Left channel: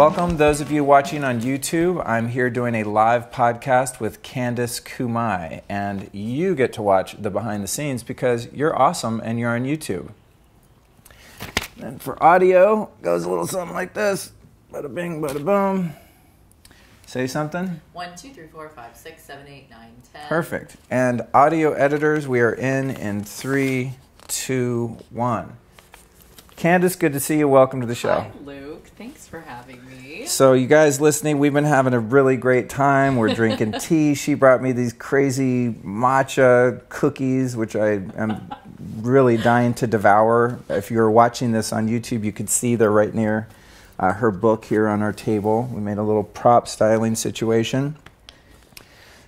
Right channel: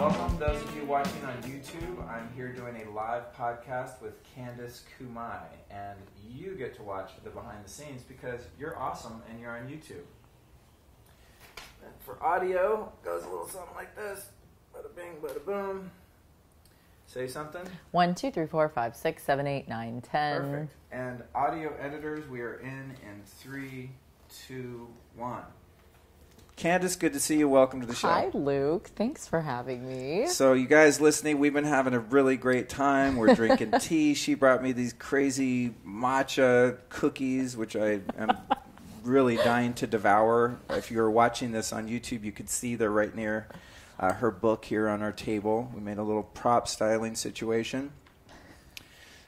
Welcome, those of you watching on YouTube. I'm here doing a live podcast with Candice Kumai, and you get to watch the behind the scenes because you're awesome and you're on YouTube. And for audio, goes a little something like this. Bada bing, bada boom. Say something. 1, 2, 3, 4, 5, 6, 7, 8, 9, 10. Perfect. And audio editors, we are in 3, 2, 1. Candice, good to see you. Welcome to the show. Hi, Luke. Thanks for having me. So you guys listening, we've been having a really great time. We're drinking tea. She brought me these crazy matcha cookies, which I am really dying to devour. If you're watching this on YouTube, you could see they're right near her book here on our table. We made a little prop styling situation.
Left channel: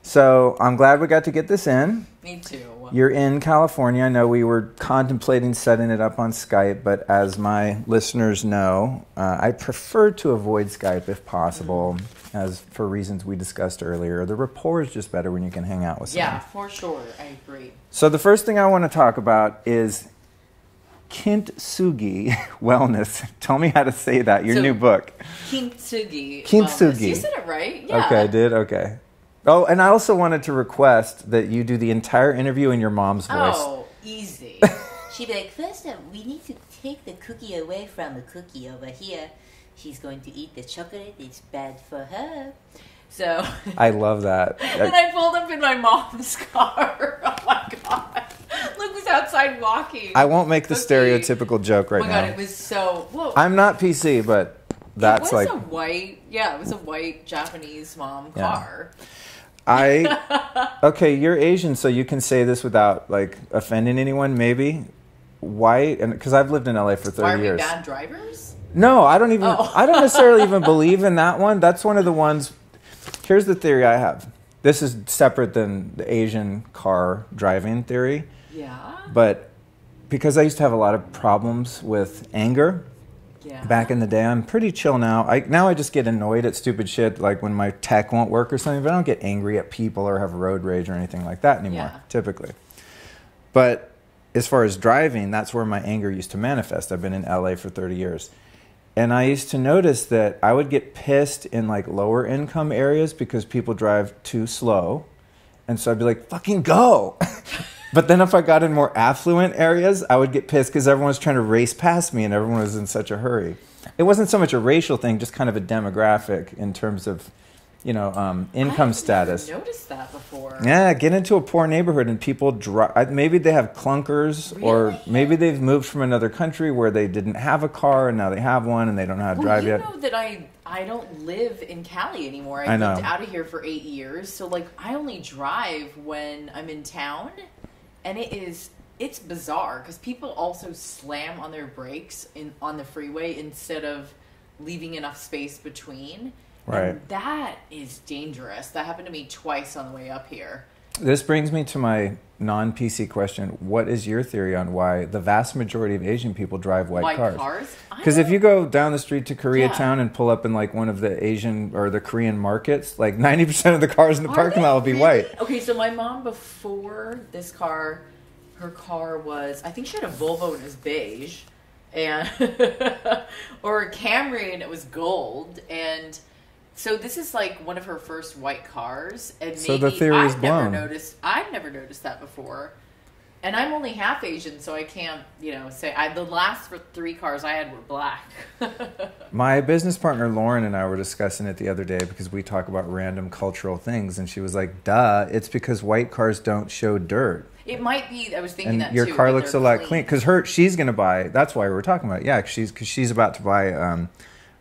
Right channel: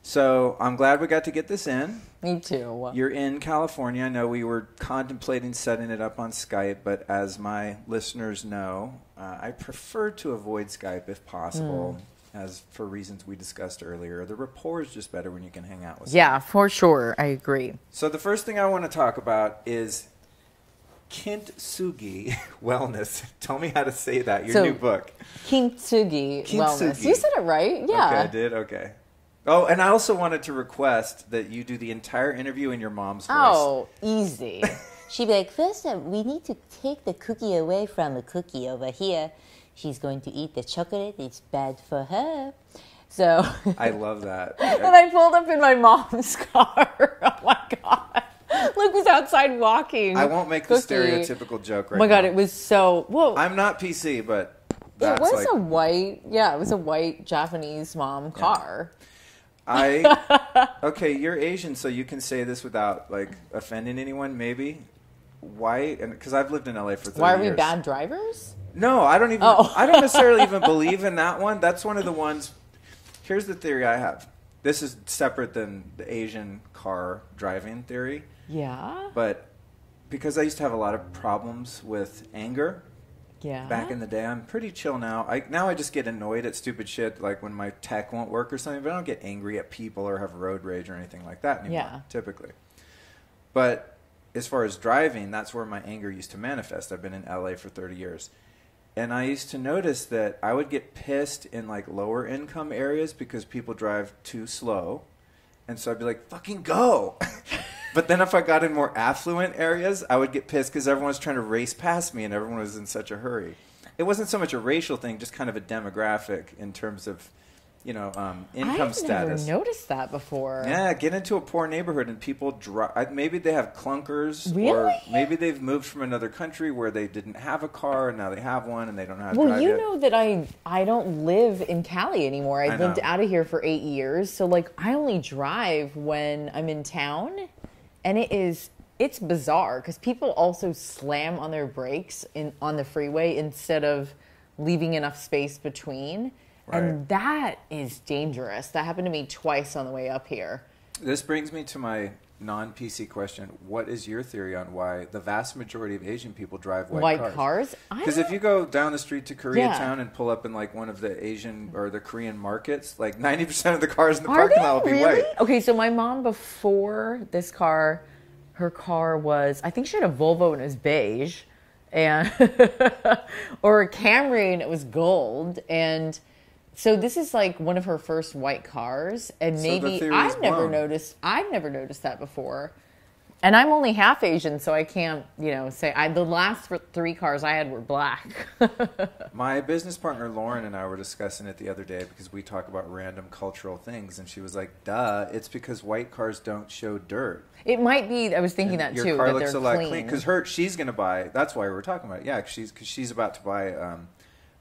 So I'm glad we got to get this in. Me too. You're in California. I know we were contemplating setting it up on Skype, but as my listeners know, I prefer to avoid Skype if possible, as for reasons we discussed earlier. The rapport is just better when you can hang out with someone. Yeah, for sure. I agree. So the first thing I want to talk about is Kintsugi Wellness. Tell me how to say that, your new book. Kintsugi Wellness. You said it right. Yeah. Okay, I did? Okay. Oh, and I also wanted to request that you do the entire interview in your mom's voice. Oh, easy. She'd be like, first, we need to take the cookie away from the cookie over here. She's going to eat the chocolate. It's bad for her. So I love that. And I pulled up in my mom's car. Oh, my God. Luke was outside walking. I won't make the stereotypical joke right now. Oh, my God, it was so... Whoa. I'm not PC, but that's like... It was a white Japanese mom car. Okay, you're Asian, so you can say this without like offending anyone, maybe. Why? And because I've lived in LA for 30 years. Why are we bad drivers? No, I don't even. Oh. I don't necessarily even believe in that one. That's one of the ones. Here's the theory I have. This is separate than the Asian car driving theory. Yeah. But because I used to have a lot of problems with anger. Yeah. Back in the day, I'm pretty chill now. I just get annoyed at stupid shit, like when my tech won't work or something, but I don't get angry at people or have road rage or anything like that anymore, typically. But as far as driving, that's where my anger used to manifest. I've been in LA for 30 years. And I used to notice that I would get pissed in like lower income areas because people drive too slow. And so I'd be like, fucking go. But then if I got in more affluent areas, I would get pissed because everyone was trying to race past me and everyone was in such a hurry. It wasn't so much a racial thing, just kind of a demographic in terms of, income status. I've never noticed that before. Yeah, get into a poor neighborhood and people drive. Maybe they have clunkers, or maybe they've moved from another country where they didn't have a car and now they have one and they don't know how to drive yet. Well, you know that I don't live in Cali anymore. I lived out of here for 8 years, so like I only drive when I'm in town. And it's bizarre because people also slam on their brakes on the freeway instead of leaving enough space between. Right. And that is dangerous. That happened to me twice on the way up here. This brings me to my non-PC question. What is your theory on why the vast majority of Asian people drive white cars? Because if you go down the street to Koreatown and pull up in like one of the Asian or the Korean markets, like 90% of the cars in the parking lot will be white. Okay, so my mom before this car, her car was, I think she had a Volvo and it was beige, and or a Camry and it was gold, and so this is like one of her first white cars, and maybe I've never noticed that before. And I'm only half Asian, so I can't, say the last 3 cars I had were black. My business partner Lauren and I were discussing it the other day because we talk about random cultural things, and she was like, "Duh, it's because white cars don't show dirt." It might be. I was thinking that too. Your car looks a lot clean because she's going to buy. That's why we were talking about it. Yeah, because she's about to buy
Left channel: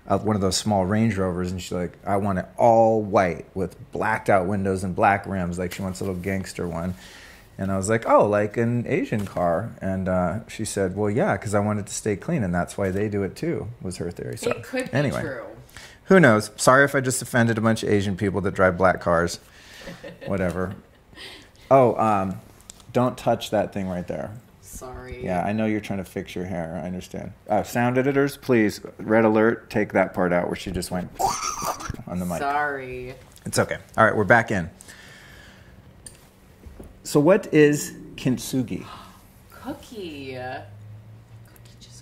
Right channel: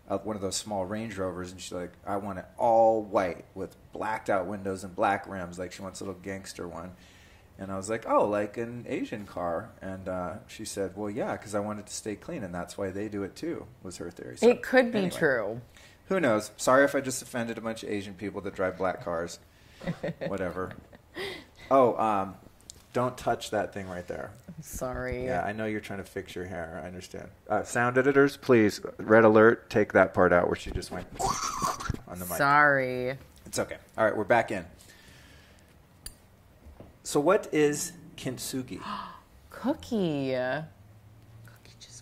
one of those small Range Rovers, and she's like, I want it all white with blacked out windows and black rims, like she wants a little gangster one. And I was like, oh, like an Asian car. And she said, well, yeah, because I want it to stay clean, and that's why they do it too, was her theory. So, it could be true. Who knows? Sorry if I just offended a bunch of Asian people that drive black cars. Whatever. Oh, don't touch that thing right there. Sorry. Yeah, I know you're trying to fix your hair. I understand. Sound editors, please, red alert, take that part out where she just went on the mic. Sorry. It's okay. All right, we're back in. So what is Kintsugi? Cookie.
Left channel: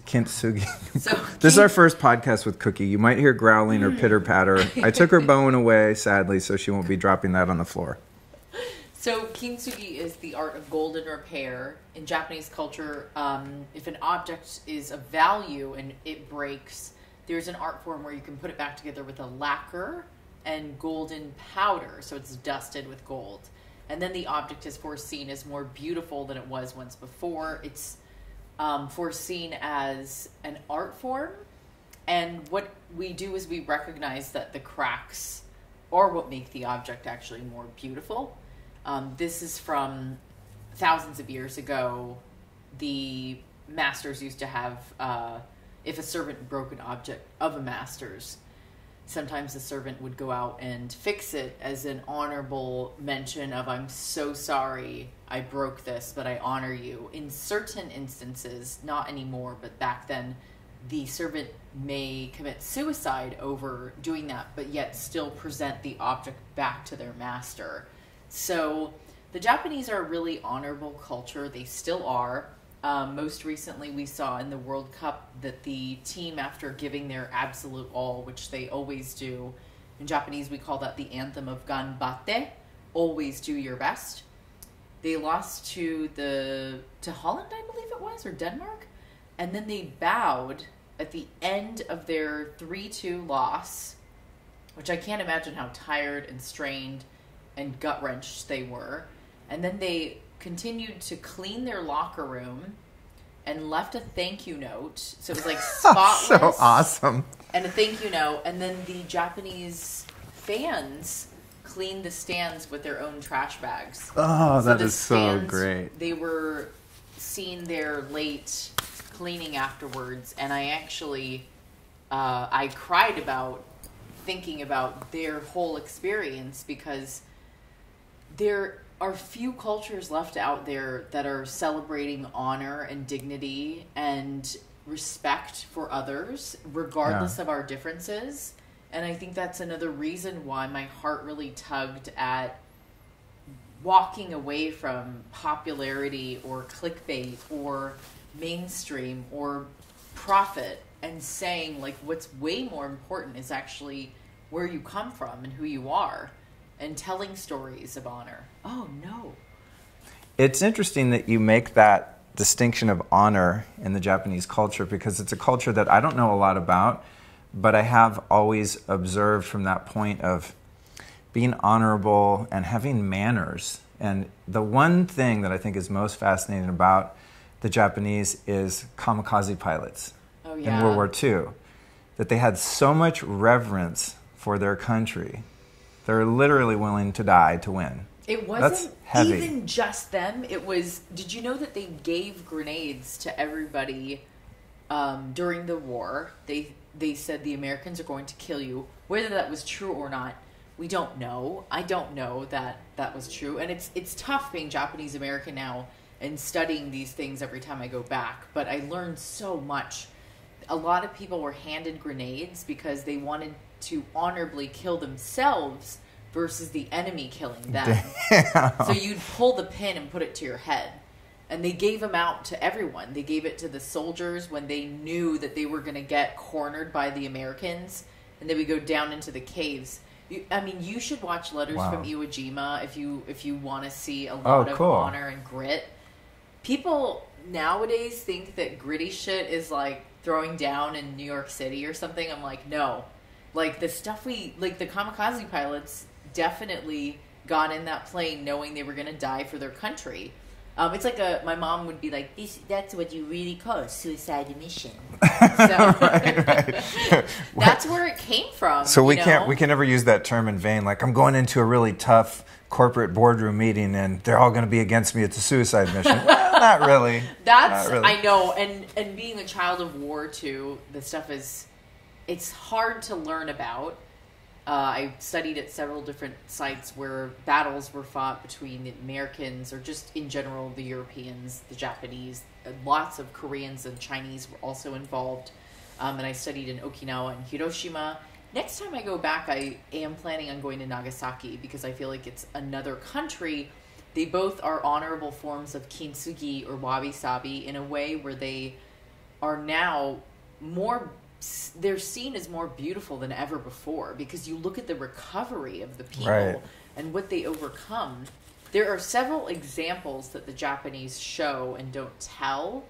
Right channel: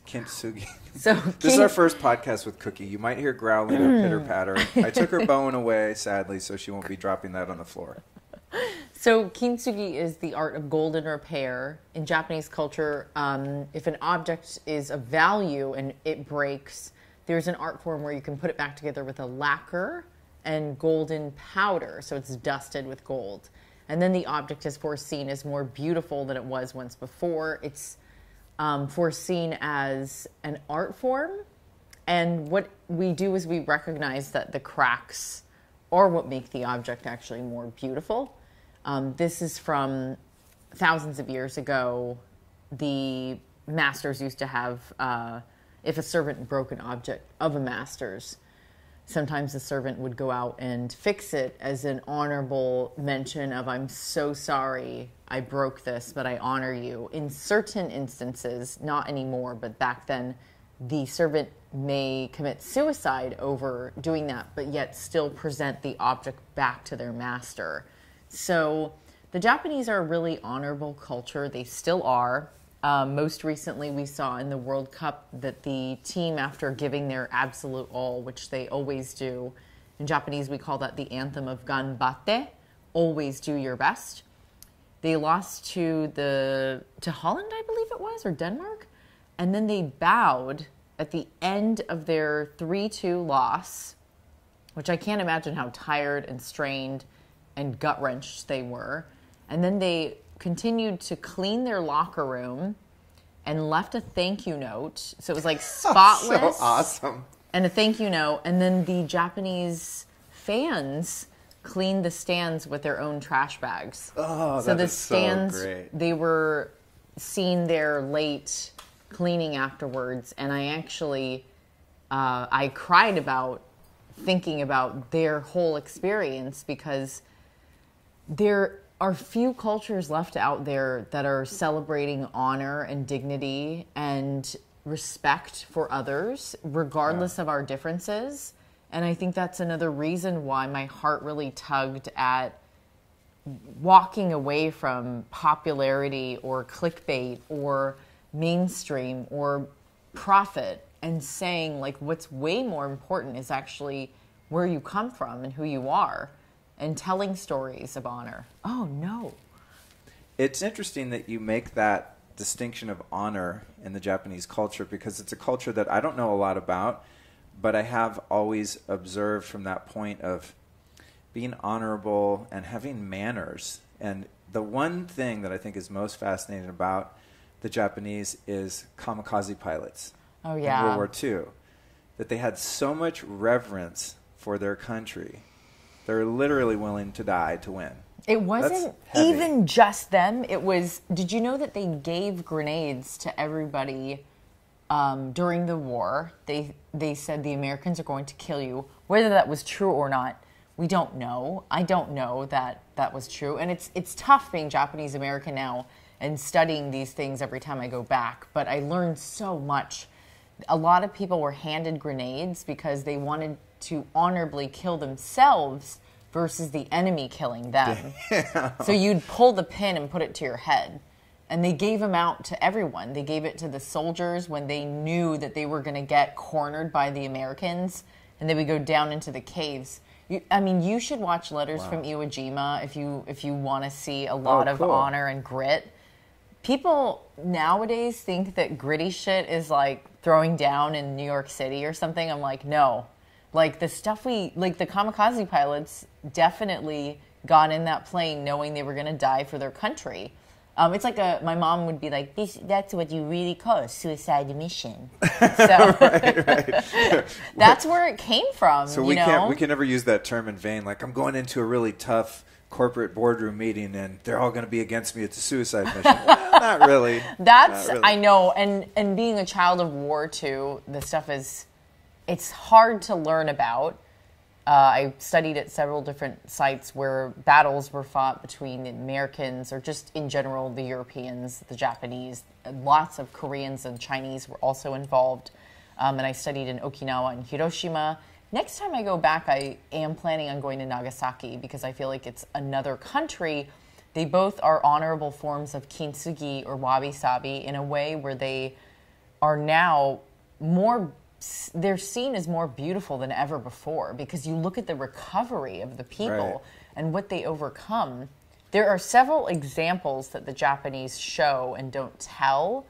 Kintsugi. So This is our first podcast with Cookie. You might hear growling or pitter patter. I took her bone away, sadly, so she won't be dropping that on the floor. So Kintsugi is the art of golden repair. In Japanese culture, if an object is of value and it breaks, there's an art form where you can put it back together with a lacquer and golden powder, so it's dusted with gold. And then the object is foreseen as more beautiful than it was once before. It's foreseen as an art form. And what we do is we recognize that the cracks are what make the object actually more beautiful. This is from thousands of years ago. The masters used to have, if a servant broke an object of a master's, sometimes the servant would go out and fix it as an honorable mention of, I'm so sorry I broke this, but I honor you. In certain instances, not anymore, but back then, the servant may commit suicide over doing that, but yet still present the object back to their master. So the Japanese are a really honorable culture. They still are. Most recently, we saw in the World Cup that the team, after giving their absolute all, which they always do, in Japanese we call that the anthem of ganbatte, always do your best. They lost to Holland, I believe it was, or Denmark, and then they bowed at the end of their 3-2 loss, which I can't imagine how tired and strained and gut-wrenched they were. And then they continued to clean their locker room and left a thank you note. So it was like spotless. So awesome. And a thank you note. And then the Japanese fans cleaned the stands with their own trash bags. Oh, so that is so great. They were seen there late cleaning afterwards. And I actually, I cried about thinking about their whole experience, because there are few cultures left out there that are celebrating honor and dignity and respect for others, regardless of our differences. And I think that's another reason why my heart really tugged at walking away from popularity or clickbait or mainstream or profit, and saying, like, what's way more important is actually where you come from and who you are, and telling stories of honor. Oh, no. It's interesting that you make that distinction of honor in the Japanese culture, because it's a culture that I don't know a lot about, but I have always observed from that point of being honorable and having manners. And the one thing that I think is most fascinating about the Japanese is kamikaze pilots in World War II, that they had so much reverence for their country. They're literally willing to die to win. It wasn't even just them. It was, did you know that they gave grenades to everybody during the war? They said the Americans are going to kill you. Whether that was true or not, we don't know. I don't know that that was true. And it's tough being Japanese American now and studying these things every time I go back. But I learned so much. A lot of people were handed grenades because they wanted to honorably kill themselves versus the enemy killing them. So you'd pull the pin and put it to your head. And they gave them out to everyone. They gave it to the soldiers when they knew that they were going to get cornered by the Americans, and they would go down into the caves. You should watch Letters from Iwo Jima if you want to see a lot of honor and grit. People nowadays think that gritty shit is like throwing down in New York City or something. I'm like, no. Like, the stuff the kamikaze pilots definitely got in that plane knowing they were going to die for their country. It's like my mom would be like, that's what you really call a suicide mission. So right. That's where it came from. So we can never use that term in vain. Like, I'm going into a really tough corporate boardroom meeting and they're all going to be against me. It's a suicide mission. Not really. Not really. I know. And being a child of war too, the stuff it's hard to learn about. I studied at several different sites where battles were fought between the Americans, or just in general the Europeans, the Japanese. And lots of Koreans and Chinese were also involved. And I studied in Okinawa and Hiroshima. Next time I go back, I am planning on going to Nagasaki because I feel like it's another country. They both are honorable forms of Kintsugi or Wabi Sabi in a way where they are now they're seen as more beautiful than ever before, because you look at the recovery of the people and what they overcome. There are several examples that the Japanese show and don't tell,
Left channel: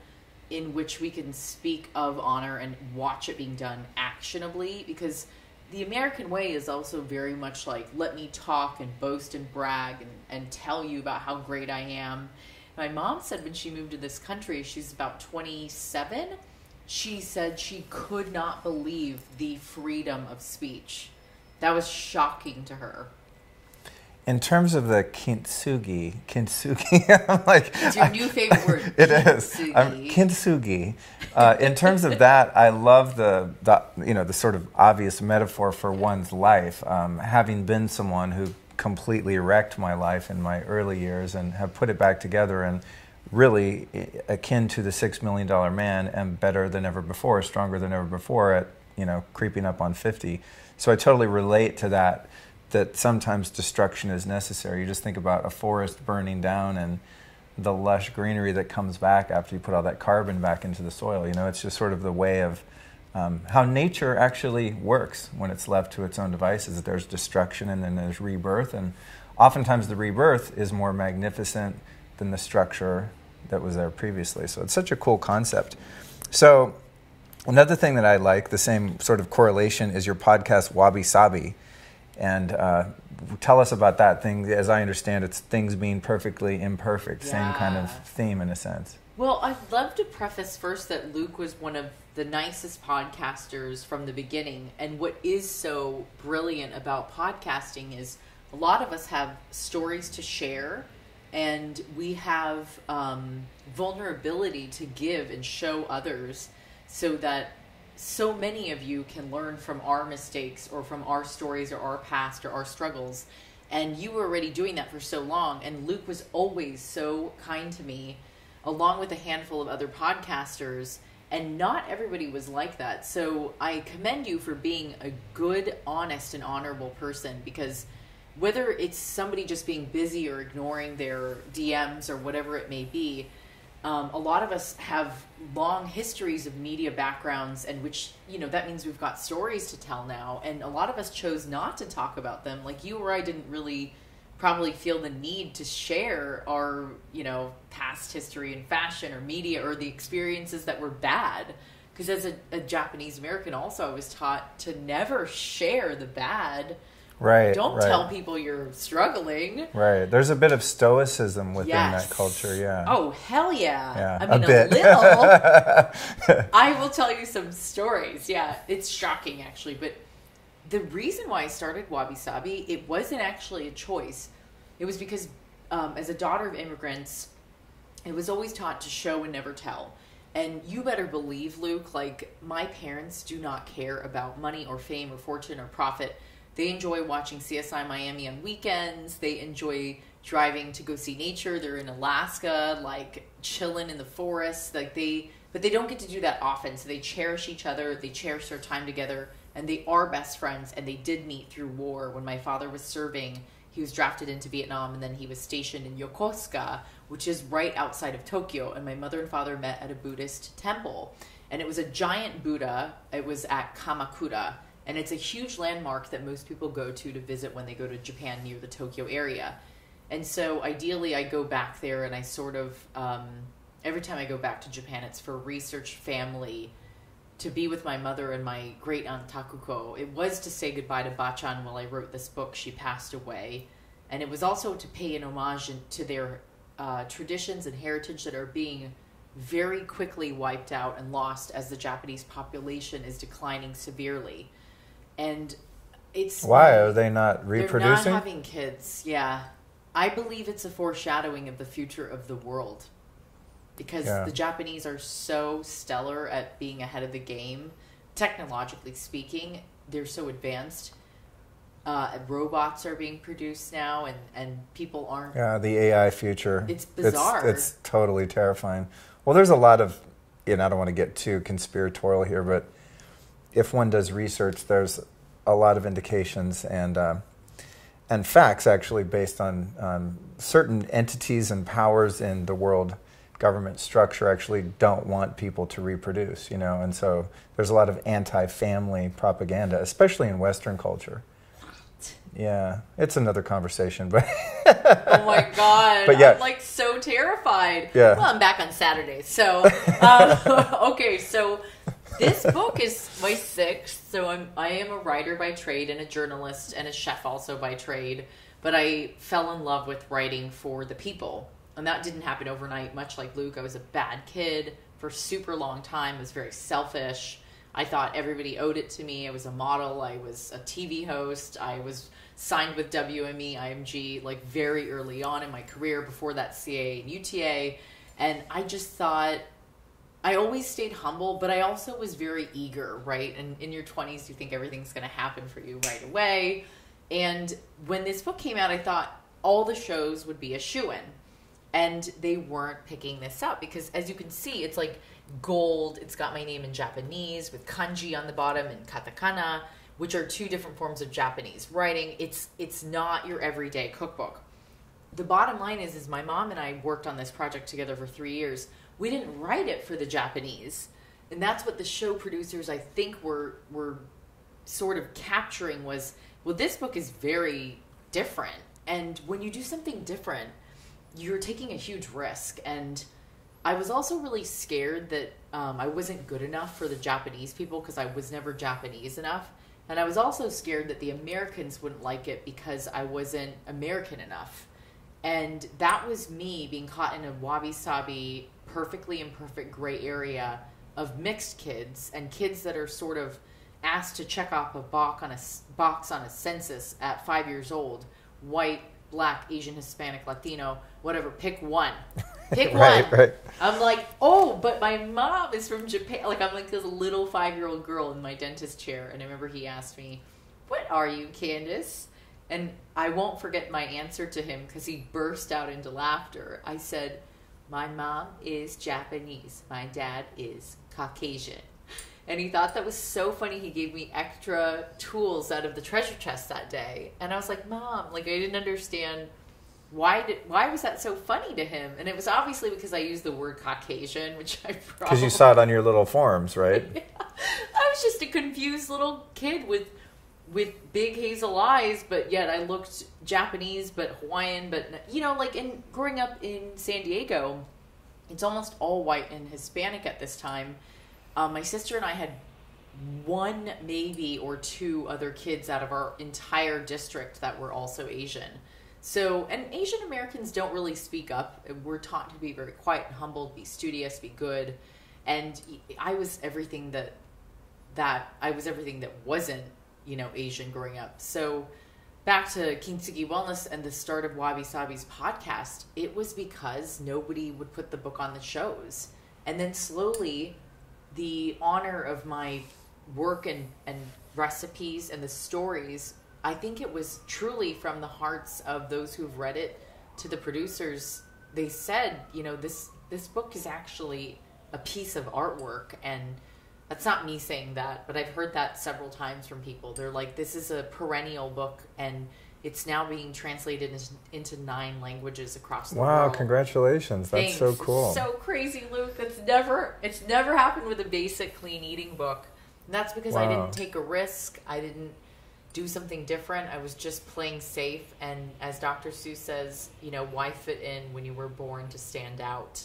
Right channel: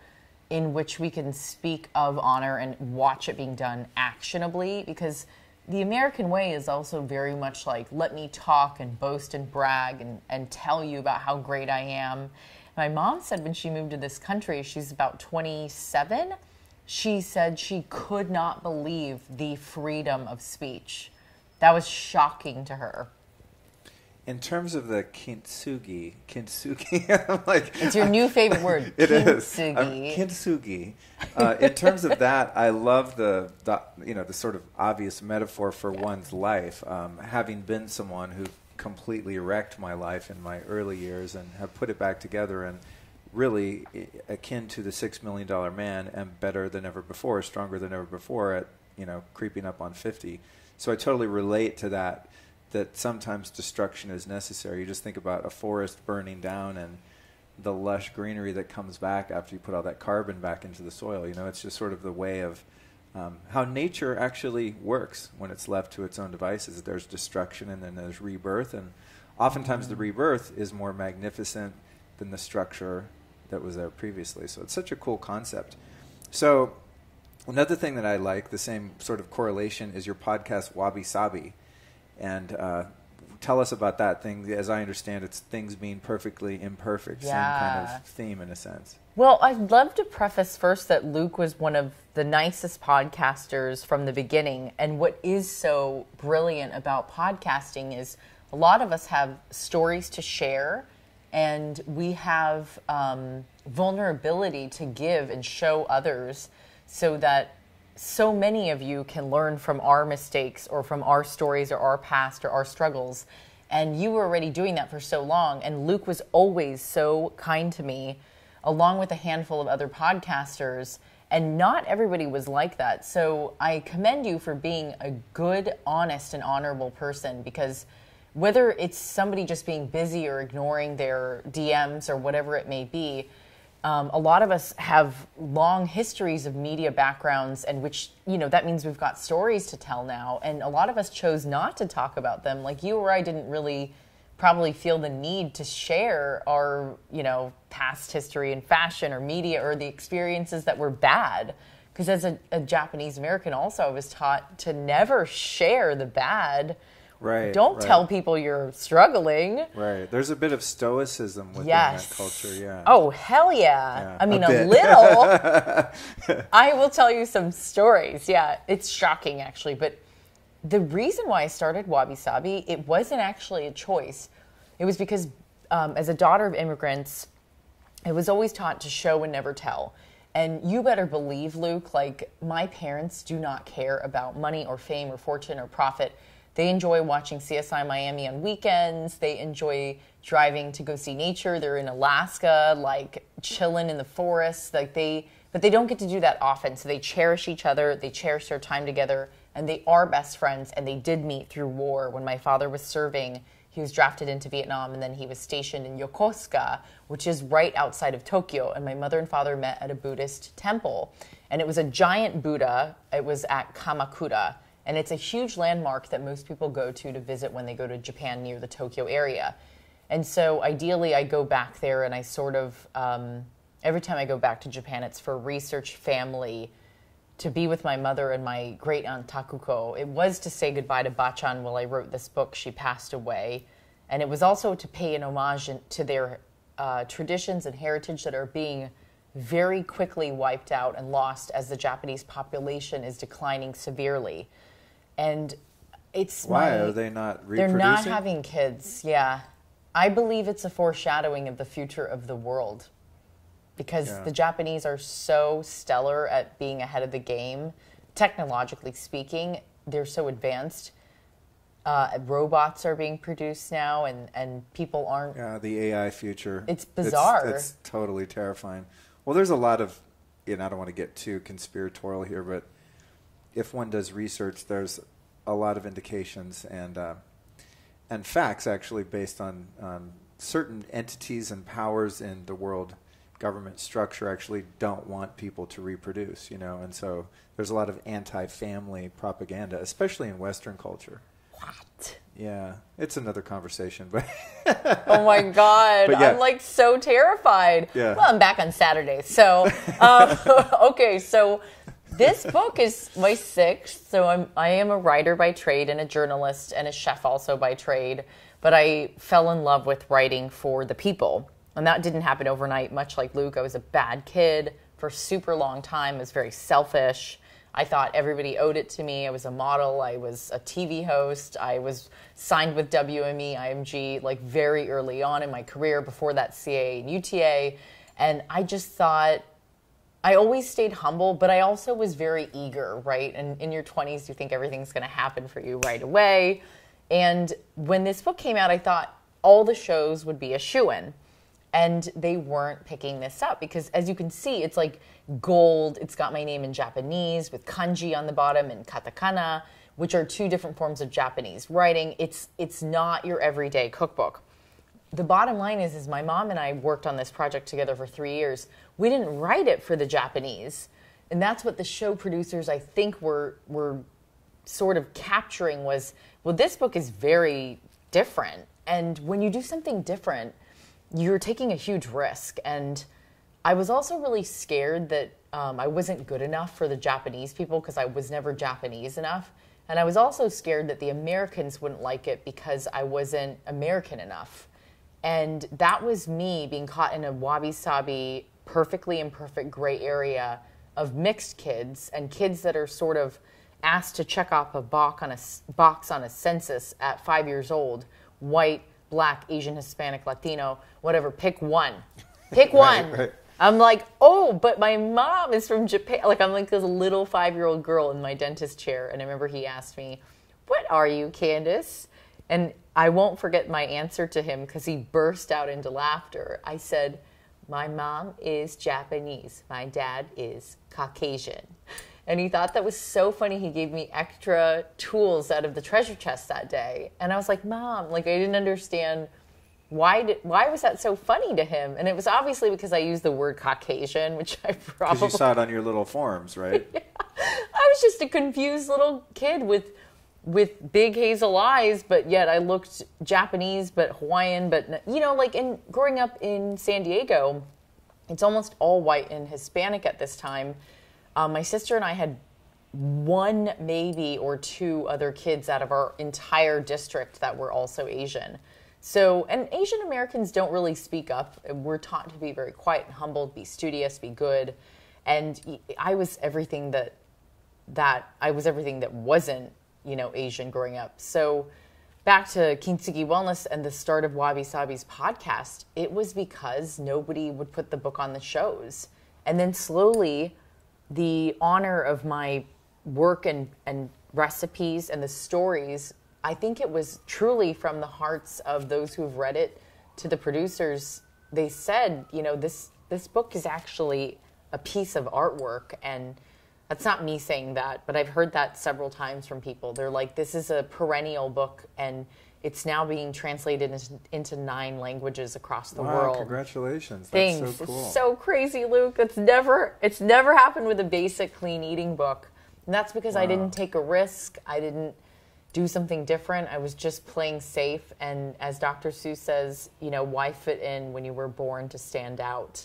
in which we can speak of honor and watch it being done actionably, because the American way is also very much like, let me talk and boast and brag and tell you about how great I am. My mom said when she moved to this country, she's about 27, she said she could not believe the freedom of speech. That was shocking to her. In terms of the kintsugi, I'm like... It's your new favorite word. It kintsugi. Is. Kintsugi. In terms of that, I love the sort of obvious metaphor for one's life. Having been someone who completely wrecked my life in my early years and have put it back together, and really akin to the $6 million man, and better than ever before, stronger than ever before at, creeping up on 50. So I totally relate to that sometimes destruction is necessary. You just think about a forest burning down and the lush greenery that comes back after you put all that carbon back into the soil. It's just sort of the way of how nature actually works when it's left to its own devices. There's destruction and then there's rebirth, and oftentimes the rebirth is more magnificent than the structure that was there previously. So it's such a cool concept. So another thing that I like, the same sort of correlation, is your podcast Wabi Sabi. And tell us about that thing. As I understand, it's things being perfectly imperfect, same kind of theme in a sense. Well, I'd love to preface first that Luke was one of the nicest podcasters from the beginning. And what is so brilliant about podcasting is a lot of us have stories to share, and we have vulnerability to give and show others, so that so many of you can learn from our mistakes or from our stories or our past or our struggles. And you were already doing that for so long. And Luke was always so kind to me, along with a handful of other podcasters. And not everybody was like that. So I commend you for being a good, honest, and honorable person, because whether it's somebody just being busy or ignoring their DMs or whatever it may be, a lot of us have long histories of media backgrounds, and which, that means we've got stories to tell now. And a lot of us chose not to talk about them. Like you or I didn't really probably feel the need to share our, past history in fashion or media, or the experiences that were bad. Because as a Japanese American also, I was taught to never share the bad. Right. Don't tell people you're struggling. Right. There's a bit of stoicism within that culture, yeah. Oh, hell yeah. I mean, a little. I will tell you some stories. Yeah, it's shocking, actually. But the reason why I started Wabi Sabi, it wasn't actually a choice. It was because as a daughter of immigrants, I was always taught to show and never tell. And you better believe, Luke, like, my parents do not care about money or fame or fortune or profit. They enjoy watching CSI Miami on weekends. They enjoy driving to go see nature. They're in Alaska, like chilling in the forest. But they don't get to do that often. So they cherish each other. They cherish their time together, and they are best friends. And they did meet through war. When my father was serving, he was drafted into Vietnam, and then he was stationed in Yokosuka, which is right outside of Tokyo. And my mother and father met at a Buddhist temple, and it was a giant Buddha. It was at Kamakura. And it's a huge landmark that most people go to visit when they go to Japan near the Tokyo area. And so ideally I go back there, and I sort of, every time I go back to Japan, it's for research, family, to be with my mother and my great aunt Takuko. It was to say goodbye to Bachan while I wrote this book. She passed away. And it was also to pay an homage to their traditions and heritage that are being very quickly wiped out and lost as the Japanese population is declining severely. And it's... Why? Are they not reproducing? They're not having kids, yeah. I believe it's a foreshadowing of the future of the world. Because the Japanese are so stellar at being ahead of the game. Technologically speaking, they're so advanced. Robots are being produced now, and people aren't... Yeah, the AI future. It's bizarre. It's totally terrifying. Well, there's a lot of... I don't want to get too conspiratorial here, but... if one does research, there's a lot of indications and facts actually based on certain entities and powers in the world government structure actually don't want people to reproduce, and so there's a lot of anti-family propaganda, especially in Western culture. What? Yeah, it's another conversation, but oh my God, but yeah. I'm like so terrified. Yeah. Well, I'm back on Saturday, so okay, so this book is my 6th, so I am a writer by trade and a journalist and a chef also by trade, but I fell in love with writing for the people. And that didn't happen overnight. Much like Luke, I was a bad kid for a super long time. I was very selfish. I thought everybody owed it to me. I was a model. I was a TV host. I was signed with WME, IMG, like very early on in my career, before that CA and UTA. And I just thought, I always stayed humble, but I also was very eager, right? And in your 20s, you think everything's going to happen for you right away. And when this book came out, I thought all the shows would be a shoo-in. And they weren't picking this up because, as you can see, it's like gold. It's got my name in Japanese with kanji on the bottom and katakana, which are 2 different forms of Japanese writing. It's not your everyday cookbook. The bottom line is my mom and I worked on this project together for 3 years. We didn't write it for the Japanese. And that's what the show producers, I think, were sort of capturing was, well, this book is very different. And when you do something different, you're taking a huge risk. And I was also really scared that I wasn't good enough for the Japanese people because I was never Japanese enough. And I was also scared that the Americans wouldn't like it because I wasn't American enough. And that was me being caught in a Wabi Sabi, perfectly imperfect gray area of mixed kids and kids that are sort of asked to check off a box on a census at 5 years old, white, Black, Asian, Hispanic, Latino, whatever, pick one. Pick one. Right. I'm like, oh, but my mom is from Japan. Like, I'm like this little 5-year-old girl in my dentist chair. And I remember he asked me, what are you, Candice? And I won't forget my answer to him because he burst out into laughter. I said, my mom is Japanese. My dad is Caucasian. And he thought that was so funny. He gave me extra tools out of the treasure chest that day. And I was like, Mom, like I didn't understand why was that so funny to him? And it was obviously because I used the word Caucasian, which I probably... Because you saw it on your little forms, right? Yeah. I was just a confused little kid with big hazel eyes, but yet I looked Japanese, but Hawaiian, but, like growing up in San Diego, it's almost all white and Hispanic at this time. My sister and I had 1 maybe or 2 other kids out of our entire district that were also Asian. So, and Asian Americans don't really speak up. We're taught to be very quiet and humble, be studious, be good. And I was everything that wasn't, Asian growing up. So back to Kintsugi Wellness and the start of Wabi Sabi's podcast, it was because nobody would put the book on the shows. And then slowly the honor of my work and recipes and the stories, I think it was truly from the hearts of those who have read it to the producers. They said, this book is actually a piece of artwork. And that's not me saying that, but I've heard that several times from people. They're like, this is a perennial book and it's now being translated into 9 languages across the world. Wow, congratulations. That's so cool. It's so crazy, Luke. It's never happened with a basic clean eating book. And that's because I didn't take a risk. I didn't do something different. I was just playing safe. And as Dr. Seuss says, why fit in when you were born to stand out?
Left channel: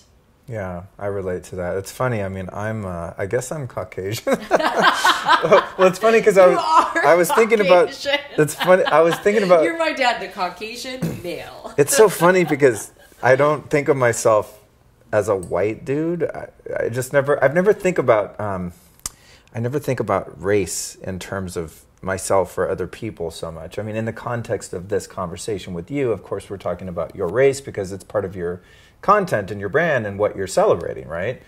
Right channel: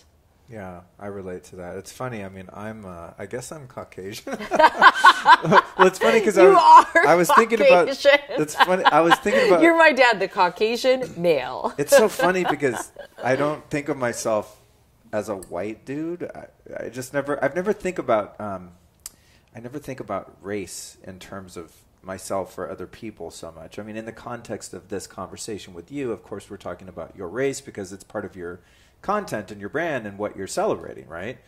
Yeah, I relate to that. It's funny. I mean, I guess I'm Caucasian. Well, it's funny because I was thinking about. It's funny. I was thinking about. You're my dad, the Caucasian male. It's so funny because I don't think of myself as a white dude. I never think about. I never think about race in terms of myself or other people so much. I mean, in the context of this conversation with you, of course, we're talking about your race because it's part of your content and your brand and what you're celebrating, right?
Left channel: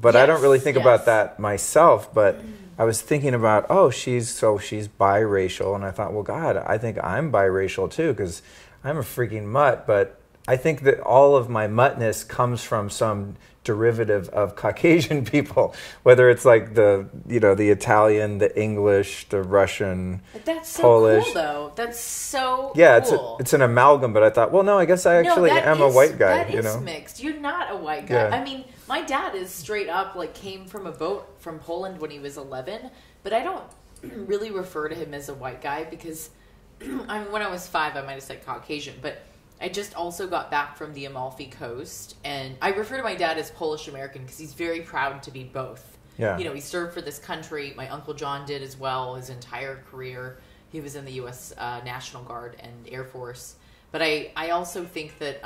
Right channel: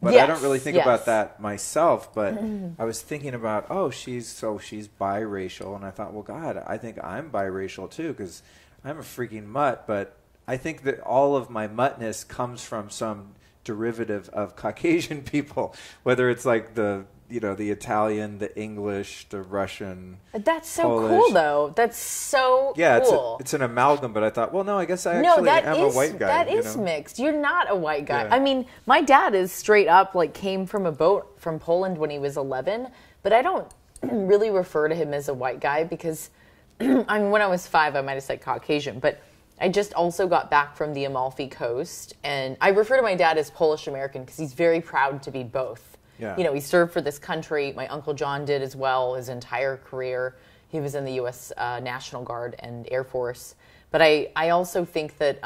But I don't really think about that myself. But I was thinking about, she's biracial, and I thought, well, God, I think I'm biracial too because I'm a freaking mutt. But I think that all of my muttness comes from some derivative of Caucasian people, whether it's like the Italian, the English, the Russian, That's so Polish. cool, though. That's so yeah, cool. It's an amalgam, but I thought, well, no, I guess I actually am a white guy. That is mixed. You're not a white guy. Yeah. I mean, my dad is straight up, like, came from a boat from Poland when he was 11, but I don't really refer to him as a white guy because, when I was 5, I might have said Caucasian, but I just also got back from the Amalfi Coast, and I refer to my dad as Polish American because he's very proud to be both. Yeah. You know, he served for this country. My Uncle John did as well his entire career. He was in the U.S. National Guard and Air Force. But I also think that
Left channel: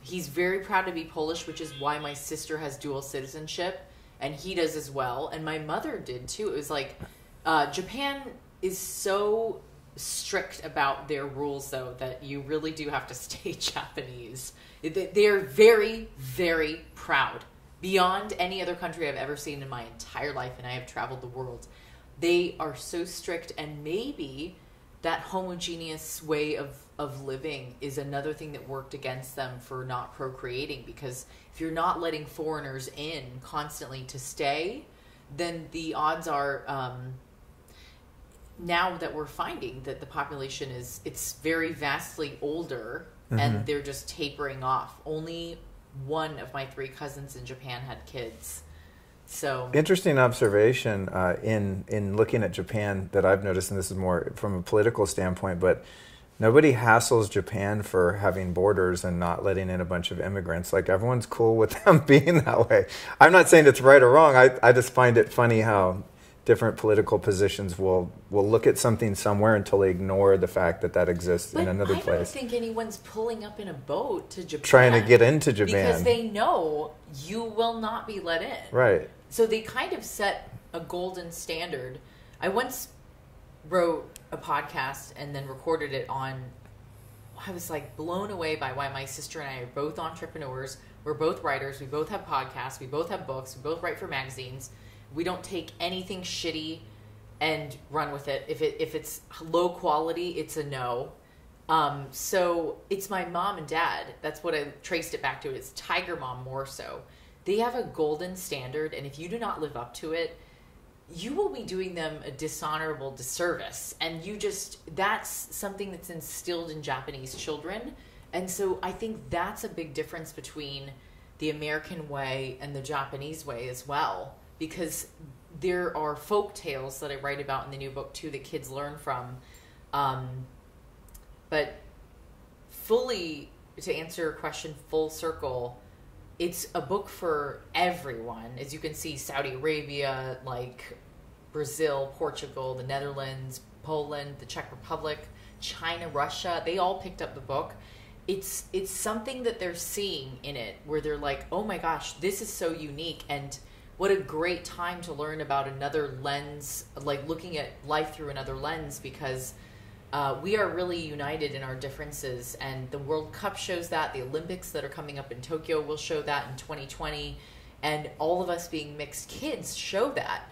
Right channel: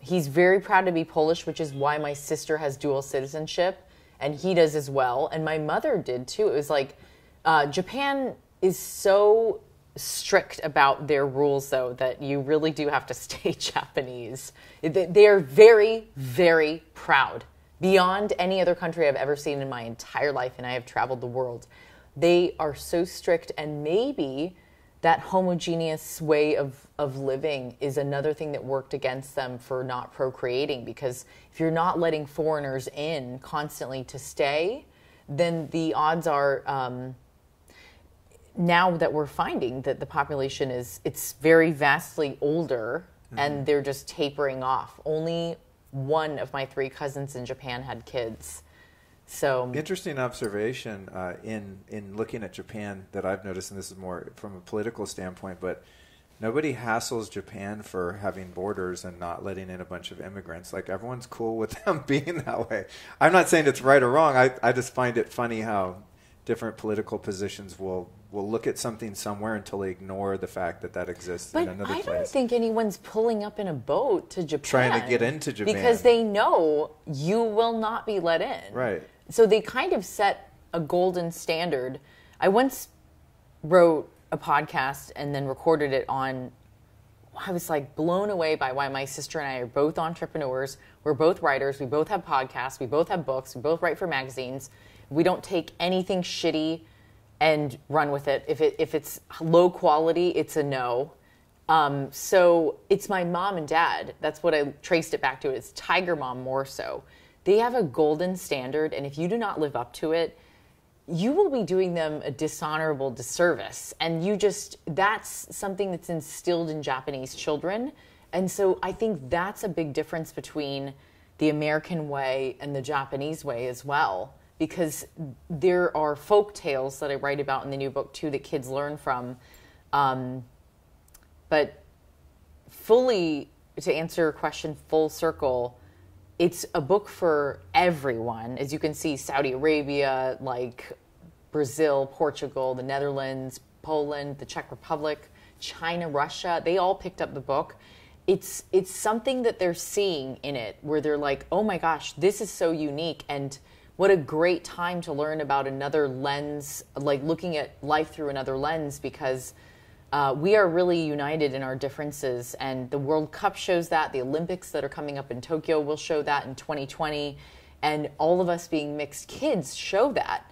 he's very proud to be Polish, which is why my sister has dual citizenship, and he does as well. And my mother did, too. It was like Japan is so strict about their rules, though, that you really do have to stay Japanese. They're very, very proud. Beyond any other country I've ever seen in my entire life, and I have traveled the world. They are so strict, and maybe that homogeneous way of living is another thing that worked against them for not procreating, because if you're not letting foreigners in constantly to stay, then the odds are... now that we're finding that the population it's very vastly older, and they're just tapering off. Only one of my 3 cousins in Japan had kids. So interesting observation in looking at Japan that I've noticed, and this is more from a political standpoint, but nobody hassles Japan for having borders and not letting in a bunch of immigrants. Like, everyone's cool with them being that way. I'm not saying it's right or wrong. I just find it funny how different political positions will look at something somewhere until they ignore the fact that exists in another place. I don't think anyone's pulling up in a boat to Japan. Trying to get into Japan. Because they know you will not be let in. Right. So they kind of set a golden standard. I once wrote a podcast and then recorded it on... I was like blown away by why my sister and I are both entrepreneurs. We're both writers. We both have podcasts. We both have books. We both write for magazines. We don't take anything shitty and run with it. If it's low quality, it's a no. So it's my mom and dad. That's what I traced it back to. It's Tiger Mom more so. They have a golden standard, and if you do not live up to it, you will be doing them a dishonorable disservice. And that's something that's instilled in Japanese children. And so I think that's a big difference between the American way and the Japanese way as well. Because there are folk tales that I write about in the new book, too, that kids learn from. But fully, to answer your question full circle, it's a book for everyone. As you can see, Saudi Arabia, like Brazil, Portugal, the Netherlands, Poland, the Czech Republic, China, Russia, they all picked up the book. It's something that they're seeing in it where they're like, oh my gosh, this is so unique, and what a great time to learn about another lens, like looking at life through another lens, because we are really united in our differences. And the World Cup shows that. The Olympics that are coming up in Tokyo will show that in 2020. And all of us being mixed kids show that.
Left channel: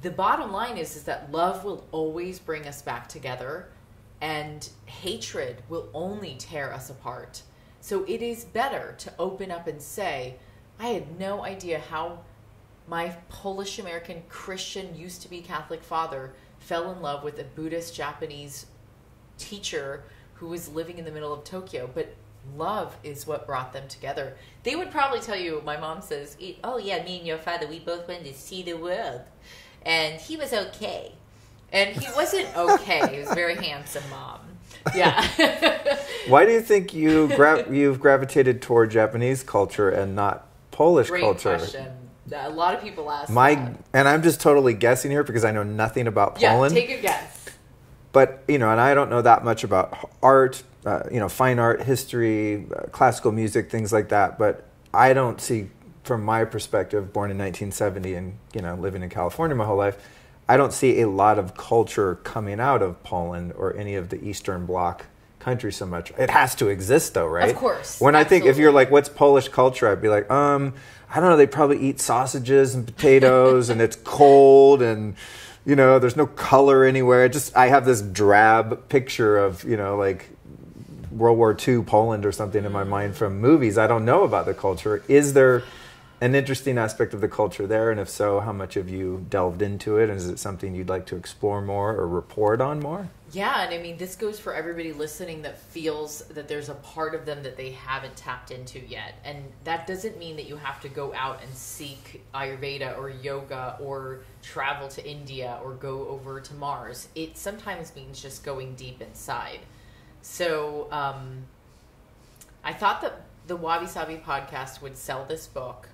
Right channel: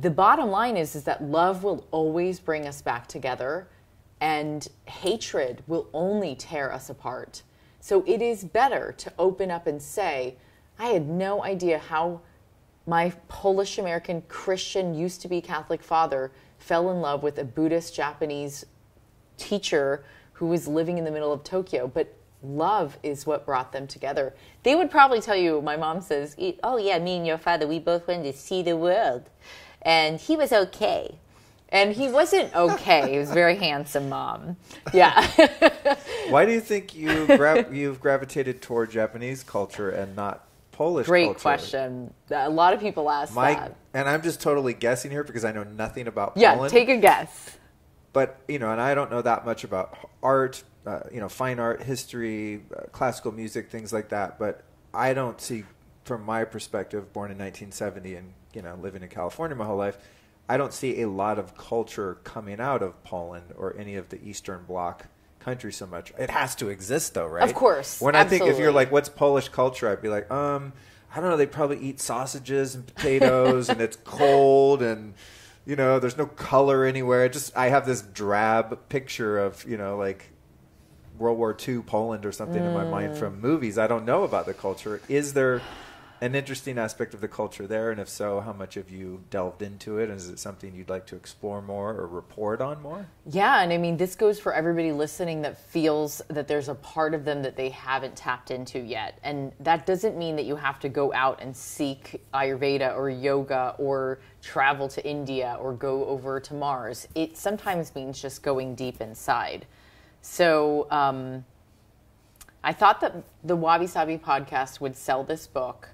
The bottom line is that love will always bring us back together, and hatred will only tear us apart. So it is better to open up and say, I had no idea how my Polish American Christian used to be Catholic father fell in love with a Buddhist Japanese teacher who was living in the middle of Tokyo, but love is what brought them together. They would probably tell you, my mom says, oh yeah, me and your father, we both went to see the world, and he was okay. And he wasn't okay. He was a very handsome, Mom. Yeah. Why do you think you've gravitated toward Japanese culture and not Polish culture? Great question. A lot of people ask that. And I'm just totally guessing here because I know nothing about Yeah, Poland. take a guess. But, and I don't know that much about art, fine art, history, classical music, things like that. But I don't see, from my perspective, born in 1970 and, living in California my whole life, I don't see a lot of culture coming out of Poland or any of the Eastern Bloc countries so much. It has to exist, though, right? Of course. When absolutely. I think, if you're like, what's Polish culture? I'd be like, I don't know, they probably eat sausages and potatoes and it's cold and, there's no color anywhere. I have this drab picture of, World War II Poland or something in my mind from movies. I don't know about the culture. Is there an interesting aspect of the culture there? And if so, how much have you delved into it? Is it something you'd like to explore more or report on more? Yeah, and I mean, this goes for everybody listening that feels that there's a part of them that they haven't tapped into yet. And that doesn't mean that you have to go out and seek Ayurveda or yoga or travel to India or go over to Mars. It sometimes means just going deep inside. So I thought that the Wabi Sabi podcast would sell this book.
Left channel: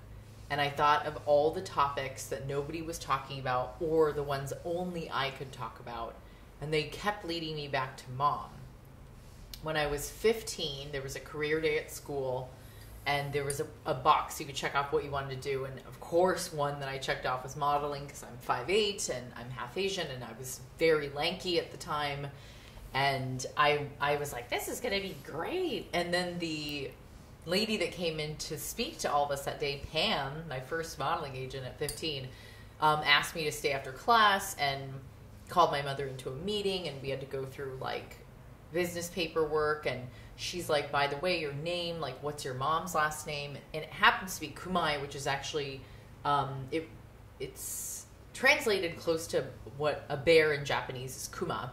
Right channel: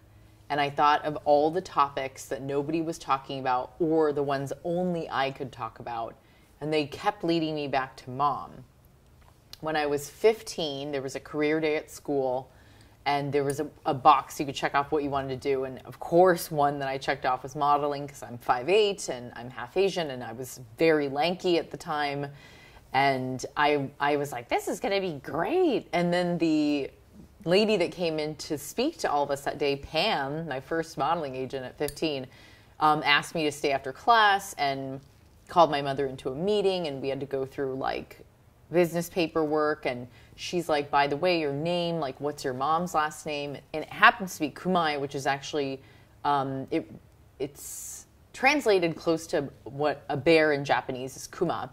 And I thought of all the topics that nobody was talking about or the ones only I could talk about. And they kept leading me back to mom. When I was 15, there was a career day at school. And there was a box you could check off what you wanted to do. And of course, one that I checked off was modeling because I'm 5'8" and I'm half Asian. And I was very lanky at the time. And I was like, this is going to be great. And then the lady that came in to speak to all of us that day, Pam, my first modeling agent at 15, asked me to stay after class and called my mother into a meeting, and we had to go through like business paperwork. And she's like, by the way, your name, like what's your mom's last name? And it happens to be Kumai, which is actually it's translated close to what a bear in Japanese is, Kuma.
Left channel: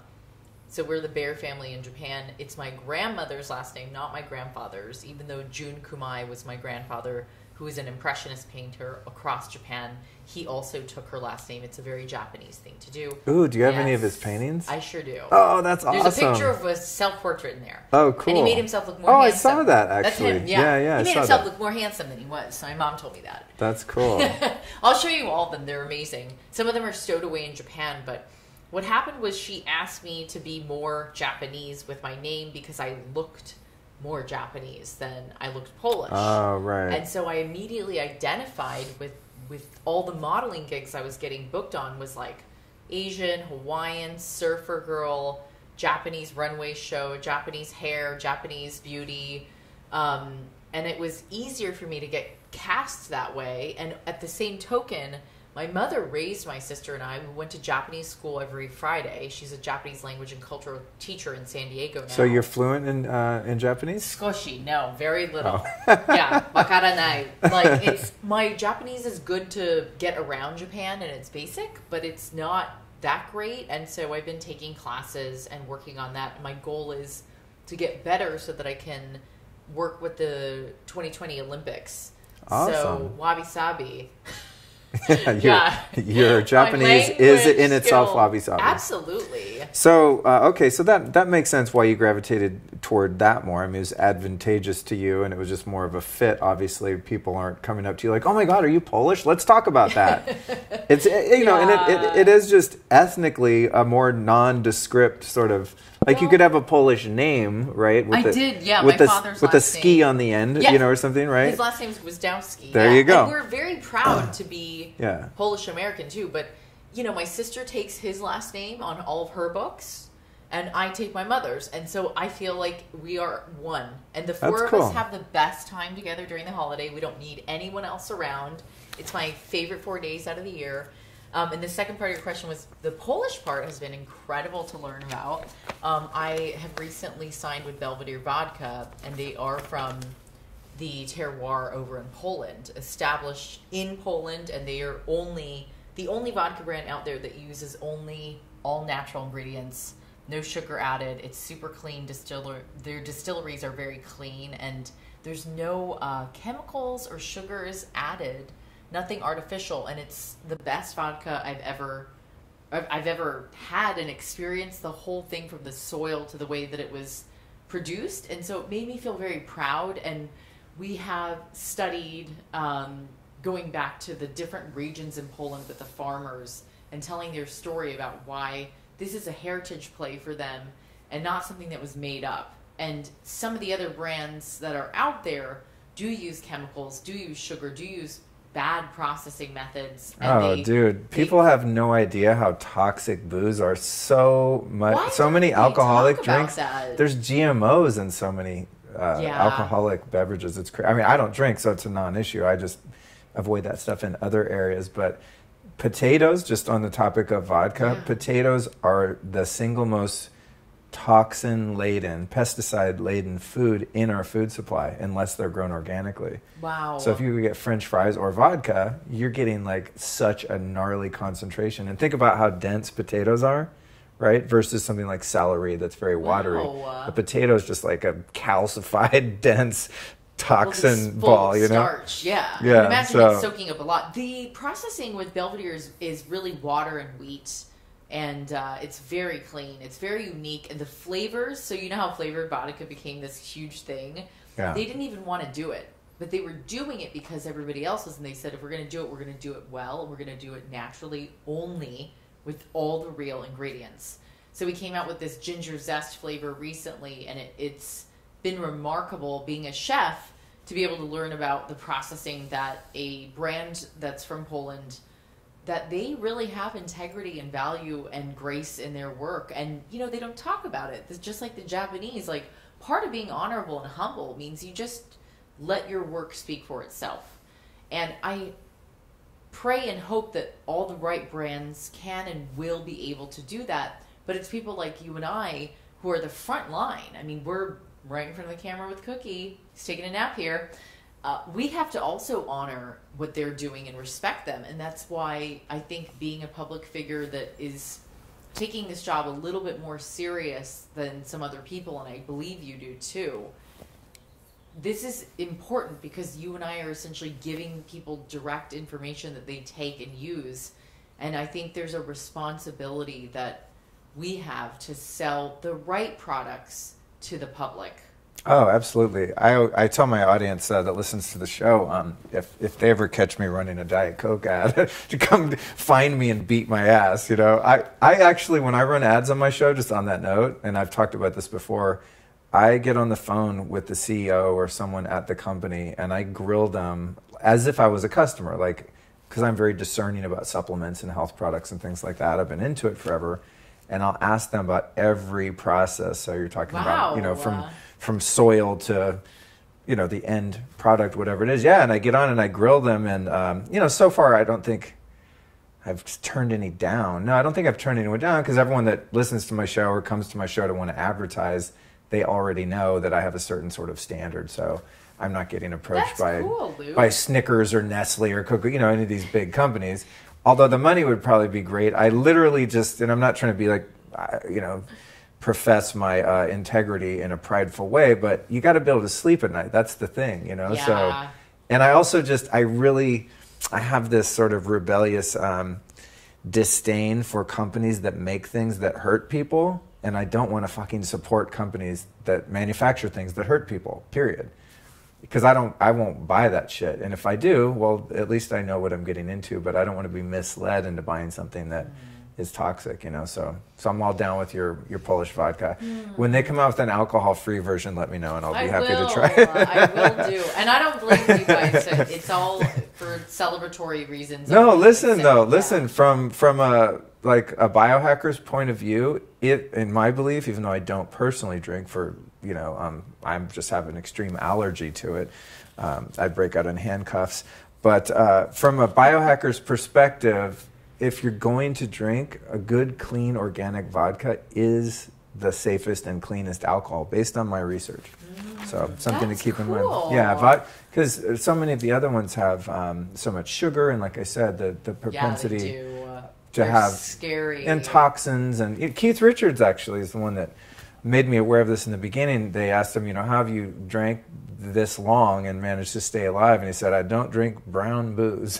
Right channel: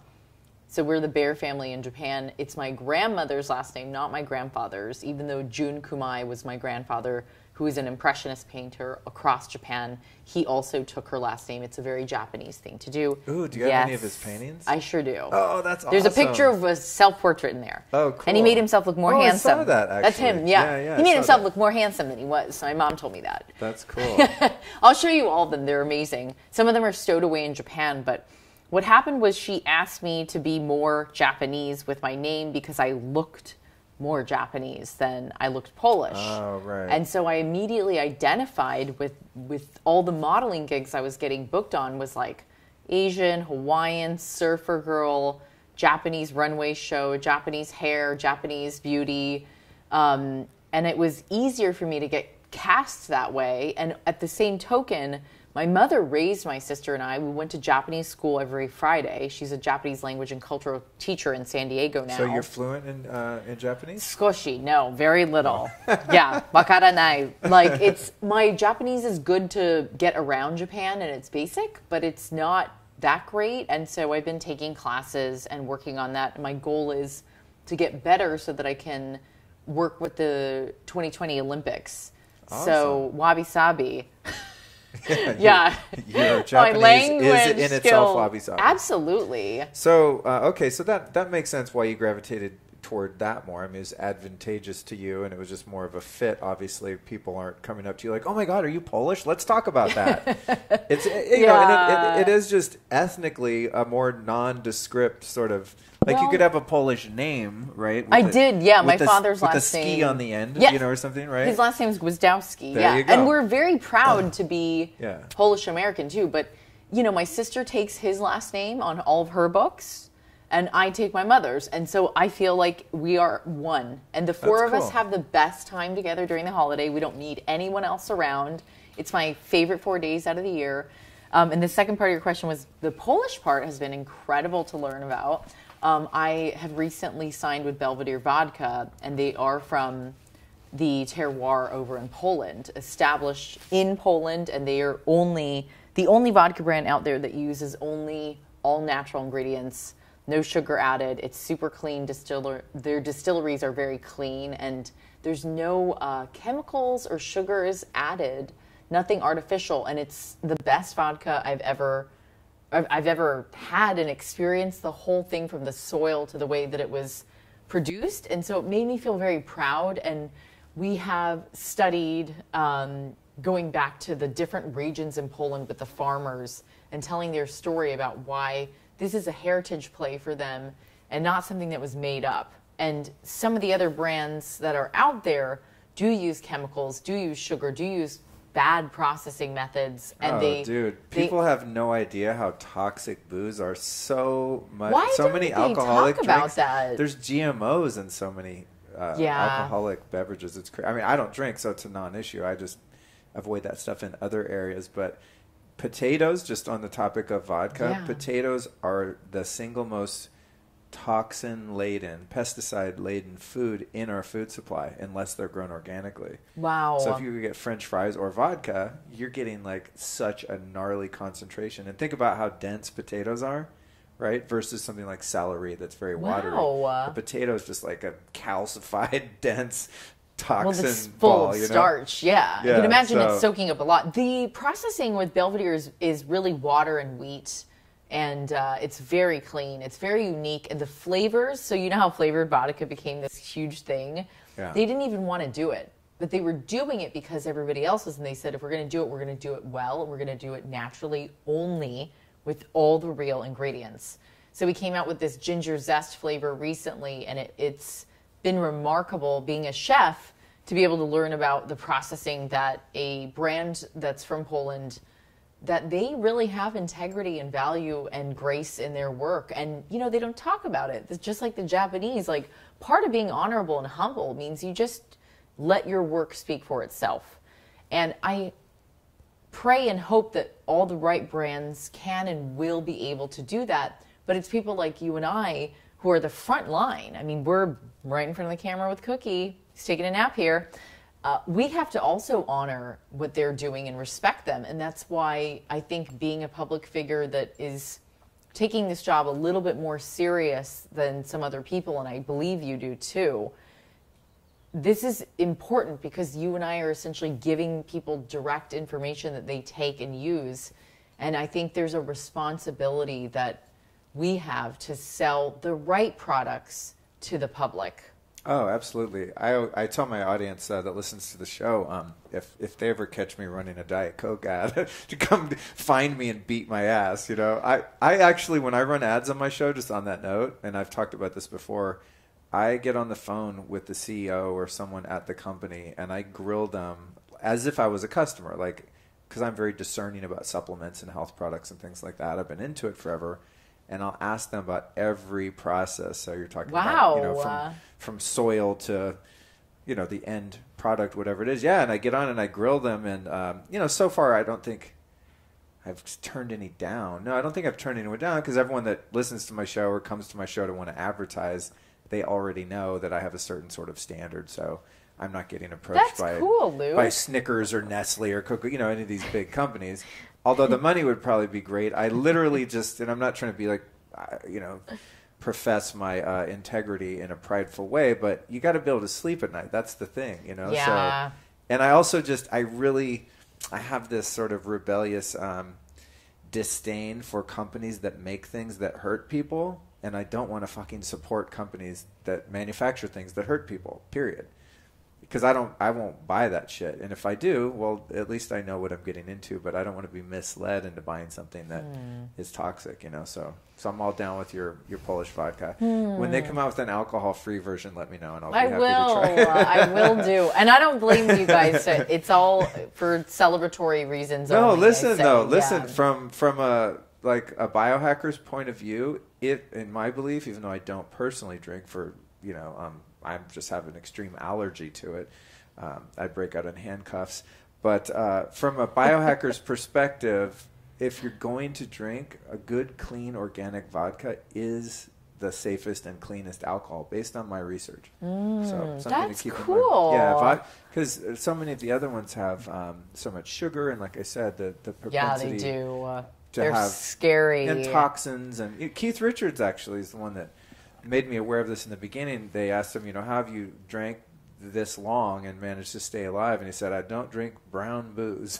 So we're the bear family in Japan. It's my grandmother's last name, not my grandfather's, even though Jun Kumai was my grandfather, who is an impressionist painter across Japan. He also took her last name. It's a very Japanese thing to do. Ooh, do you have any of his paintings? I sure do. Oh, that's awesome. There's a picture of a self-portrait in there. Oh, cool. And he made himself look more handsome. I saw that, actually. That's him, yeah. Yeah, he made himself look more handsome than he was. So my mom told me that. That's cool. I'll show you all of them. They're amazing. Some of them are stowed away in Japan, but what happened was she asked me to be more Japanese with my name because I looked more Japanese than I looked Polish. Oh, right. And so I immediately identified with all the modeling gigs I was getting booked on was like Asian, Hawaiian, surfer girl, Japanese runway show, Japanese hair, Japanese beauty. And it was easier for me to get cast that way. And at the same token, my mother raised my sister and I. We went to Japanese school every Friday. She's a Japanese language and cultural teacher in San Diego now. So you're fluent in Japanese? Skoshi, no, very little. Yeah, wakaranai. Like, my Japanese is good to get around Japan and it's basic, but it's not that great. And so I've been taking classes and working on that. And my goal is to get better so that I can work with the 2020 Olympics. Awesome. So Wabi Sabi. Your Japanese is in itself Wabi Sabi. Absolutely. So, okay, so that makes sense why you gravitated toward that more. I mean, it was advantageous to you, and it was just more of a fit. Obviously, people aren't coming up to you like, oh my God, are you Polish? Let's talk about that. It's, you know, and it is just ethnically a more nondescript sort of, like you could have a Polish name, right? My father's last name. With a ski on the end, you know, or something, right? His last name is Gwizdowski. There you go. And we're very proud to be Polish American too. But, you know, my sister takes his last name on all of her books, and I take my mother's. And so I feel like we are one. And the four of us have the best time together during the holiday. We don't need anyone else around. It's my favorite 4 days out of the year. And the second part of your question was the Polish part has been incredible to learn about. I have recently signed with Belvedere Vodka, and they are from the terroir over in Poland, established in Poland, and they are the only vodka brand out there that uses only all natural ingredients, no sugar added. It's super clean Their distilleries are very clean, and there's no chemicals or sugars added. Nothing artificial, and it's the best vodka I've ever had and experienced the whole thing from the soil to the way that it was produced. And so it made me feel very proud. And we have studied going back to the different regions in Poland with the farmers and telling their story about why this is a heritage play for them and not something that was made up. And some of the other brands that are out there do use chemicals, do use sugar, do use bad processing methods. And people have no idea how toxic booze are. So many alcoholic drinks. There's GMOs in so many alcoholic beverages. It's crazy. I mean, I don't drink, so it's a non-issue. I just avoid that stuff in other areas. But potatoes, just on the topic of vodka, potatoes are the single most toxin-laden, pesticide-laden food in our food supply unless they're grown organically. Wow. So if you get French fries or vodka, you're getting like such a gnarly concentration. And think about how dense potatoes are, right? Versus something like celery that's very watery. Wow. The potato is just like a calcified, dense toxin full ball, you know? starch. Yeah. I can imagine it soaking up a lot. The processing with Belvedere is really water and wheat. And it's very clean. It's very unique. And the flavors, so you know how flavored vodka became this huge thing? Yeah. They didn't even want to do it. But they were doing it because everybody else was. And they said, if we're going to do it, we're going to do it well. We're going to do it naturally, only with all the real ingredients. So we came out with this ginger zest flavor recently. And it's been remarkable being a chef to be able to learn about the processing that a brand that's from Poland, that they really have integrity and value and grace in their work. And, you know, they don't talk about it. It's just like the Japanese, like part of being honorable and humble means you just let your work speak for itself. And I pray and hope that all the right brands can and will be able to do that. But it's people like you and I who are the front line. I mean, we're right in front of the camera with Cookie. He's taking a nap here. We have to also honor what they're doing and respect them. And that's why I think being a public figure that is taking this job a little bit more serious than some other people, and I believe you do too, this is important because you and I are essentially giving people direct information that they take and use. And I think there's a responsibility that we have to sell the right products to the public. Oh, absolutely. I tell my audience that listens to the show, if they ever catch me running a Diet Coke ad, to come find me and beat my ass. You know, I actually, when I run ads on my show, just on that note, and I've talked about this before, I get on the phone with the CEO or someone at the company and I grill them as if I was a customer, like, because I'm very discerning about supplements and health products and things like that. I've been into it forever. And I'll ask them about every process. So you're talking about, you know, from soil to, you know, the end product, whatever it is. Yeah, and I get on and I grill them. And, you know, so far I don't think I've turned any down. No, I don't think I've turned anyone down because everyone that listens to my show or comes to my show to want to advertise, they already know that I have a certain sort of standard. So I'm not getting approached by Snickers or Nestle or Coca, you know, any of these big companies. Although the money would probably be great. I literally just, and I'm not trying to be like, you know, profess my integrity in a prideful way, but you got to be able to sleep at night. That's the thing, you know? Yeah. So, and I also just, I have this sort of rebellious disdain for companies that make things that hurt people. And I don't want to fucking support companies that manufacture things that hurt people, period. Because I won't buy that shit. And if I do, well, at least I know what I'm getting into, but I don't want to be misled into buying something that is toxic, you know. So I'm all down with your Polish vodka. When they come out with an alcohol-free version, let me know and I'll be happy to try it. I will do. And I don't blame you guys. It's all for celebratory reasons. No, listen though. Listen, from a biohacker's point of view, in my belief, even though I don't personally drink for, you know, I'm just have an extreme allergy to it. I break out in handcuffs. But from a biohacker's perspective, if you're going to drink, a good, clean, organic vodka is the safest and cleanest alcohol, based on my research. So something to keep in mind. Yeah, because so many of the other ones have so much sugar, and like I said, the propensity to have scary and toxins. And Keith Richards actually is the one that made me aware of this in the beginning. They asked him, you know, how have you drank this long and managed to stay alive? And he said, I don't drink brown booze.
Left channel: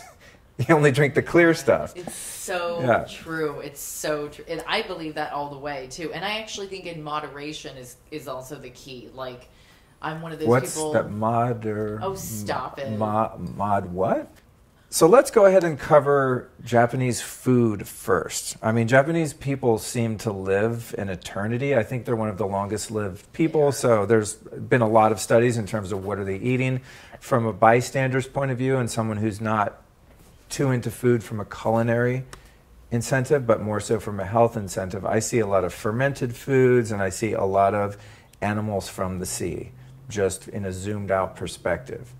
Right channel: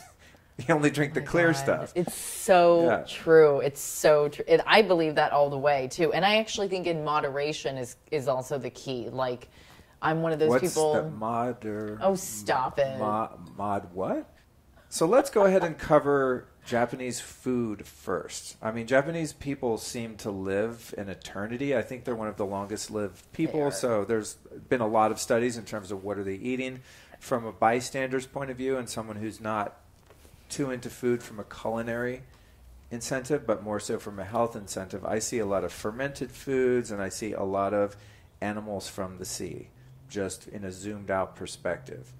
You only drink the clear stuff. It's so true. It's so true. And I believe that all the way, too. And I actually think in moderation is also the key. Like, I'm one of those people... What's that Oh, stop it. Mod what? So let's go ahead and cover Japanese food first. I mean, Japanese people seem to live in eternity. I think they're one of the longest lived people. So there's been a lot of studies in terms of what are they eating from a bystander's point of view and someone who's not too into food from a culinary incentive, but more so from a health incentive. I see a lot of fermented foods and I see a lot of animals from the sea, just in a zoomed out perspective.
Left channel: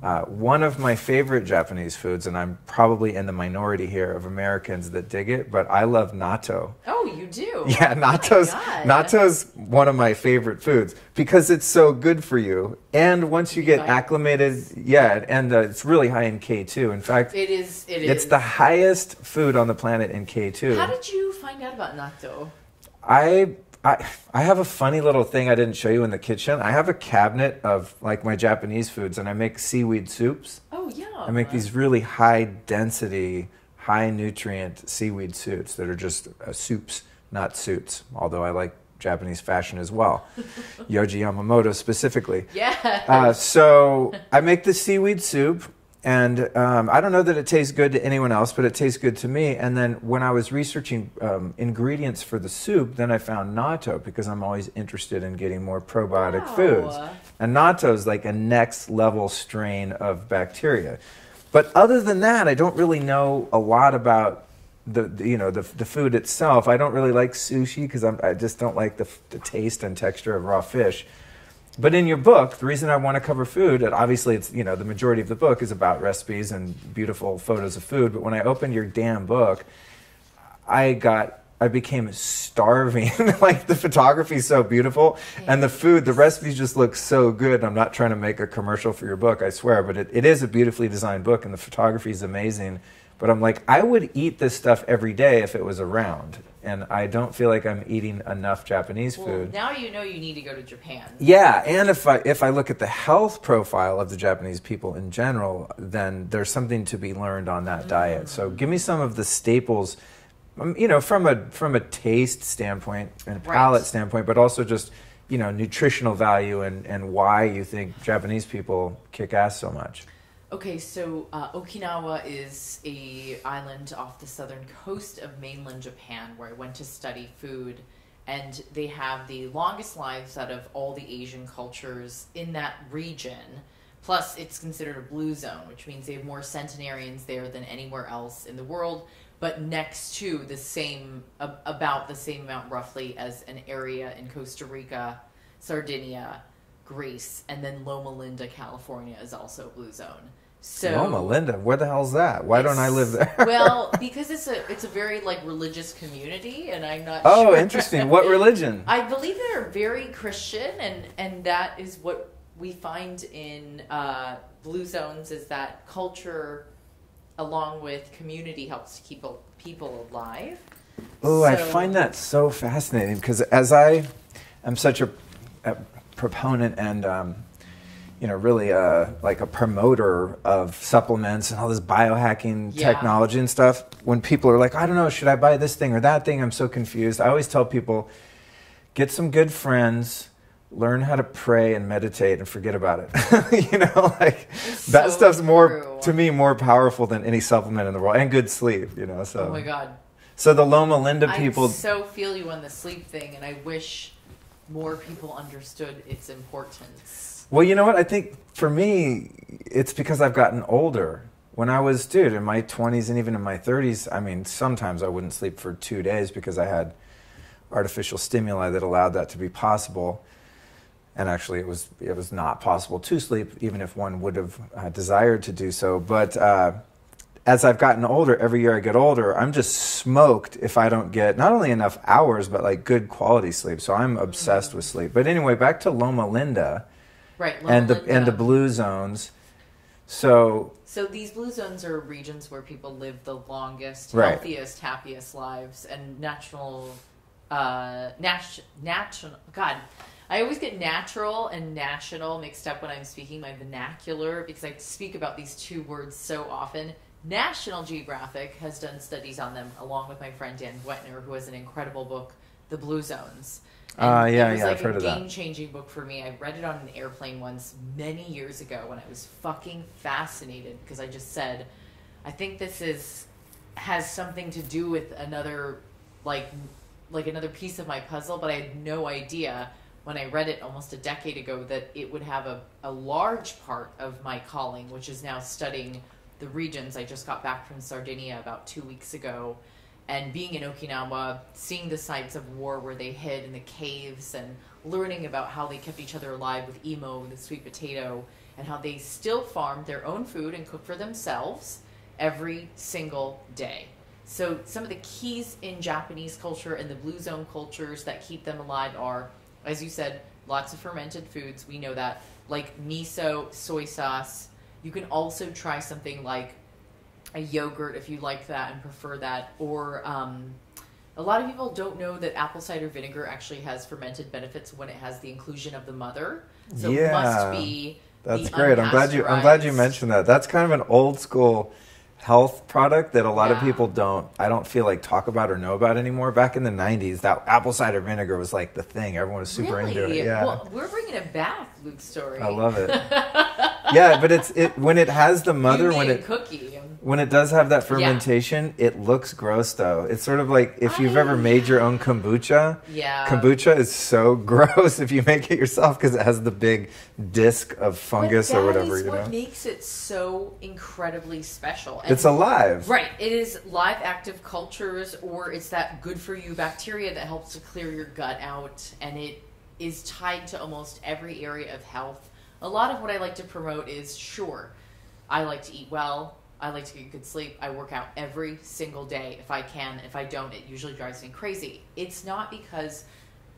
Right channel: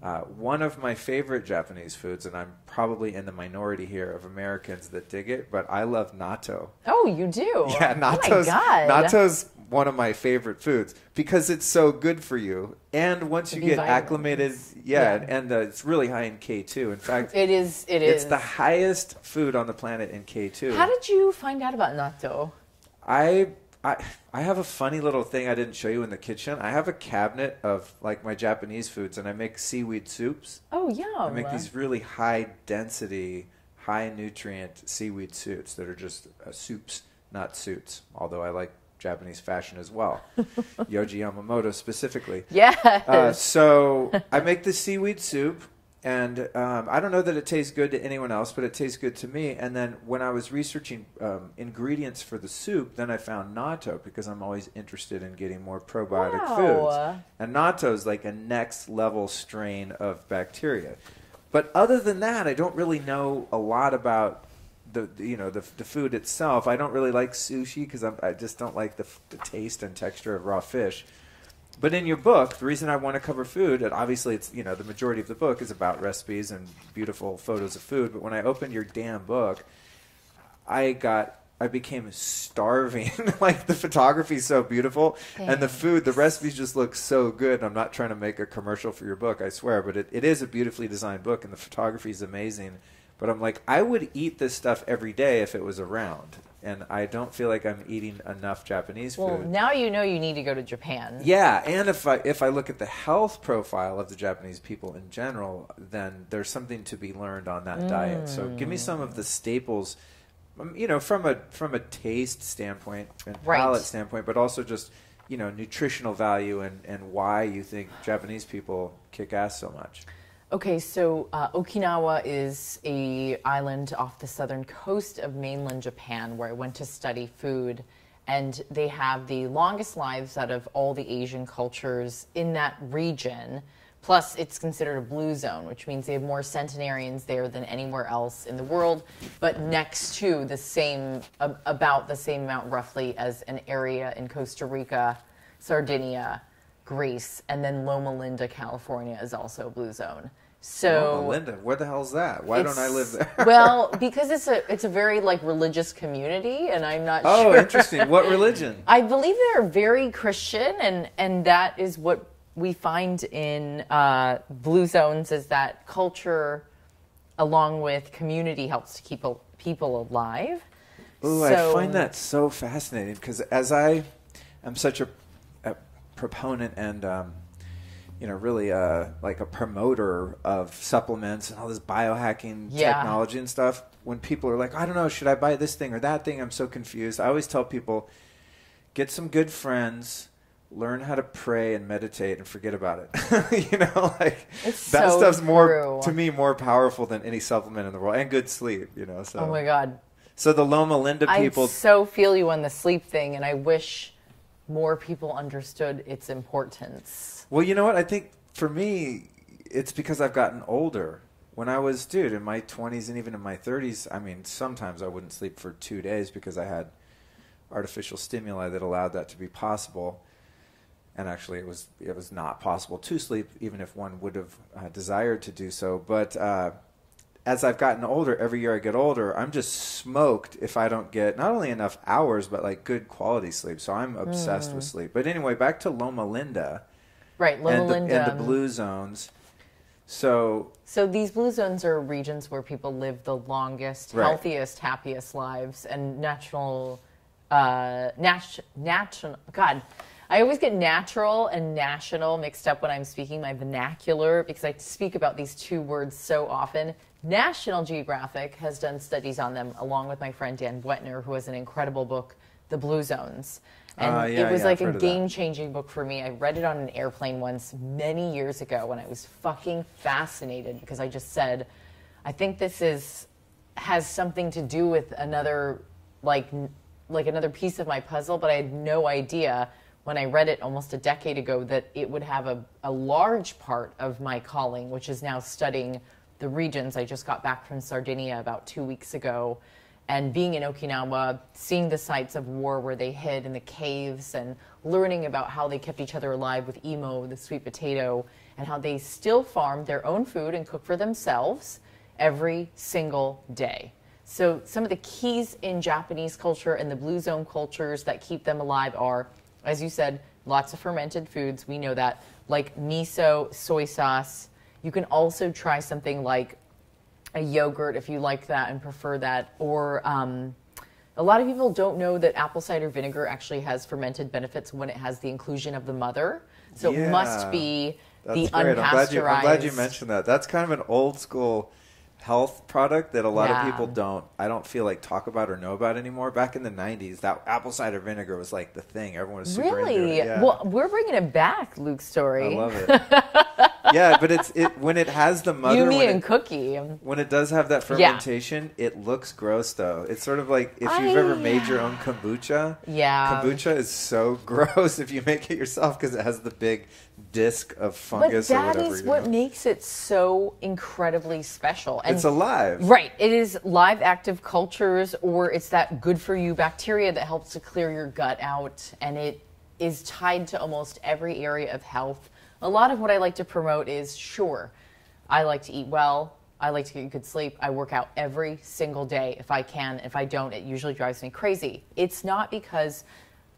One of my favorite Japanese foods, and I'm probably in the minority here of Americans that dig it, but I love natto. Oh, you do? Yeah, natto's one of my favorite foods because it's so good for you. And once you get acclimated, and it's really high in K2. In fact, it's the highest food on the planet in K2. How did you find out about natto? I have a funny little thing I didn't show you in the kitchen. I have a cabinet of like my Japanese foods, and I make seaweed soups. Oh, yeah. I make these really high density, high nutrient seaweed soups that are just soups, not suits. Although I like Japanese fashion as well, Yoji Yamamoto specifically. Yeah. So I make the seaweed soup. And I don't know that it tastes good to anyone else, but it tastes good to me. And then when I was researching ingredients for the soup, then I found natto because I'm always interested in getting more probiotic foods. And natto is like a next level strain of bacteria. But other than that, I don't really know a lot about the food itself. I don't really like sushi because I just don't like the taste and texture of raw fish. But in your book, the reason I want to cover food, and obviously it's, the majority of the book is about recipes and beautiful photos of food, but when I opened your damn book, I became starving. Like, the photography is so beautiful, and the recipes just look so good. I'm not trying to make a commercial for your book, I swear, but it is a beautifully designed book, and the photography is amazing. But I'm like, I would eat this stuff every day if it was around. And I don't feel like I'm eating enough Japanese food. Well, now you know you need to go to Japan. Yeah, and if I look at the health profile of the Japanese people in general, then there's something to be learned on that diet. So give me some of the staples, from a taste standpoint and palate standpoint, but also just, nutritional value and why you think Japanese people kick ass so much. Okay, so Okinawa is an island off the southern coast of mainland Japan where I went to study food, and they have the longest lives out of all the Asian cultures in that region. Plus, it's considered a blue zone, which means they have more centenarians there than anywhere else in the world, but next to about the same amount roughly as an area in Costa Rica, Sardinia, Greece, and then Loma Linda, California is also a blue zone. So Loma Linda, where the hell's that? Why don't I live there? Well, because it's a very religious community, and I'm not sure. Oh, interesting. What religion? I believe they're very Christian, and that is what we find in blue zones, is that culture, along with community, helps to keep people alive. Oh, I find that so fascinating because as I am such a proponent and really like a promoter of supplements and all this biohacking technology and stuff, when people are like, I don't know, should I buy this thing or that thing? I'm so confused. I always tell people, get some good friends, learn how to pray and meditate and forget about it. That stuff's to me more powerful than any supplement in the world, and good sleep, so. Oh my God. So the Loma Linda people. I so feel you on the sleep thing, and I wish more people understood its importance. Well, you know what? I think for me, it's because I've gotten older. When I was, in my 20s and even in my 30s, sometimes I wouldn't sleep for 2 days because I had artificial stimuli that allowed that to be possible. And actually, it was not possible to sleep, even if one would have desired to do so. But as I've gotten older, every year I get older, I'm just smoked if I don't get not only enough hours, but good quality sleep. So I'm obsessed with sleep. But anyway, back to Loma Linda. Right, Loma Linda. And the blue zones. So these blue zones are regions where people live the longest, healthiest, happiest lives, and national. God, I always get natural and national mixed up when I'm speaking my vernacular because I speak about these two words so often. National Geographic has done studies on them, along with my friend Dan Wetner, who has an incredible book, The Blue Zones. And it was like a game-changing book for me. I read it on an airplane once many years ago when I was fucking fascinated because I just said, I think this has something to do with another, another piece of my puzzle, but I had no idea when I read it almost a decade ago that it would have a large part of my calling, which is now studying the regions. I just got back from Sardinia about 2 weeks ago, And being in Okinawa, seeing the sites of war where they hid in the caves and learning about how they kept each other alive with imo, the sweet potato, and how they still farm their own food and cook for themselves every single day. So some of the keys in Japanese culture and the blue zone cultures that keep them alive are, as you said, lots of fermented foods. We know that, like miso, soy sauce. You can also try something like a yogurt if you like that and prefer that. Or a lot of people don't know that apple cider vinegar actually has fermented benefits when it has the inclusion of the mother. So it must be that's the great. I'm glad you mentioned that. That's kind of an old school health product that a lot of people I don't feel like talk about or know about anymore. Back in the 90s, that apple cider vinegar was like the thing. Everyone was super into it. Yeah. Well, we're bringing it back, Luke's story. I love it. Yeah, but it when it has the mother, when it does have that fermentation, it looks gross though. It's sort of like if you've ever made your own kombucha. Yeah. Kombucha is so gross if you make it yourself because it has the big disc of fungus or whatever. That is what makes it so incredibly special. And it's alive. Right. It is live active cultures, or it's that good for you bacteria that helps to clear your gut out, and it is tied to almost every area of health. A lot of what I like to promote is, sure, I like to eat well. I like to get good sleep. I work out every single day if I can. If I don't, it usually drives me crazy. It's not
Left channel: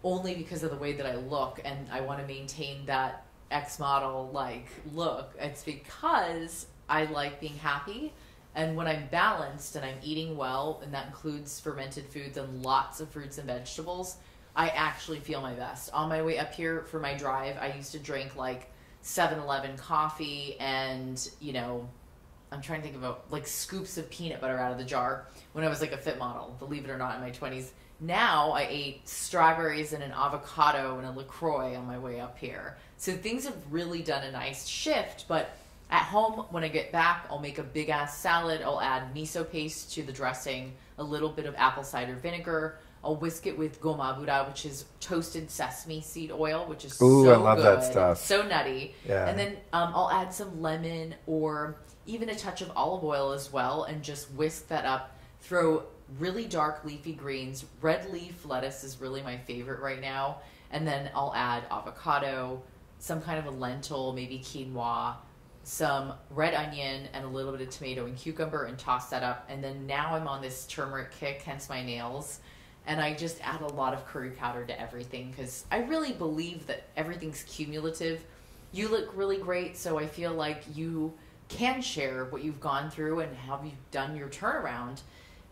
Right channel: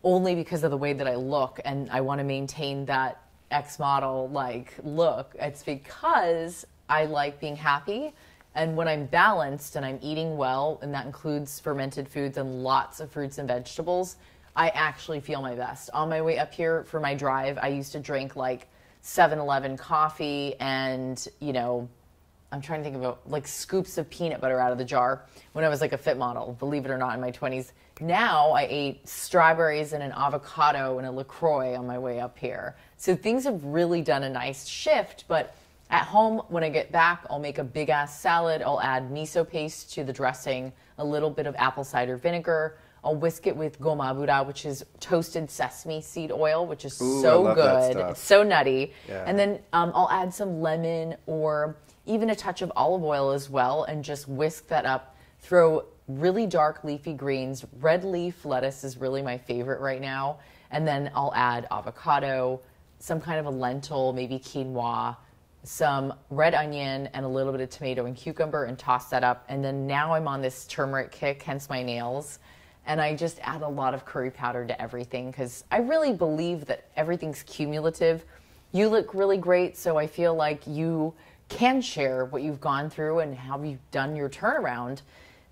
only because of the way that I look and I want to maintain that X model like look. It's because I like being happy. And when I'm balanced and I'm eating well, and that includes fermented foods and lots of fruits and vegetables, I actually feel my best. On my way up here for my drive, I used to drink like 7-Eleven coffee and, I'm trying to think about like scoops of peanut butter out of the jar when I was like a fit model, believe it or not, in my 20s. Now I ate strawberries and an avocado and a LaCroix on my way up here. So things have really done a nice shift, but at home, when I get back, I'll make a big ass salad. I'll add miso paste to the dressing, a little bit of apple cider vinegar. I'll whisk it with gomabura, which is toasted sesame seed oil, which is so I love good. that stuff. So nutty. Yeah. And then I'll add some lemon or even a touch of olive oil as well and just whisk that up. Throw really dark leafy greens. Red leaf lettuce is really my favorite right now. And then I'll add avocado, some kind of a lentil, maybe quinoa, some red onion, and a little bit of tomato and cucumber, and toss that up. And then now I'm on this turmeric kick, hence my nails. And I just add a lot of curry powder to everything because I really believe that everything's cumulative. You look really great, so I feel like you can share what you've gone through and how you've done your turnaround.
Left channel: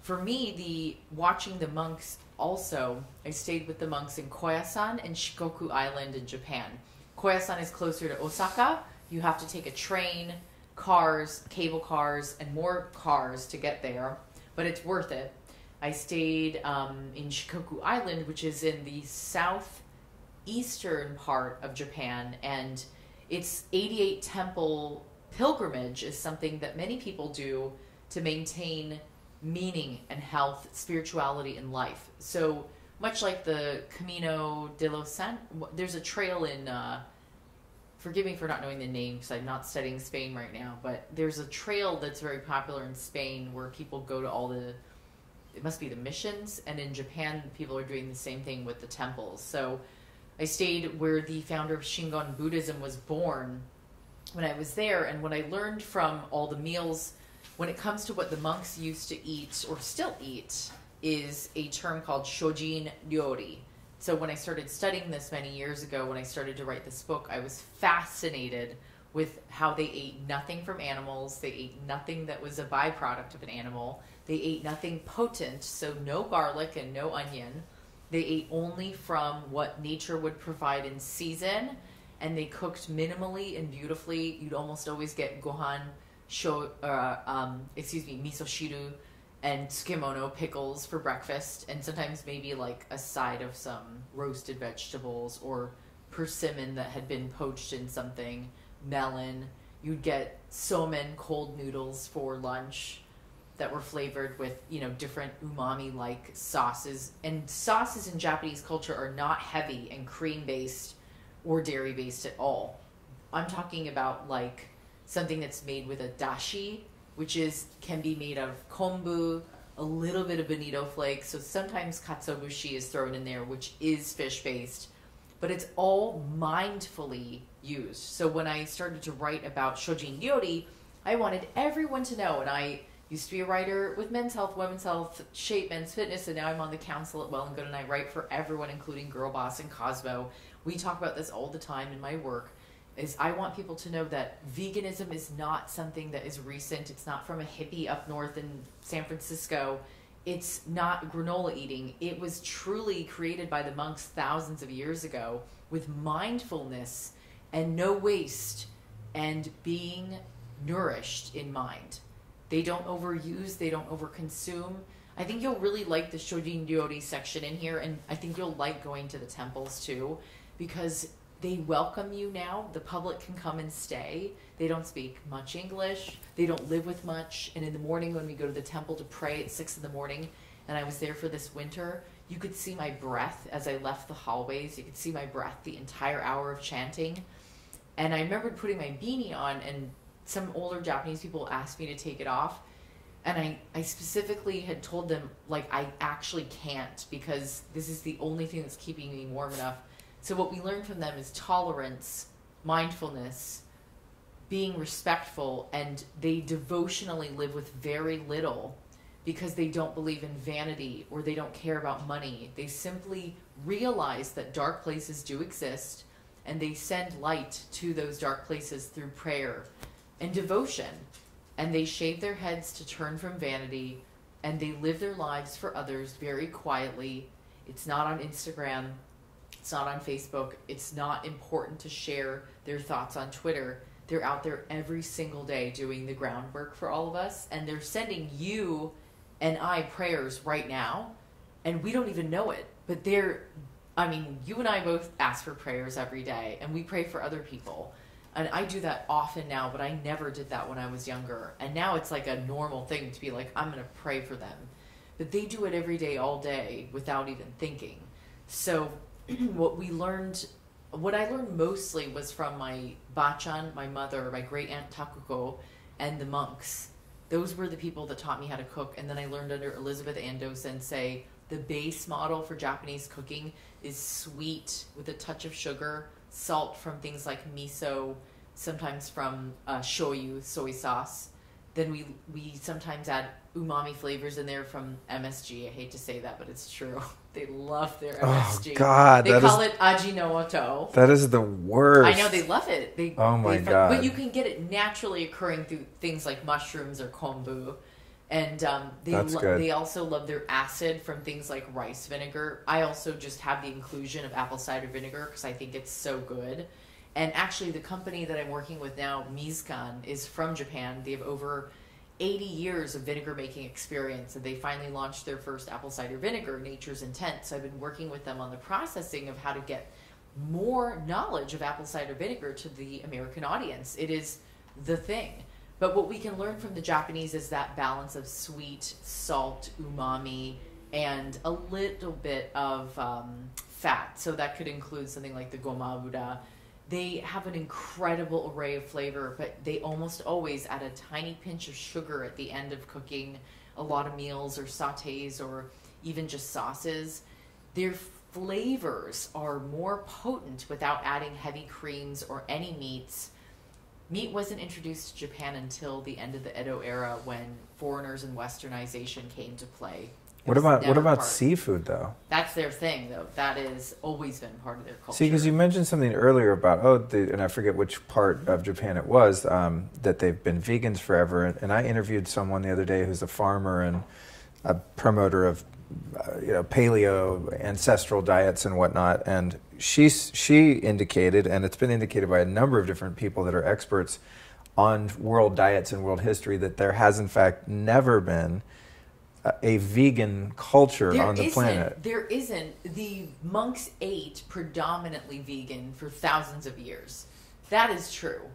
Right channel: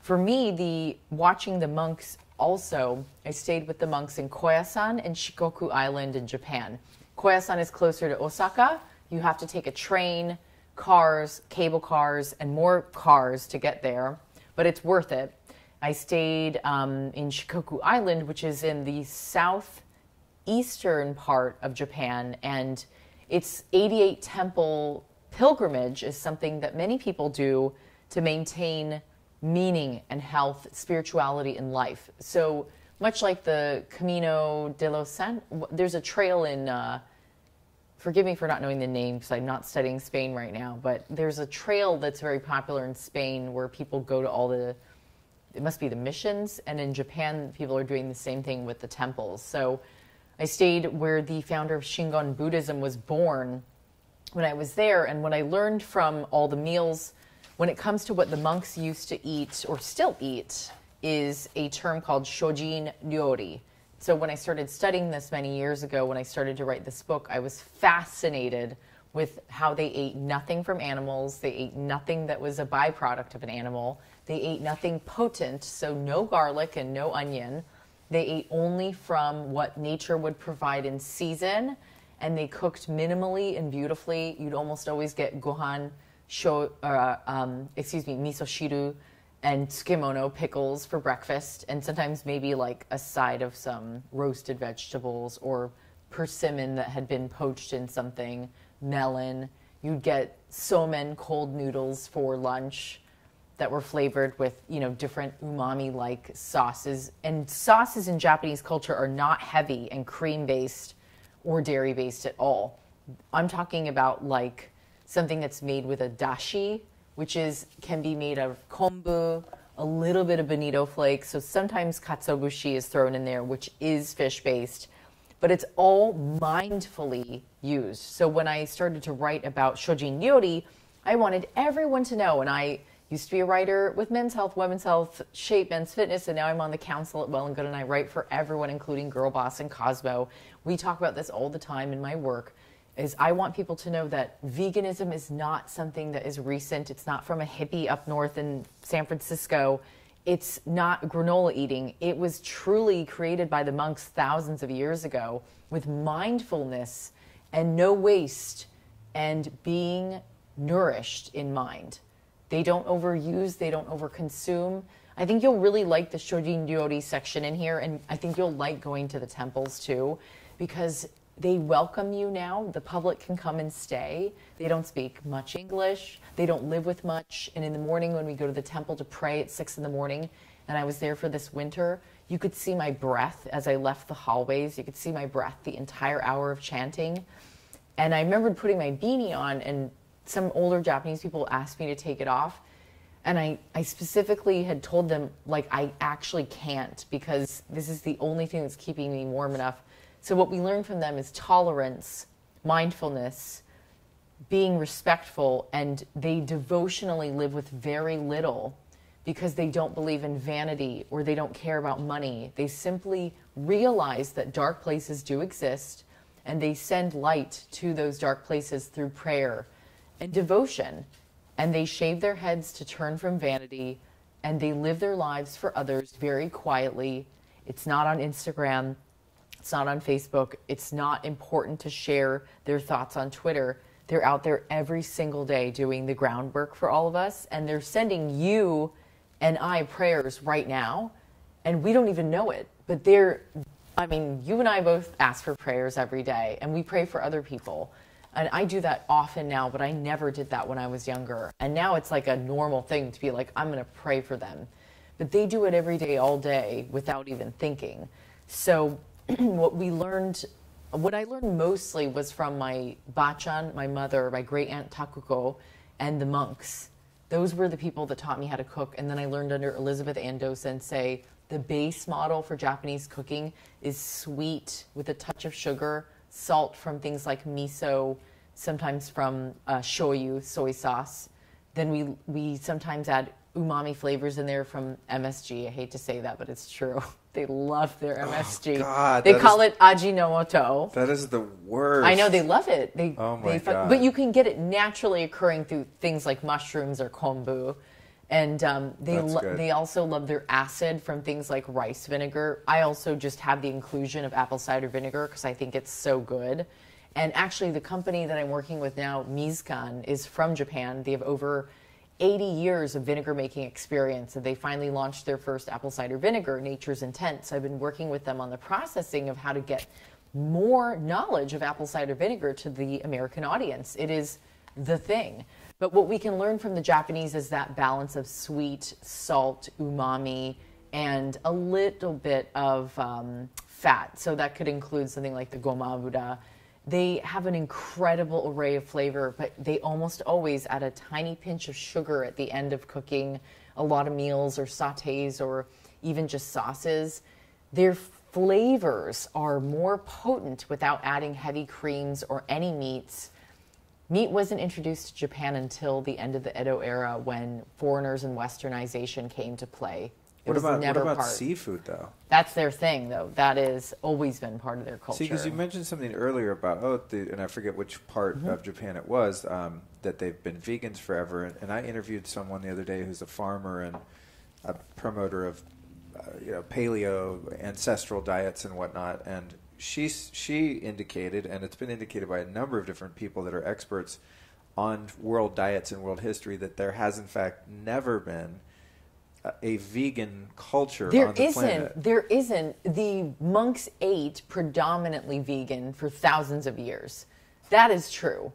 For me, watching the monks also, I stayed with the monks in Koyasan and Shikoku Island in Japan. Koyasan is closer to Osaka. You have to take a train, cars, cable cars, and more cars to get there, but it's worth it. I stayed in Shikoku Island, which is in the southeastern part of Japan, and its 88 temple pilgrimage is something that many people do to maintain meaning and health, spirituality, and life. So much like the Camino de los Santos, there's a trail in, forgive me for not knowing the name because I'm not studying Spain right now, but there's a trail that's very popular in Spain where people go to it must be the missions, and in Japan, people are doing the same thing with the temples. So I stayed where the founder of Shingon Buddhism was born when I was there, and what I learned from all the meals, when it comes to what the monks used to eat, or still eat, is a term called shojin ryori. So when I started studying this many years ago, when I started to write this book, I was fascinated with how they ate nothing from animals. They ate nothing that was a byproduct of an animal. They ate nothing potent, so no garlic and no onion. They ate only from what nature would provide in season, and they cooked minimally and beautifully. You'd almost always get gohan, miso shiru, and tsukemono pickles for breakfast, and sometimes maybe like a side of some roasted vegetables or persimmon that had been poached in something, melon. You'd get somen cold noodles for lunch that were flavored with, different umami-like sauces. And sauces in Japanese culture are not heavy and cream-based or dairy-based at all. I'm talking about like something that's made with a dashi, which can be made of kombu a little bit of bonito flakes. So sometimes katsuobushi is thrown in there, which is fish-based, but it's all mindfully used. So when I started to write about shojin ryori, I wanted everyone to know, and I used to be a writer with Men's Health, Women's Health, Shape, Men's Fitness, and now I'm on the council at Well and Good, and I write for everyone, including Girl Boss and Cosmo. We talk about this all the time in my work, is I want people to know that veganism is not something that is recent. It's not from a hippie up north in San Francisco. It's not granola eating. It was truly created by the monks thousands of years ago with mindfulness and no waste and being nourished in mind. They don't overuse, they don't overconsume. I think you'll really like the shojin ryori section in here, and I think you'll like going to the temples too, because they welcome you now. The public can come and stay. They don't speak much English. They don't live with much. And in the morning when we go to the temple to pray at 6 a.m, and I was there for this winter, you could see my breath as I left the hallways. You could see my breath the entire hour of chanting. And I remembered putting my beanie on, and some older Japanese people asked me to take it off. And I specifically had told them, like, I actually can't, because this is the only thing that's keeping me warm enough. So what we learn from them is tolerance, mindfulness, being respectful, and they devotionally live with very little because they don't believe in vanity or they don't care about money. They simply realize that dark places do exist, and they send light to those dark places through prayer and devotion. And they shave their heads to turn from vanity, and they live their lives for others very quietly. It's not on Instagram. It's not on Facebook. It's not important to share their thoughts on Twitter. They're out there every single day doing the groundwork for all of us, and they're sending you and I prayers right now, and we don't even know it. But you and I both ask for prayers every day, and we pray for other people. And I do that often now, but I never did that when I was younger. And now it's like a normal thing to be like, I'm going to pray for them. But they do it every day, all day, without even thinking. So what I learned mostly was from my bachan, my mother, my great aunt Takuko, and the monks. Those were the people that taught me how to cook. And then I learned under Elizabeth Ando Sensei, the base model for Japanese cooking is sweet with a touch of sugar, salt from things like miso, sometimes from shoyu, soy sauce. Then we sometimes add umami flavors in there from MSG. I hate to say that, but it's true. They love their MSG. Oh, God. They call it ajinomoto. That is the worst. I know, they love it. Oh, my God. But you can get it naturally occurring through things like mushrooms or kombu. And they also love their acid from things like rice vinegar. I also just have the inclusion of apple cider vinegar because I think it's so good. And actually, the company that I'm working with now, Mizkan, is from Japan. They have over 80 years of vinegar making experience, and they finally launched their first apple cider vinegar, Nature's Intent. So I've been working with them on the processing of how to get more knowledge of apple cider vinegar to the American audience. It is the thing. But what we can learn from the Japanese is that balance of sweet, salt, umami, and a little bit of fat. So that could include something like the gomabuda. They have an incredible array of flavor, but they almost always add a tiny pinch of sugar at the end of cooking a lot of meals or sautés or even just sauces. Their flavors are more potent without adding heavy creams or any meats. Meat wasn't introduced to Japan until the end of the Edo era when foreigners and westernization came to play. What about seafood, though? That's their thing, though. That has always been part of their culture. See, because you mentioned something earlier about, and I forget which part of Japan it was, that they've been vegans forever. And I interviewed someone the other day who's a farmer and a promoter of paleo, ancestral diets and whatnot. And she indicated, and it's been indicated by a number of different people that are experts on world diets and world history, that there has, in fact, never been a vegan culture on the planet. There isn't. The monks ate predominantly vegan for thousands of years. That is true.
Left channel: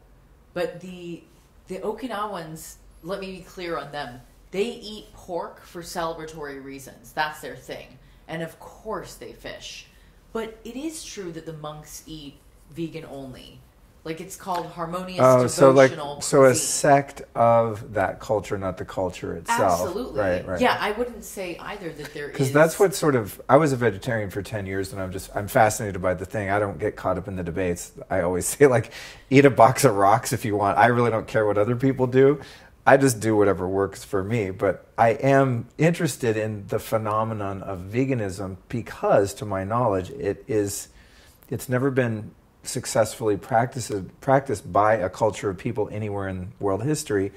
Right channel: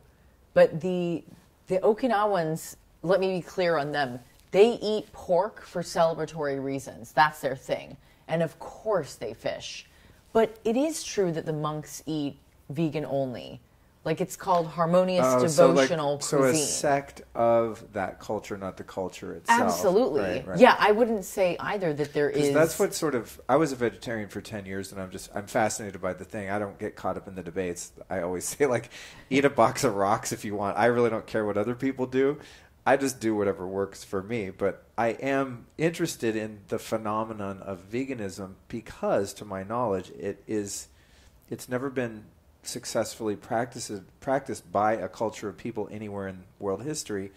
But the Okinawans, let me be clear on them, they eat pork for celebratory reasons. That's their thing. And of course they fish. But it is true that the monks eat vegan only. Like it's called harmonious devotional so cuisine. a sect of that culture, not the culture itself. Absolutely. Right. Yeah, I wouldn't say either that there is. Because that's what sort of. I was a vegetarian for 10 years, and I'm fascinated by the thing. I don't get caught up in the debates. I always say, like, eat a box of rocks if you want. I really don't care what other people do. I just do whatever works for me. But I am interested in the phenomenon of veganism because, to my knowledge, it's never been successfully practiced by a culture of people anywhere in world history.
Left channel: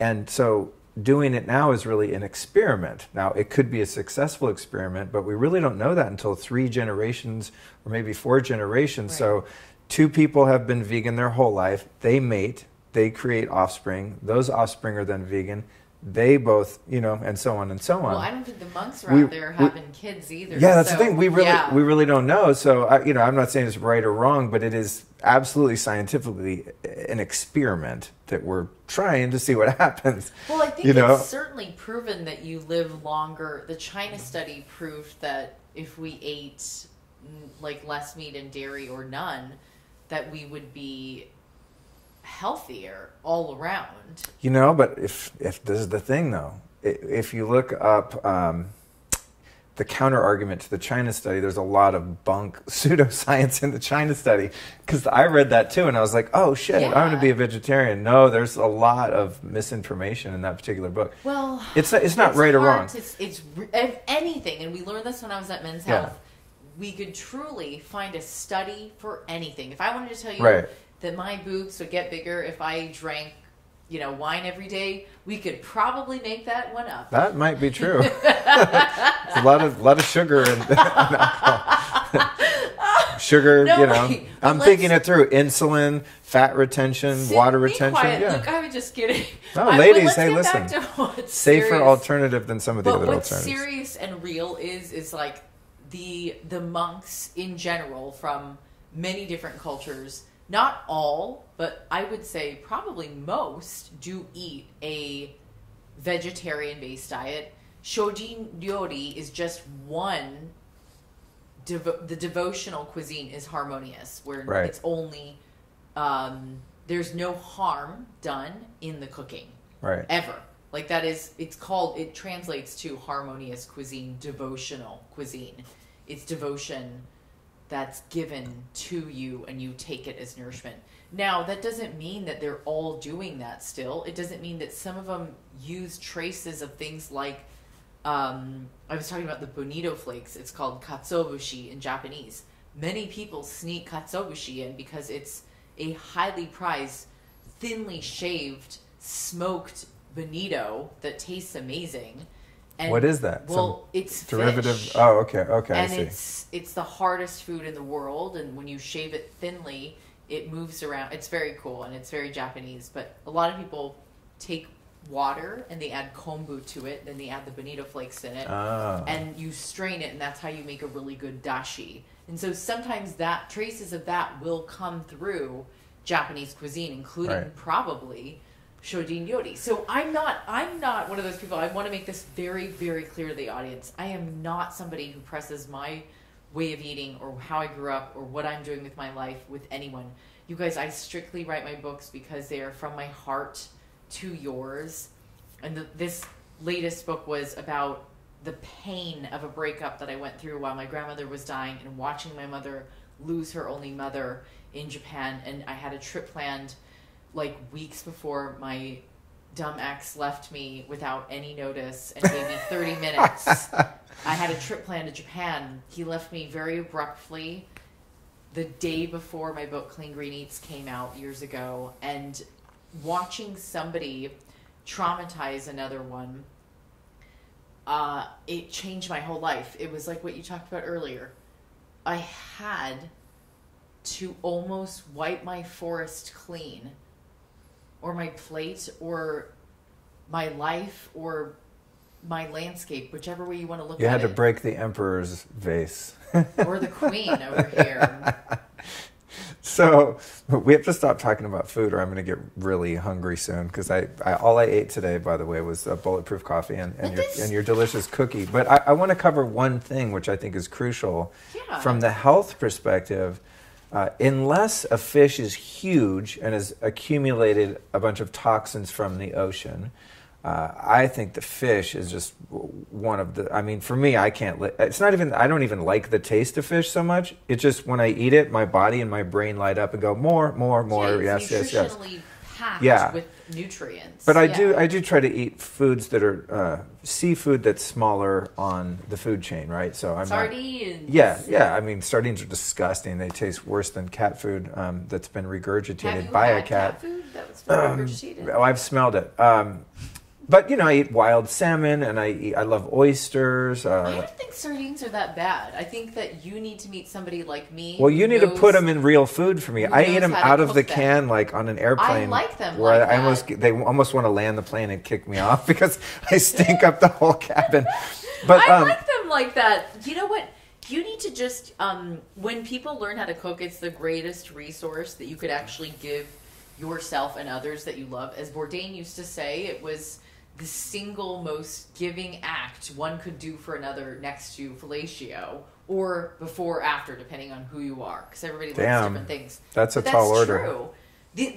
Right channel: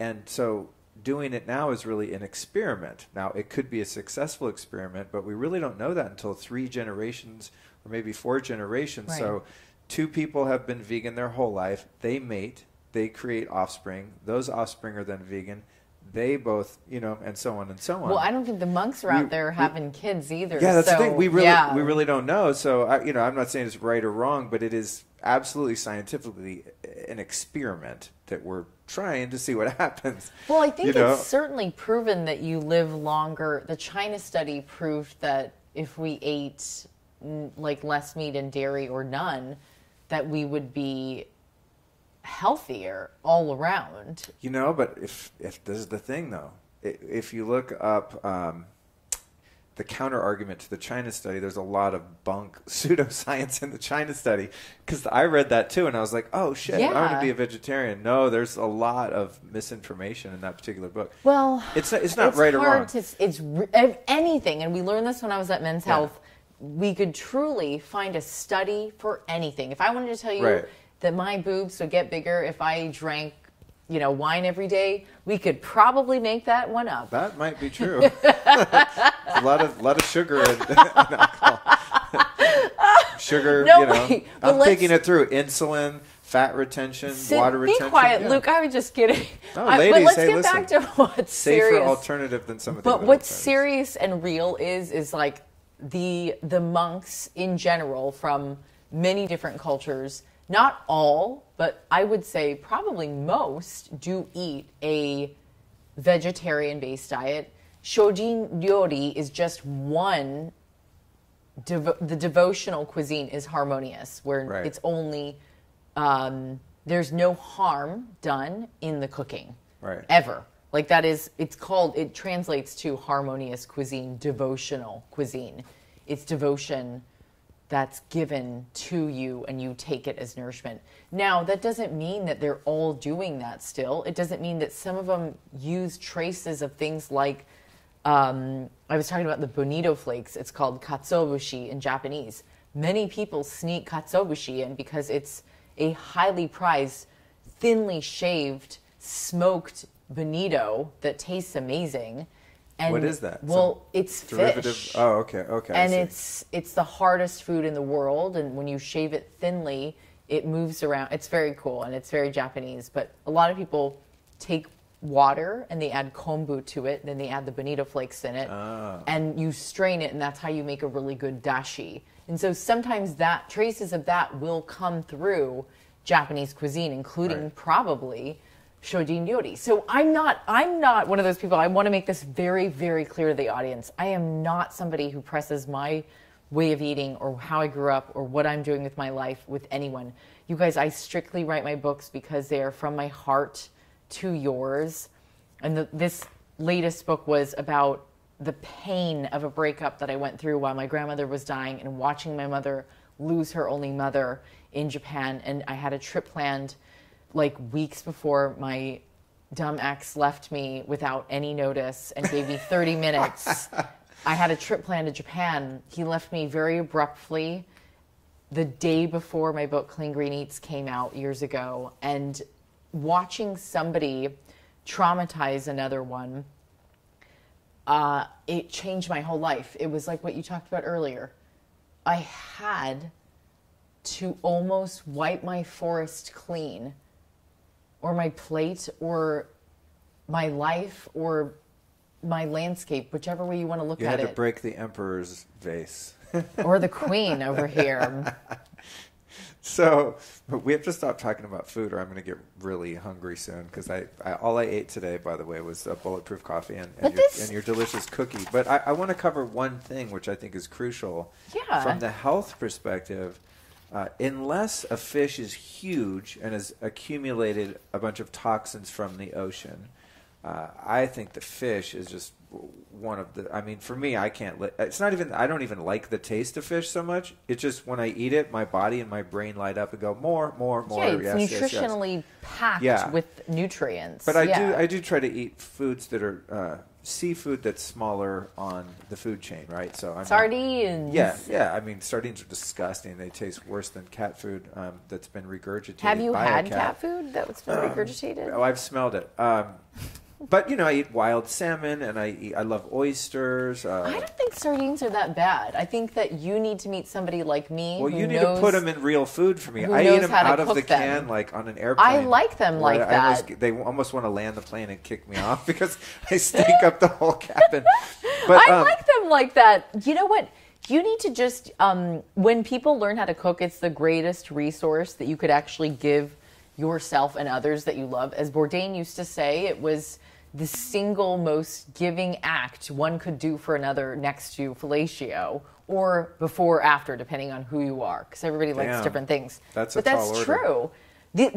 And so doing it now is really an experiment. Now, it could be a successful experiment, but we really don't know that until 3 generations or maybe 4 generations. Right. So 2 people have been vegan their whole life. They mate. They create offspring. Those offspring are then vegan. They both, and so on and so on. Well, I don't think the monks are out there having kids either. Yeah, that's the thing. We really don't know. So, I'm not saying it's right or wrong, but it is absolutely scientifically an experiment that we're trying to see what happens. Well, I think it's certainly proven that you live longer. The China study proved that if we ate like less meat and dairy or none, that we would be healthier all around. But if this is the thing though, if you look up the counter argument to the China study, there's a lot of bunk pseudoscience in the China study, because I read that too and I was like, oh shit, I'm going to be a vegetarian. No, there's a lot of misinformation in that particular book. Well, it's not right or wrong. It's anything, and we learned this when I was at Men's Health. We could truly find a study for anything. If I wanted to tell you that my boobs would get bigger if I drank, wine every day, we could probably make that one up. That might be true. a lot of sugar and alcohol. Sugar, I'm thinking it through. Insulin, fat retention, water retention. Be quiet, Luke. I was just kidding. No, ladies, hey, let's listen. Get back to what's safer serious. Alternative than some of the other alternatives. But what's serious and real is like the monks in general from many different cultures. Not all, but I would say probably most do eat a vegetarian-based diet. Shojin ryori is just one. The devotional cuisine is harmonious, where it's only there's no harm done in the cooking, ever. Like that is, it translates to harmonious cuisine, devotional cuisine. It's devotion that's given to you and you take it as nourishment. Now, that doesn't mean that they're all doing that still. It doesn't mean that some of them use traces of things like, I was talking about the bonito flakes. It's called katsuobushi in Japanese. Many people sneak katsuobushi in because it's a highly prized, thinly shaved, smoked bonito that tastes amazing. And, what is that? Well, it's derivative. Fish. Oh, okay. And it's the hardest food in the world. And when you shave it thinly, it moves around. It's very cool and it's very Japanese. But a lot of people take water and they add kombu to it. Then they add the bonito flakes in it, and you strain it, and that's how you make a really good dashi. And so sometimes that traces of that will come through Japanese cuisine, including probably Shojin ryori. So I'm not one of those people. I want to make this very, very clear to the audience. I am not somebody who presses my way of eating or how I grew up or what I'm doing with my life with anyone. You guys, I strictly write my books because they are from my heart to yours. And this latest book was about the pain of a breakup that I went through while my grandmother was dying and watching my mother lose her only mother in Japan. And I had a trip planned like weeks before my dumb ex left me without any notice and gave me 30 minutes. I had a trip planned to Japan. He left me very abruptly the day before my book Clean Green Eats came out years ago. And watching somebody traumatize another one, it changed my whole life. It was like what you talked about earlier. I had to almost wipe my forest clean, or my plate, or my life, or my landscape, whichever way you want to look at it. You had to break the emperor's vase. Or the queen over here. So we have to stop talking about food or I'm going to get really hungry soon, because all I ate today, by the way, was a bulletproof coffee and your delicious cookie. But I want to cover one thing which I think is crucial from the health perspective. unless a fish is huge and has accumulated a bunch of toxins from the ocean, I think the fish is just one of the, I mean, for me, I can't, it's not even, I don't even like the taste of fish so much. It's just when I eat it, my body and my brain light up and go, more, yeah, it's yes, nutritionally packed with nutrients. But I do try to eat foods that are seafood that's smaller on the food chain, right? So I'm sardines. Yeah. I mean, sardines are disgusting. They taste worse than cat food that's been regurgitated by a cat. Have you had cat food that's been regurgitated? Oh, I've smelled it. But I eat wild salmon, and I love oysters. I don't think sardines are that bad. I think that you need to meet somebody like me. Well, you need to put them in real food for me. I eat them out of the can, like on an airplane. I like them like that. They almost want to land the plane and kick me off because I stink up the whole cabin. But I like them like that. You know what? You need to just, when people learn how to cook, it's the greatest resource that you could actually give yourself and others that you love. As Bourdain used to say, it was the single most giving act one could do for another next to fellatio, or before or after, depending on who you are, because everybody likes different things. That's a tall order. That's true.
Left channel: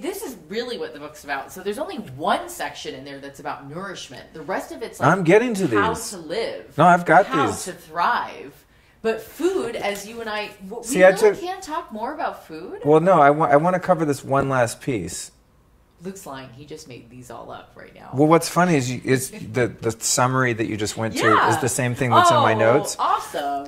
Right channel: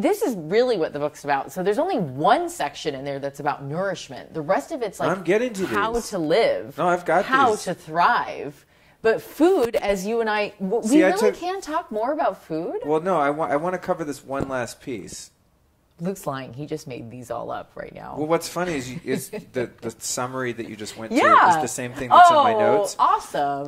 This is really what the book's about. So there's only one section in there that's about nourishment. The rest of it's like I'm getting to how these. to live. No, I've got how these. to thrive. But food, as you and I, can't talk more about food. Well, no, I want to cover this one last piece. Luke's lying. He just made these all up right now. Well, what's funny is the summary that you just went to is the same thing that's in my notes. Awesome.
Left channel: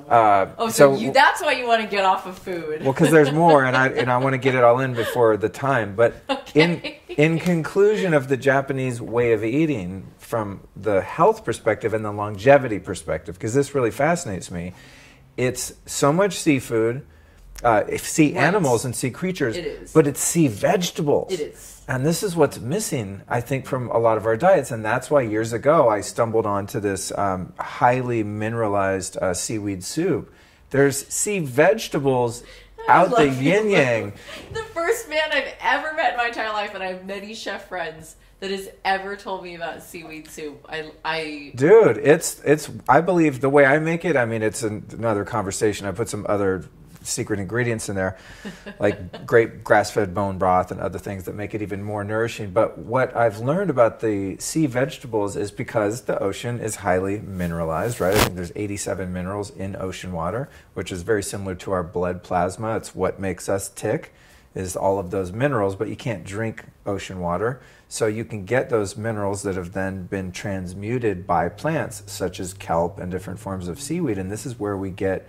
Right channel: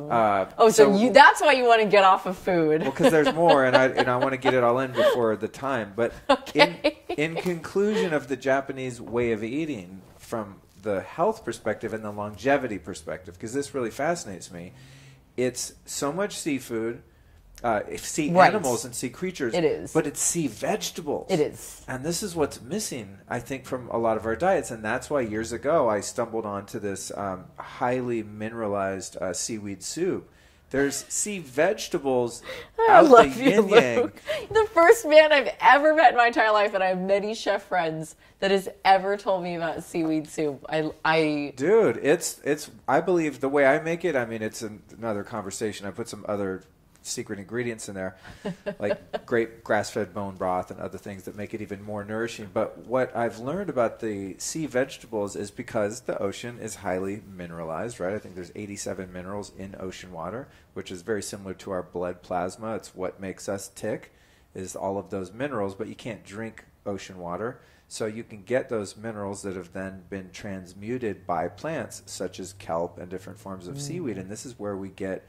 So that's why you want to get off of food. Well, because there's more, and I want to get it all in before the time. But in conclusion of the Japanese way of eating, from the health perspective and the longevity perspective, because this really fascinates me, it's so much seafood. Sea animals and sea creatures. It is. But it's sea vegetables. It is. And this is what's missing, I think, from a lot of our diets. And that's why years ago I stumbled onto this highly mineralized seaweed soup. There's sea vegetables out the yin-yang. The first man I've ever met in my entire life, and I have many chef friends, that has ever told me about seaweed soup. Dude, it's I believe the way I make it, I mean, it's another conversation. I put some other secret ingredients in there, like great grass-fed bone broth and other things that make it even more nourishing. But what I've learned about the sea vegetables is because the ocean is highly mineralized, right? I think there's 87 minerals in ocean water, which is very similar to our blood plasma. It's what makes us tick, is all of those minerals, but you can't drink ocean water. So you can get those minerals that have then been transmuted by plants, such as kelp and different forms of seaweed. And this is where we get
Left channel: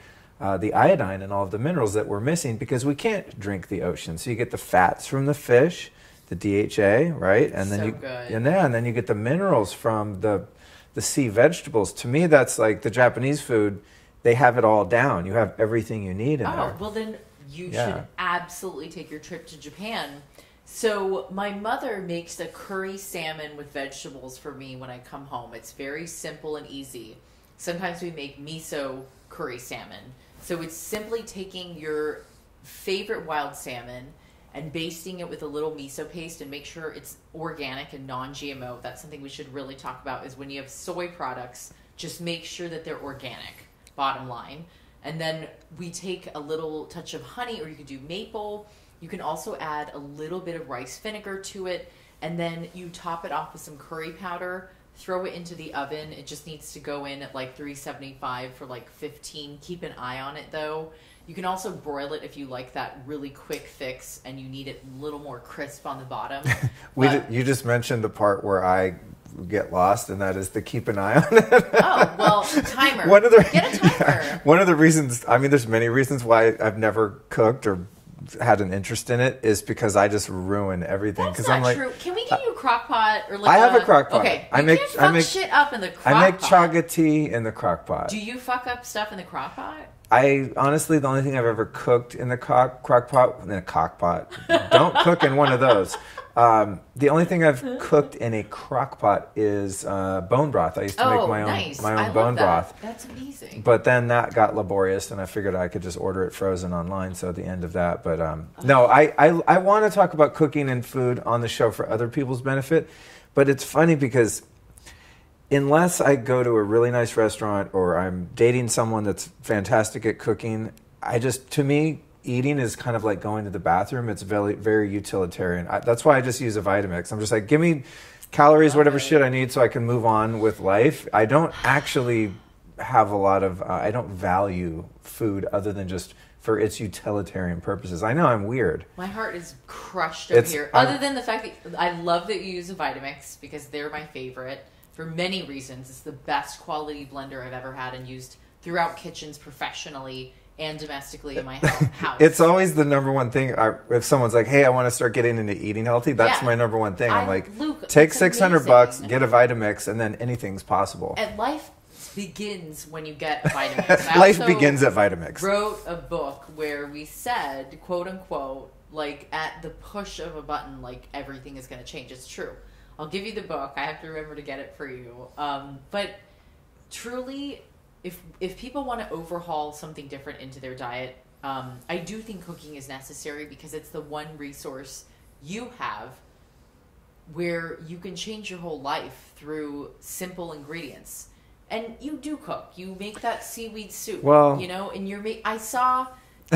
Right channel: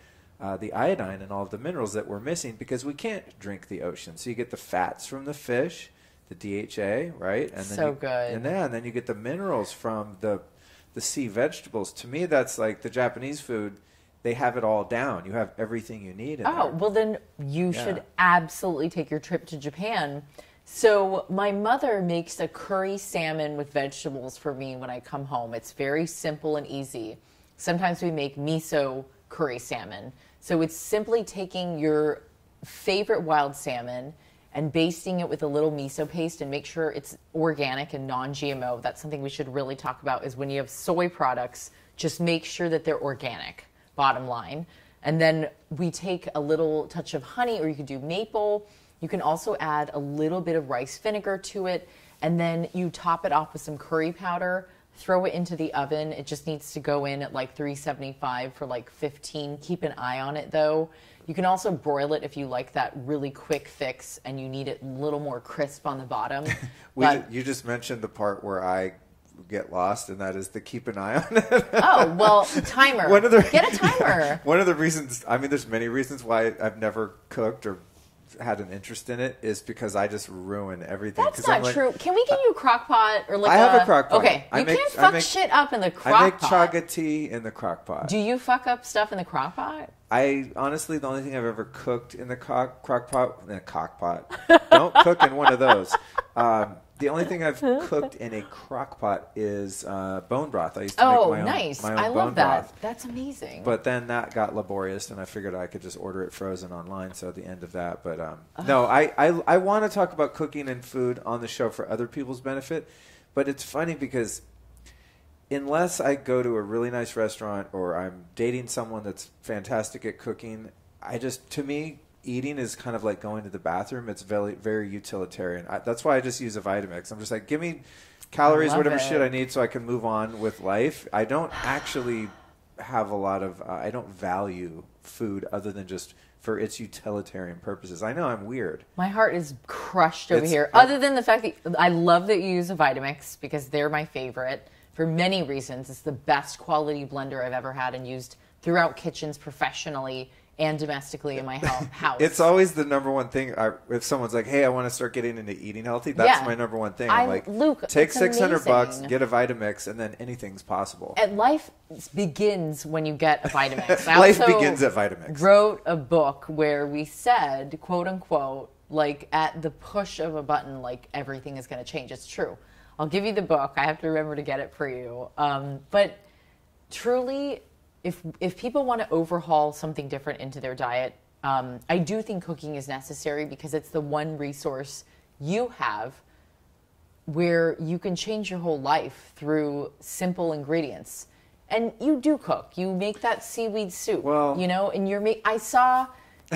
the iodine and all of the minerals that we're missing because we can't drink the ocean. So you get the fats from the fish, the DHA, right? And then good. And then you get the minerals from the sea vegetables. To me, that's like the Japanese food. They have it all down. You have everything you need in there. Oh, well then you should absolutely take your trip to Japan. So my mother makes a curry salmon with vegetables for me when I come home. It's very simple and easy. Sometimes we make miso curry salmon. So it's simply taking your favorite wild salmon and basting it with a little miso paste, and make sure it's organic and non-GMO. That's something we should really talk about, is when you have soy products, just make sure that they're organic, bottom line. And then we take a little touch of honey, or you could do maple. You can also add a little bit of rice vinegar to it, and then you top it off with some curry powder. Throw it into the oven. It just needs to go in at like 375 for like 15. Keep an eye on it though. You can also broil it if you like that really quick fix and you need it a little more crisp on the bottom. You just mentioned the part where I get lost, and that is to keep an eye on it. Oh, well, timer. Get a timer. One of the reasons, I mean, there's many reasons why I've never cooked or had an interest in it, is because I just ruin everything. That's not true. Can we get you a crock pot or like I have a crock pot. Okay, you can't fuck shit up in the crock pot. I make chaga tea in the crock pot. Do you fuck up stuff in the crock pot? I honestly, the only thing I've ever cooked in the crock pot, in a cock pot. Don't cook in one of those. The only thing I've cooked in a crock pot is bone broth. I used to make my own bone broth. That's amazing. But then that got laborious, and I figured I could just order it frozen online. So at the end of that, but no, I want to talk about cooking and food on the show for other people's benefit. But it's funny because unless I go to a really nice restaurant or I'm dating someone that's fantastic at cooking, to me, eating is kind of like going to the bathroom. It's very, very utilitarian. That's why I just use a Vitamix. I'm just like, give me calories, whatever shit I need so I can move on with life. I don't actually have a lot of, I don't value food other than just for its utilitarian purposes. I know I'm weird. My heart is crushed over here. Other than the fact that I love that you use a Vitamix because they're my favorite for many reasons. It's the best quality blender I've ever had and used throughout kitchens professionally and domestically in my house. It's always the number one thing. If someone's like, hey, I want to start getting into eating healthy, that's my number one thing. I'm like, Luke, take $600, get a Vitamix, and then anything's possible. And life begins when you get a Vitamix. Life begins at Vitamix. Wrote a book where we said, quote unquote, like at the push of a button, like everything is going to change. It's true. I'll give you the book. I have to remember to get it for you. But truly, if people want to overhaul something different into their diet, I do think cooking is necessary because it's the one resource you have where you can change your whole life through simple ingredients. And you do cook. You make that seaweed soup, you know, and I saw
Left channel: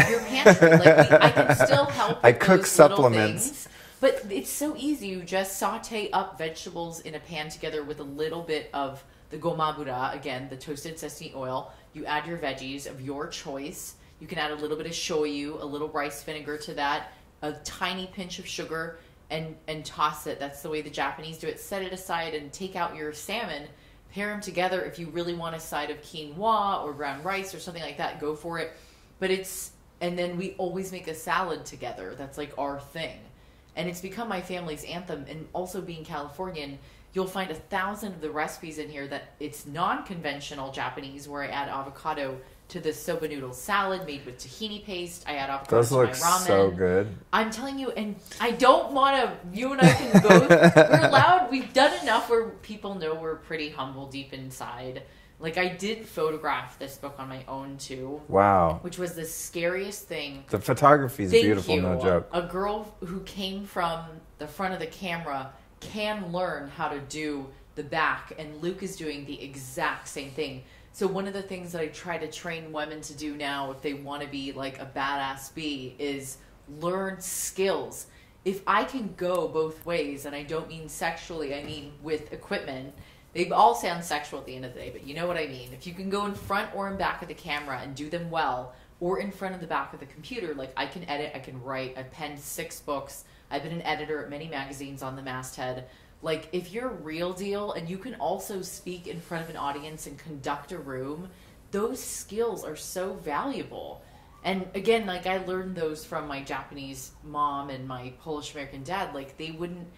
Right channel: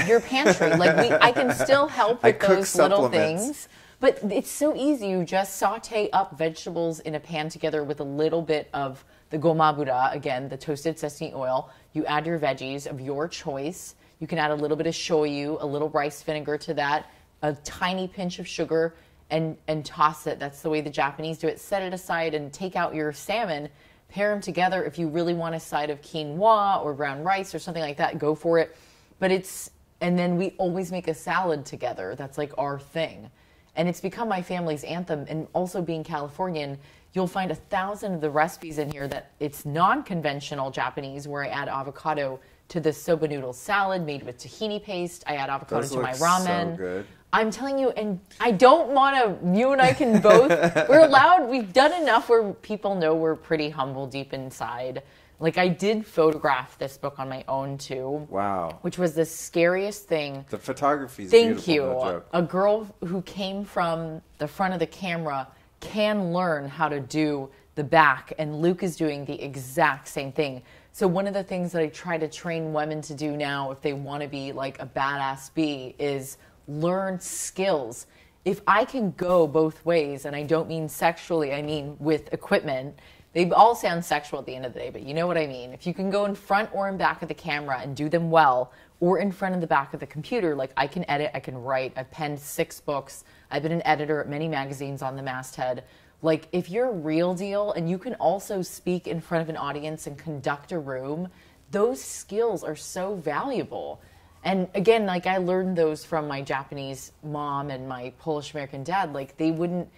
your pantry. I can still help with those little things. But it's so easy. You just saute up vegetables in a pan together with a little bit of the gomabura, again, the toasted sesame oil. You add your veggies of your choice. You can add a little bit of shoyu, a little rice vinegar to that, a tiny pinch of sugar, and toss it. That's the way the Japanese do it. Set it aside and take out your salmon. Pair them together. If you really want a side of quinoa or brown rice or something like that, go for it. And then we always make a salad together. That's like our thing. And it's become my family's anthem. And also being Californian, you'll find 1,000 of the recipes in here that it's non-conventional Japanese, where I add avocado to the soba noodle salad made with tahini paste. I add avocado to my ramen. So good. I'm telling you, and I don't want to, you and I can both, we've done enough where people know we're pretty humble deep inside. Like, I did photograph this book on my own, too. Wow. Which was the scariest thing. The photography is beautiful, no joke. A girl who came from the front of the camera can learn how to do the back, and Luke is doing the exact same thing. So one of the things that I try to train women to do now, if they want to be like a badass bee, is learn skills. If I can go both ways, and I don't mean sexually, I mean with equipment. They all sound sexual at the end of the day, but you know what I mean. If you can go in front or in back of the camera and do them well, or in front and the back of the computer, like I can edit, I can write. I've penned 6 books. I've been an editor at many magazines on the masthead. Like, if you're real deal and you can also speak in front of an audience and conduct a room, those skills are so valuable. And again, like, I learned those from my Japanese mom and my Polish American dad. Like, they wouldn't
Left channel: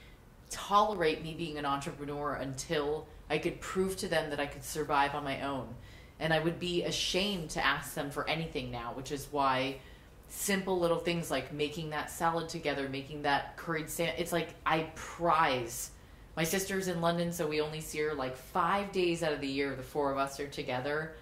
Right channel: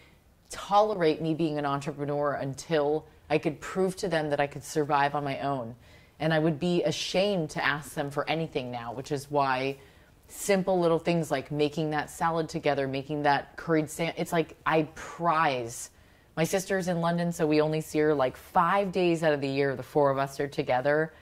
tolerate me being an entrepreneur until I could prove to them that I could survive on my own. And I would be ashamed to ask them for anything now, which is why simple little things like making that salad together, making that curried salmon, it's like I prize. My sister's in London, so we only see her like 5 days out of the year. The 4 of us are together.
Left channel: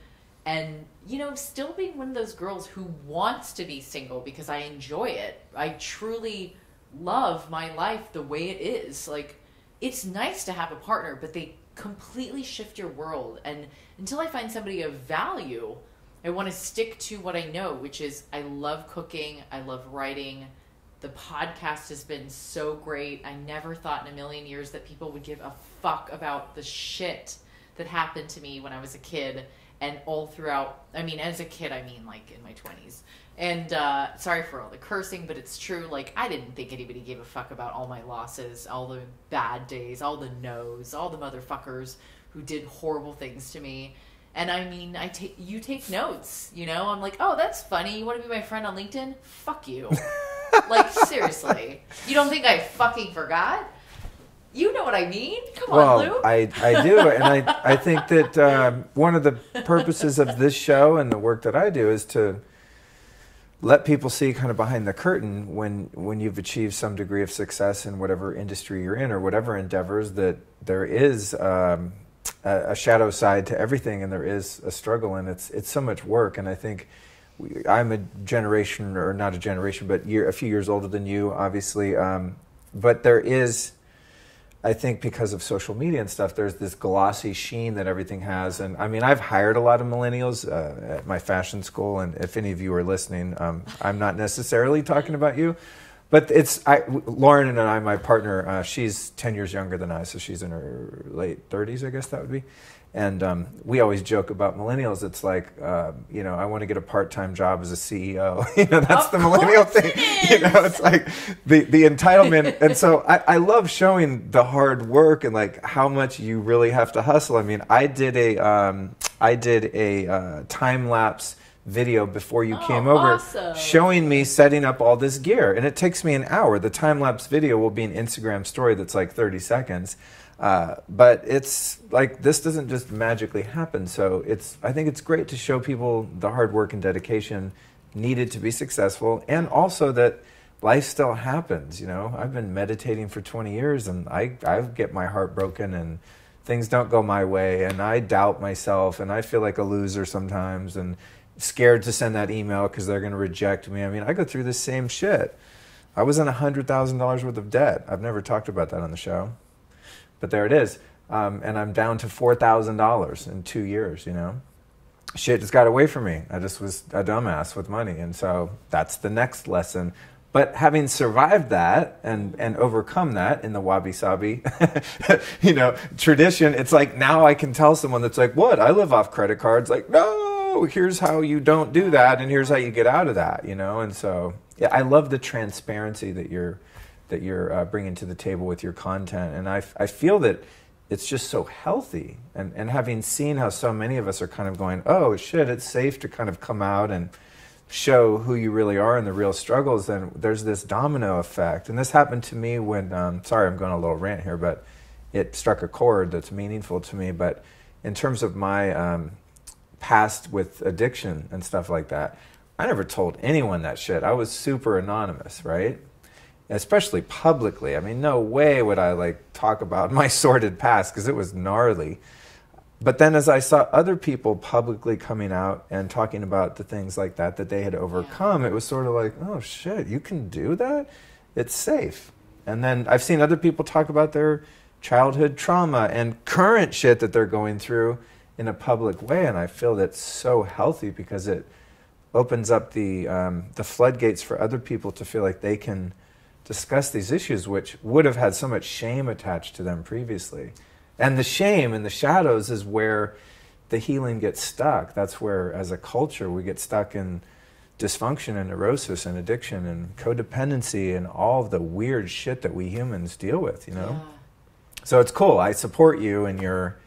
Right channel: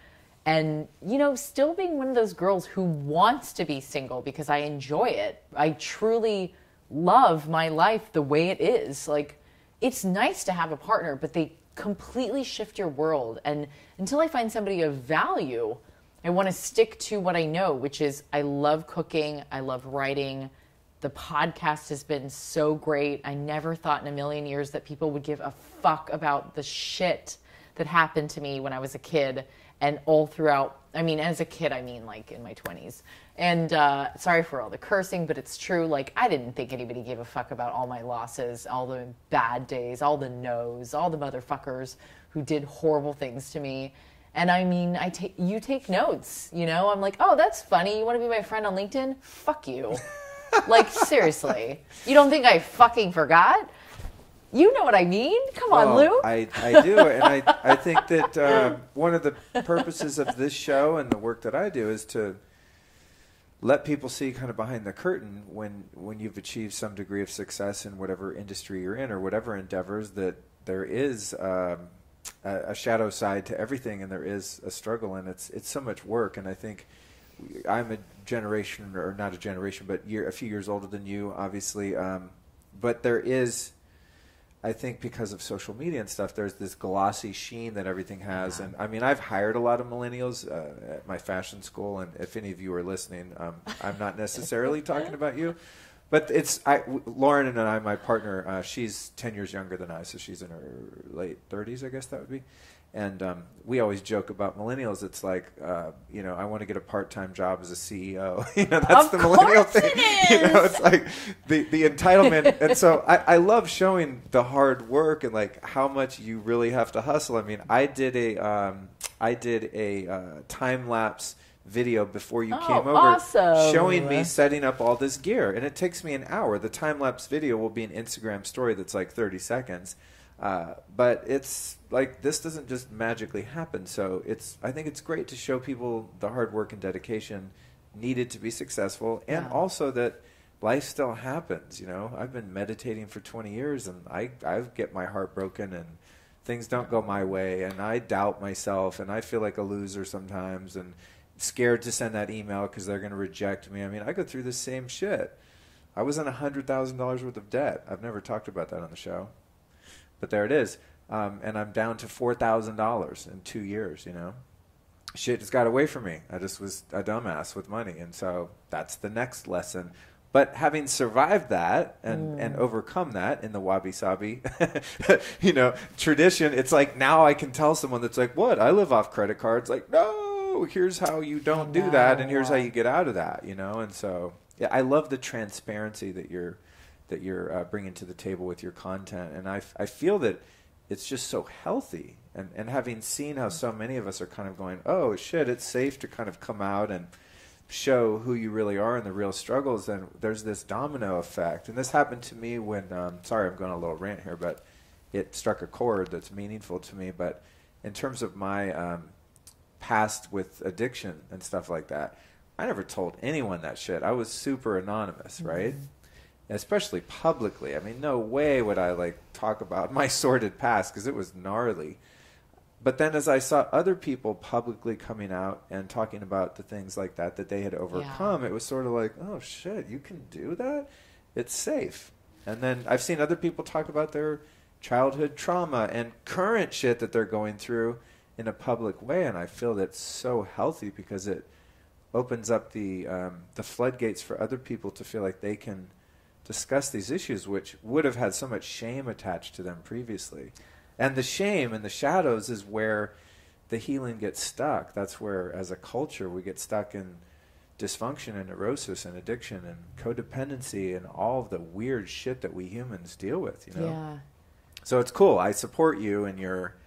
And, you know, still being one of those girls who wants to be single because I enjoy it. I truly love my life the way it is. Like, it's nice to have a partner, but they completely shift your world. And until I find somebody of value, I want to stick to what I know, which is I love cooking. I love writing. The podcast has been so great. I never thought in a million years that people would give a fuck about the shit that happened to me when I was a kid and all throughout. I mean, as a kid, I mean like in my 20s. And sorry for all the cursing, but it's true. Like, I didn't think anybody gave a fuck about all my losses, all the bad days, all the no's, all the motherfuckers who did horrible things to me. And I mean, you take notes, you know? I'm like, oh, that's funny. You want to be my friend on LinkedIn? Fuck you. Like, seriously. You don't think I fucking forgot? You know what I mean? Come on, Lou. I do. And I think that one of the purposes of this show and the work that I do is to let people see kind of behind the curtain when you've achieved some degree of success in whatever industry you're in or whatever endeavors, that there is a shadow side to everything, and there is a struggle, and it's so much work. And I think I'm a generation, or not a generation, but a few years older than you, obviously. But there is, I think because of social media and stuff, there's this glossy sheen that everything has. And I mean, I've hired a lot of millennials at my fashion school. And if any of you are listening, I'm not necessarily talking about you. But Lauren and I, my partner, she's 10 years younger than I, so she's in her late 30s, I guess that would be. And we always joke about millennials. It's like, I want to get a part-time job as a CEO. That's the millennial thing. It's like the entitlement. And so I love showing the hard work and like how much you really have to hustle. I mean, I did a time-lapse video before you came over, showing me setting up all this gear, and it takes me an hour. The time-lapse video will be an Instagram story that's like 30 seconds. But it's like, this doesn't just magically happen. So I think it's great to show people the hard work and dedication needed to be successful, and also that life still happens. I've been meditating for 20 years and I get my heart broken and things don't go my way, and I doubt myself, and I feel like a loser sometimes, and scared to send that email because they're going to reject me. I mean, I go through the same shit. I was in $100,000 worth of debt. I've never talked about that on the show. But there it is. And I'm down to $4,000 in 2 years, Shit just got away from me. I just was a dumbass with money. And so that's the next lesson. But having survived that and overcome that in the Wabi Sabi, tradition, it's like now I can tell someone that's like, what? I live off credit cards. Like, no, here's how you don't do that. And here's how you get out of that, And so, yeah, I love the transparency that you're bringing to the table with your content. And I feel that it's just so healthy. And having seen how so many of us are kind of going, oh, shit, it's safe to kind of come out and show who you really are and the real struggles, then there's this domino effect. And this happened to me when, sorry, I'm going on a little rant here, but it struck a chord that's meaningful to me. But in terms of my past with addiction and stuff like that, I never told anyone that shit. I was super anonymous, right? Especially publicly. I mean, no way would I talk about my sordid past because it was gnarly. But then as I saw other people publicly coming out and talking about the things like that they had overcome, it was sort of like, oh shit, you can do that? It's safe. And then I've seen other people talk about their childhood trauma and current shit that they're going through in a public way, and I feel that's so healthy because it opens up the floodgates for other people to feel like they can discuss these issues, which would have had so much shame attached to them previously. And the shame in the shadows is where the healing gets stuck. That's where, as a culture, we get stuck in dysfunction and neurosis and addiction and codependency and all of the weird shit that we humans deal with, Yeah. So it's cool. I support you in your,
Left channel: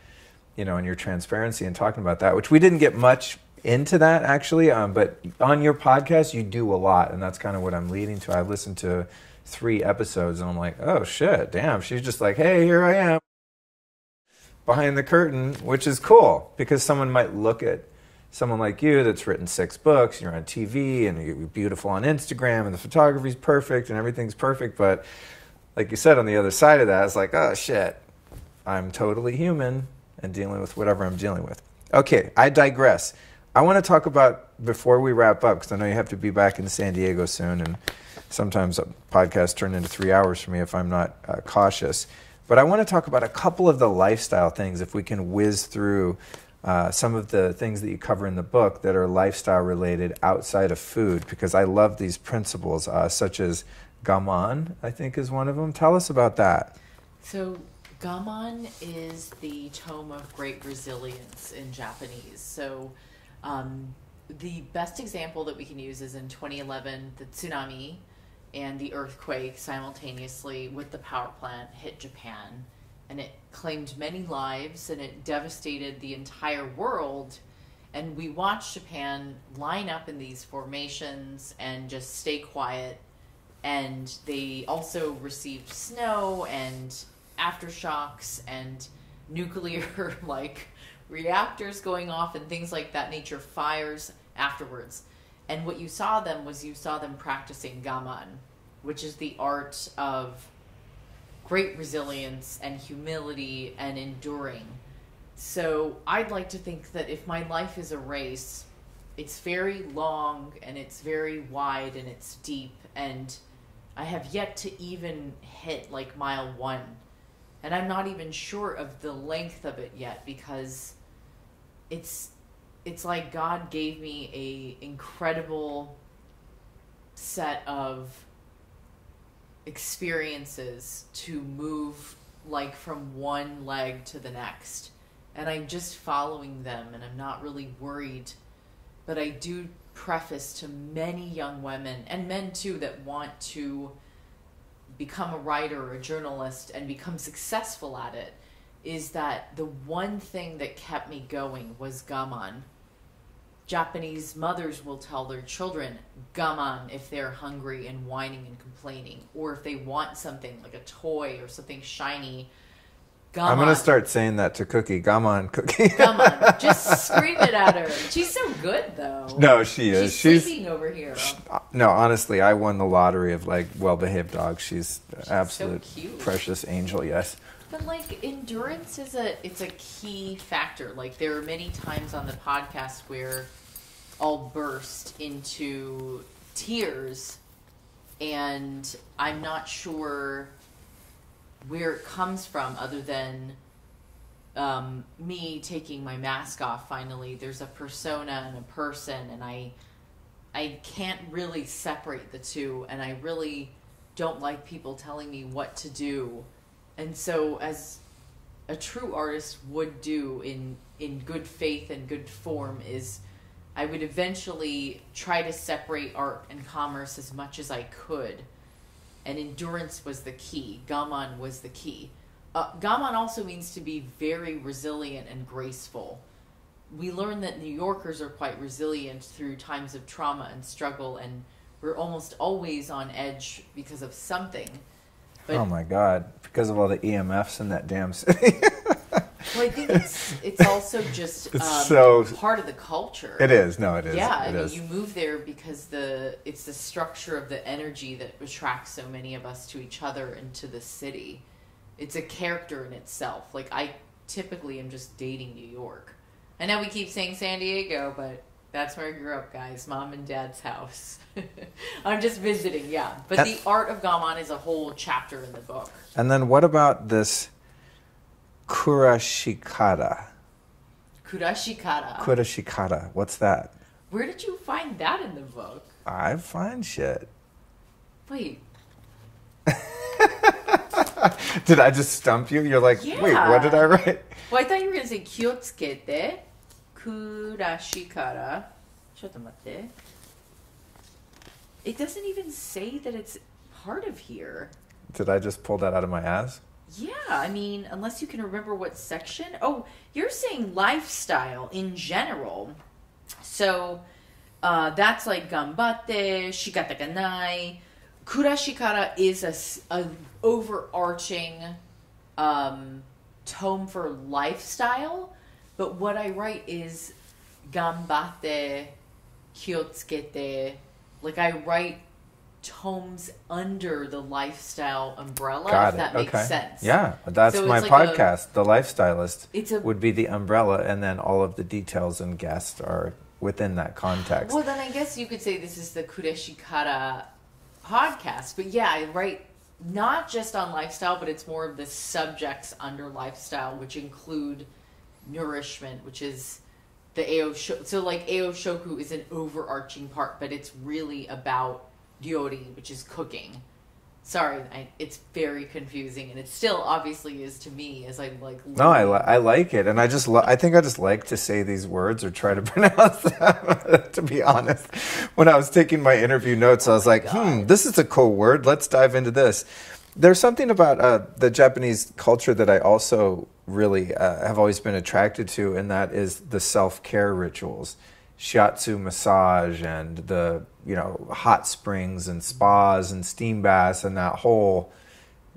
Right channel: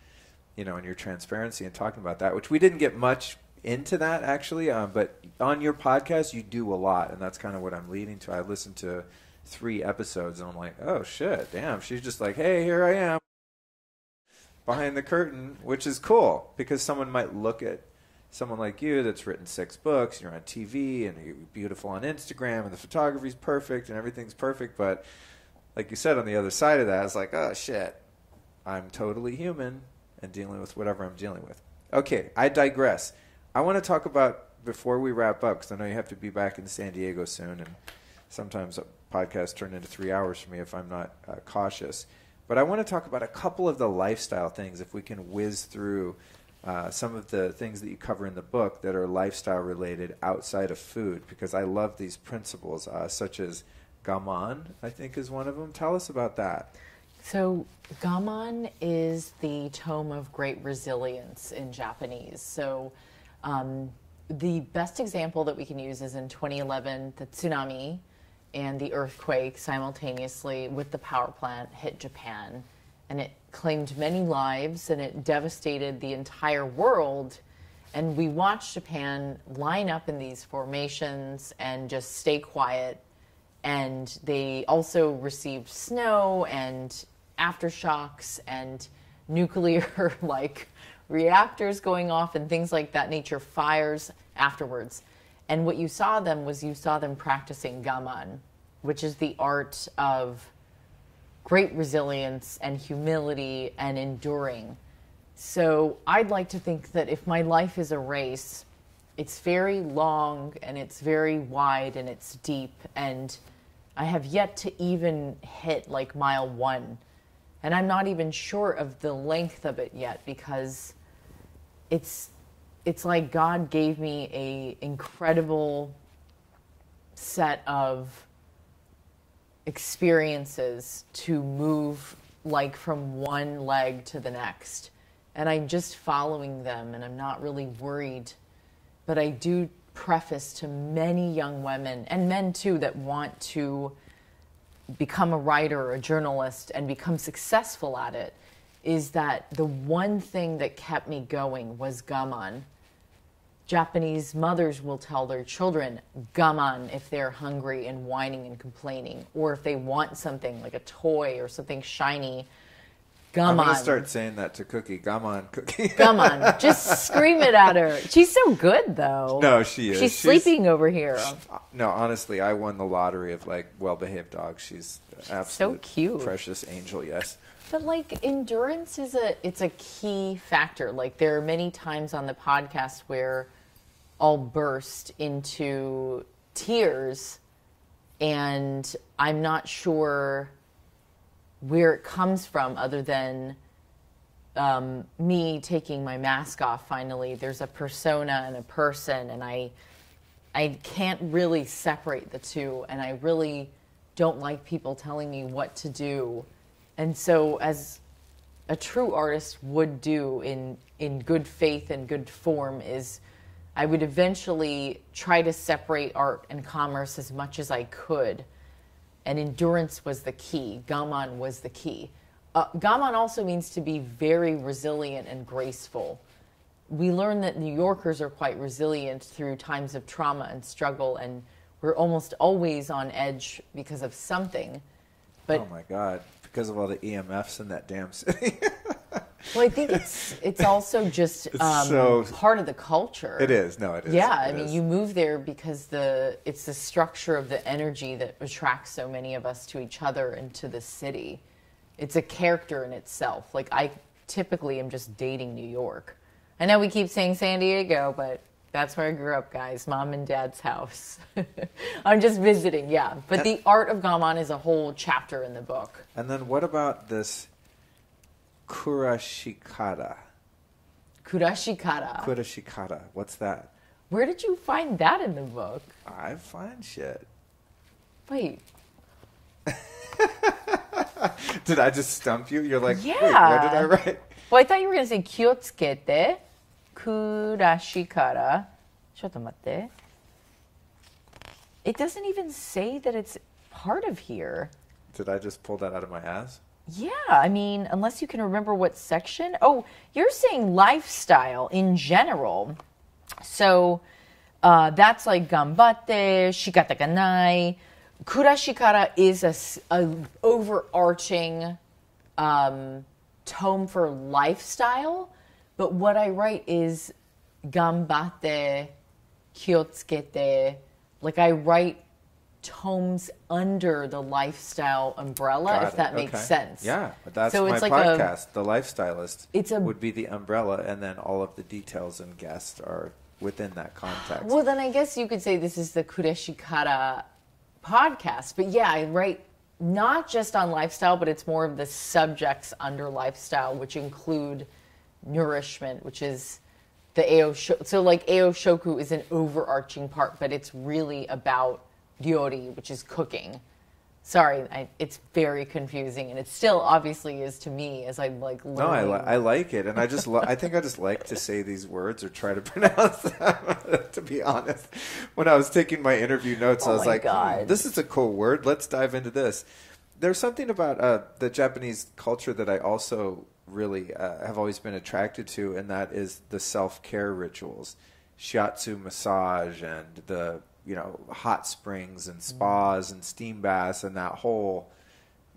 in your transparency and talking about that, which we didn't get much into that actually, but on your podcast you do a lot, and that's kind of what I'm leading to. I listened to 3 episodes and I'm like, oh shit, damn, she's just like, hey, here I am behind the curtain, which is cool because someone might look at someone like you that's written 6 books, you're on TV and you're beautiful on Instagram and the photography's perfect and everything's perfect, but like you said, on the other side of that, it's like, oh shit, I'm totally human and dealing with whatever I'm dealing with. Okay, I digress. I want to talk about, before we wrap up, because I know you have to be back in San Diego soon, and sometimes a podcast turn into 3 hours for me if I'm not cautious. But I want to talk about a couple of the lifestyle things, if we can whiz through some of the things that you cover in the book that are lifestyle related outside of food, because I love these principles, such as Gaman, I think is one of them. Tell us about that. So Gaman is the tome of great resilience in Japanese. So the best example that we can use is in 2011, the tsunami and the earthquake simultaneously with the power plant hit Japan, and it claimed many lives and it devastated the entire world. And we watched Japan line up in these formations and just stay quiet. And they also received snow and aftershocks and nuclear reactors going off and things like that nature, fires afterwards. And what you saw them practicing Gaman, which is the art of great resilience and humility and enduring. So I'd like to think that if my life is a race, it's very long and it's very wide and it's deep, and I have yet to even hit mile 1. And I'm not even sure of the length of it yet, because it's like God gave me a incredible set of experiences to move like from one leg to the next. And I'm just following them, and I'm not really worried. But I do preface to many young women, and men too, that want to become a writer or a journalist and become successful at it, is that the one thing that kept me going was gaman. Japanese mothers will tell their children gaman if they're hungry and whining and complaining, or if they want something like a toy or something shiny. Gaman. I'm going to start saying that to Cookie. Gaman, Cookie. Gaman. Just scream it at her. She's so good, though. No, she is. She's sleeping over here. No, honestly, I won the lottery of like well-behaved dogs. She's absolute so cute. Precious angel, yes. But like endurance is a key factor. Like there are many times on the podcast where I'll burst into tears, and I'm not sure where it comes from, other than me taking my mask off finally. There's a persona and a person, and I can't really separate the two, and I really don't like people telling me what to do. And so, as a true artist would do in good faith and good form, is I would eventually try to separate art and commerce as much as I could. And endurance was the key. Gaman was the key. Gaman also means to be very resilient and graceful. We learn that New Yorkers are quite resilient through times of trauma and struggle, and we're almost always on edge because of something. But, oh my God, because of all the EMFs in that damn city. Well, I think it's also just part of the culture. It is. No, it is. Yeah, I mean, you move there because it's the structure of the energy that attracts so many of us to each other and to the city. It's a character in itself. Like, I typically am just dating New York. I know we keep saying San Diego, but that's where I grew up, guys. Mom and Dad's house. I'm just visiting, yeah. But the art of gaman is a whole chapter in the book. And then what about this kurashikara? Kurashikara. What's that? Where did you find that in the book? I find shit. Wait. Did I just stump you? You're like, yeah. Wait, what did I write? Well, I thought you were going to say kyotsukete, kurashikara. Shotomatte. It doesn't even say that it's part of here. Did I just pull that out of my ass? Yeah, I mean, unless you can remember what section. Oh, you're saying lifestyle in general. So that's like gambatte, shikata ga nai. Kurashikara is a overarching tome for lifestyle. But what I write is gambatte, kyotsukete. Like I write tomes under the lifestyle umbrella, if that makes sense. Yeah, that's so my like podcast. The Lifestylist would be the umbrella, and then all of the details and guests are within that context. Well, then I guess you could say this is the Kureshikara podcast. But yeah, I write not just on lifestyle, but it's more of the subjects under lifestyle, which include nourishment, which is the Aoshoku. So like Aoshoku is an overarching part, but it's really about ryori, which is cooking. Sorry, it's very confusing, and it still obviously is to me as I like. No, I like it, and I just I think I just like to say these words or try to pronounce them. To be honest, when I was taking my interview notes, I was like, this is a cool word. Let's dive into this. There's something about the Japanese culture that I also really have always been attracted to, and that is the self-care rituals, shiatsu massage, and the hot springs and spas and steam baths and that whole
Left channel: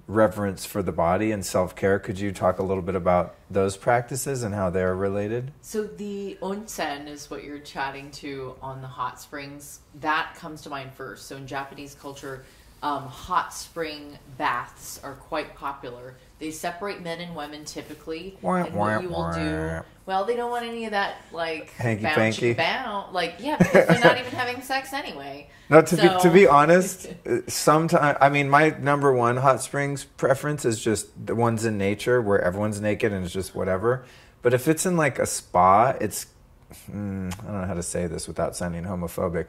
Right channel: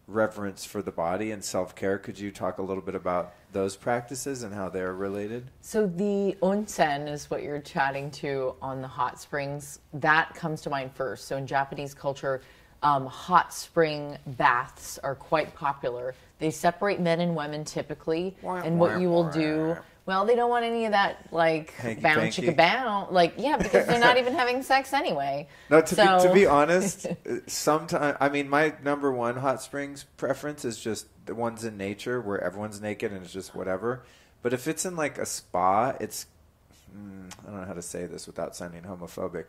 reverence for the body and self-care. Could you talk a little bit about those practices and how they're related? So the onsen is what you're chatting to on the hot springs. That comes to mind first. So in Japanese culture, hot spring baths are quite popular. They separate men and women typically. And what you will do Well, they don't want any of that, like, Hanky bound panky. chicka bound. Like, yeah, because they're not even having sex anyway. No, to be honest, sometimes, I mean, my number one hot springs preference is just the ones in nature where everyone's naked and it's just whatever. But if it's in like a spa, it's, I don't know how to say this without sounding homophobic.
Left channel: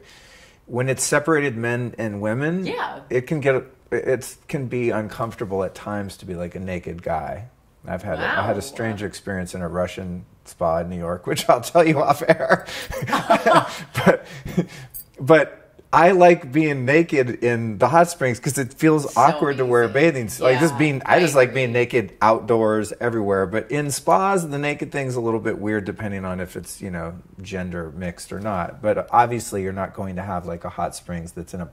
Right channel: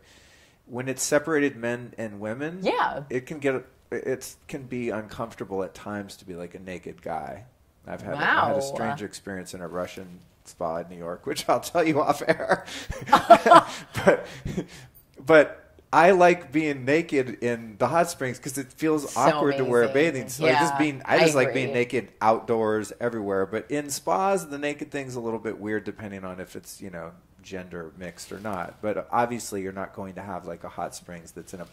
When it's separated men and women, it can be uncomfortable at times to be like a naked guy. I had a strange experience in a Russian spa in New York, which I'll tell you off air. but I like being naked in the hot springs because it feels awkward to wear bathing suits. I just like being naked outdoors everywhere. But in spas, the naked thing's a little bit weird depending on if it's, gender mixed or not. But obviously, you're not going to have like a hot springs that's in a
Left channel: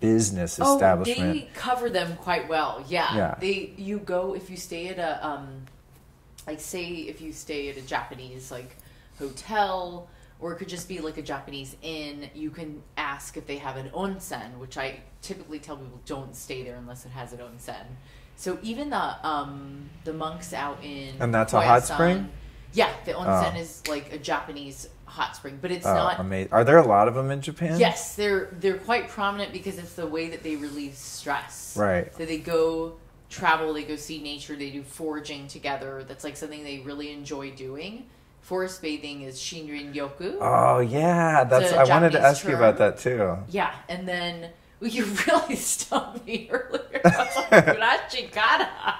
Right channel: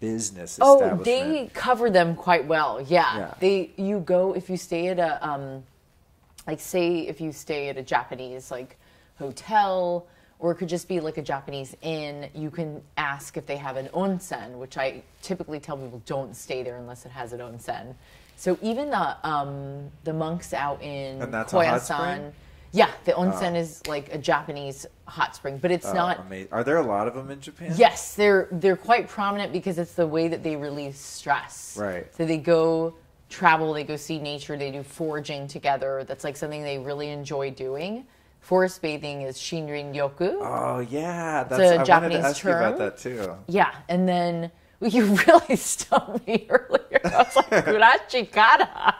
business establishment. Oh, they cover them quite well. Yeah. You go, if you stay at a, if you stay at a Japanese, like, hotel, or it could just be like a Japanese inn, you can ask if they have an onsen, which I typically tell people don't stay there unless it has an onsen. So even the monks out in And that's Koyasan, a hot spring? Yeah, the onsen is like a Japanese hot spring, but it's not amazing. Are there a lot of them in Japan? Yes, they're quite prominent because it's the way that they release stress. Right. So they go travel, they go see nature, they do foraging together. That's like something they really enjoy doing. Forest bathing is Shinrin Yoku. Oh yeah, I wanted to ask you about that too. Yeah, and then you really stumped me earlier. I was like, Kurachikara.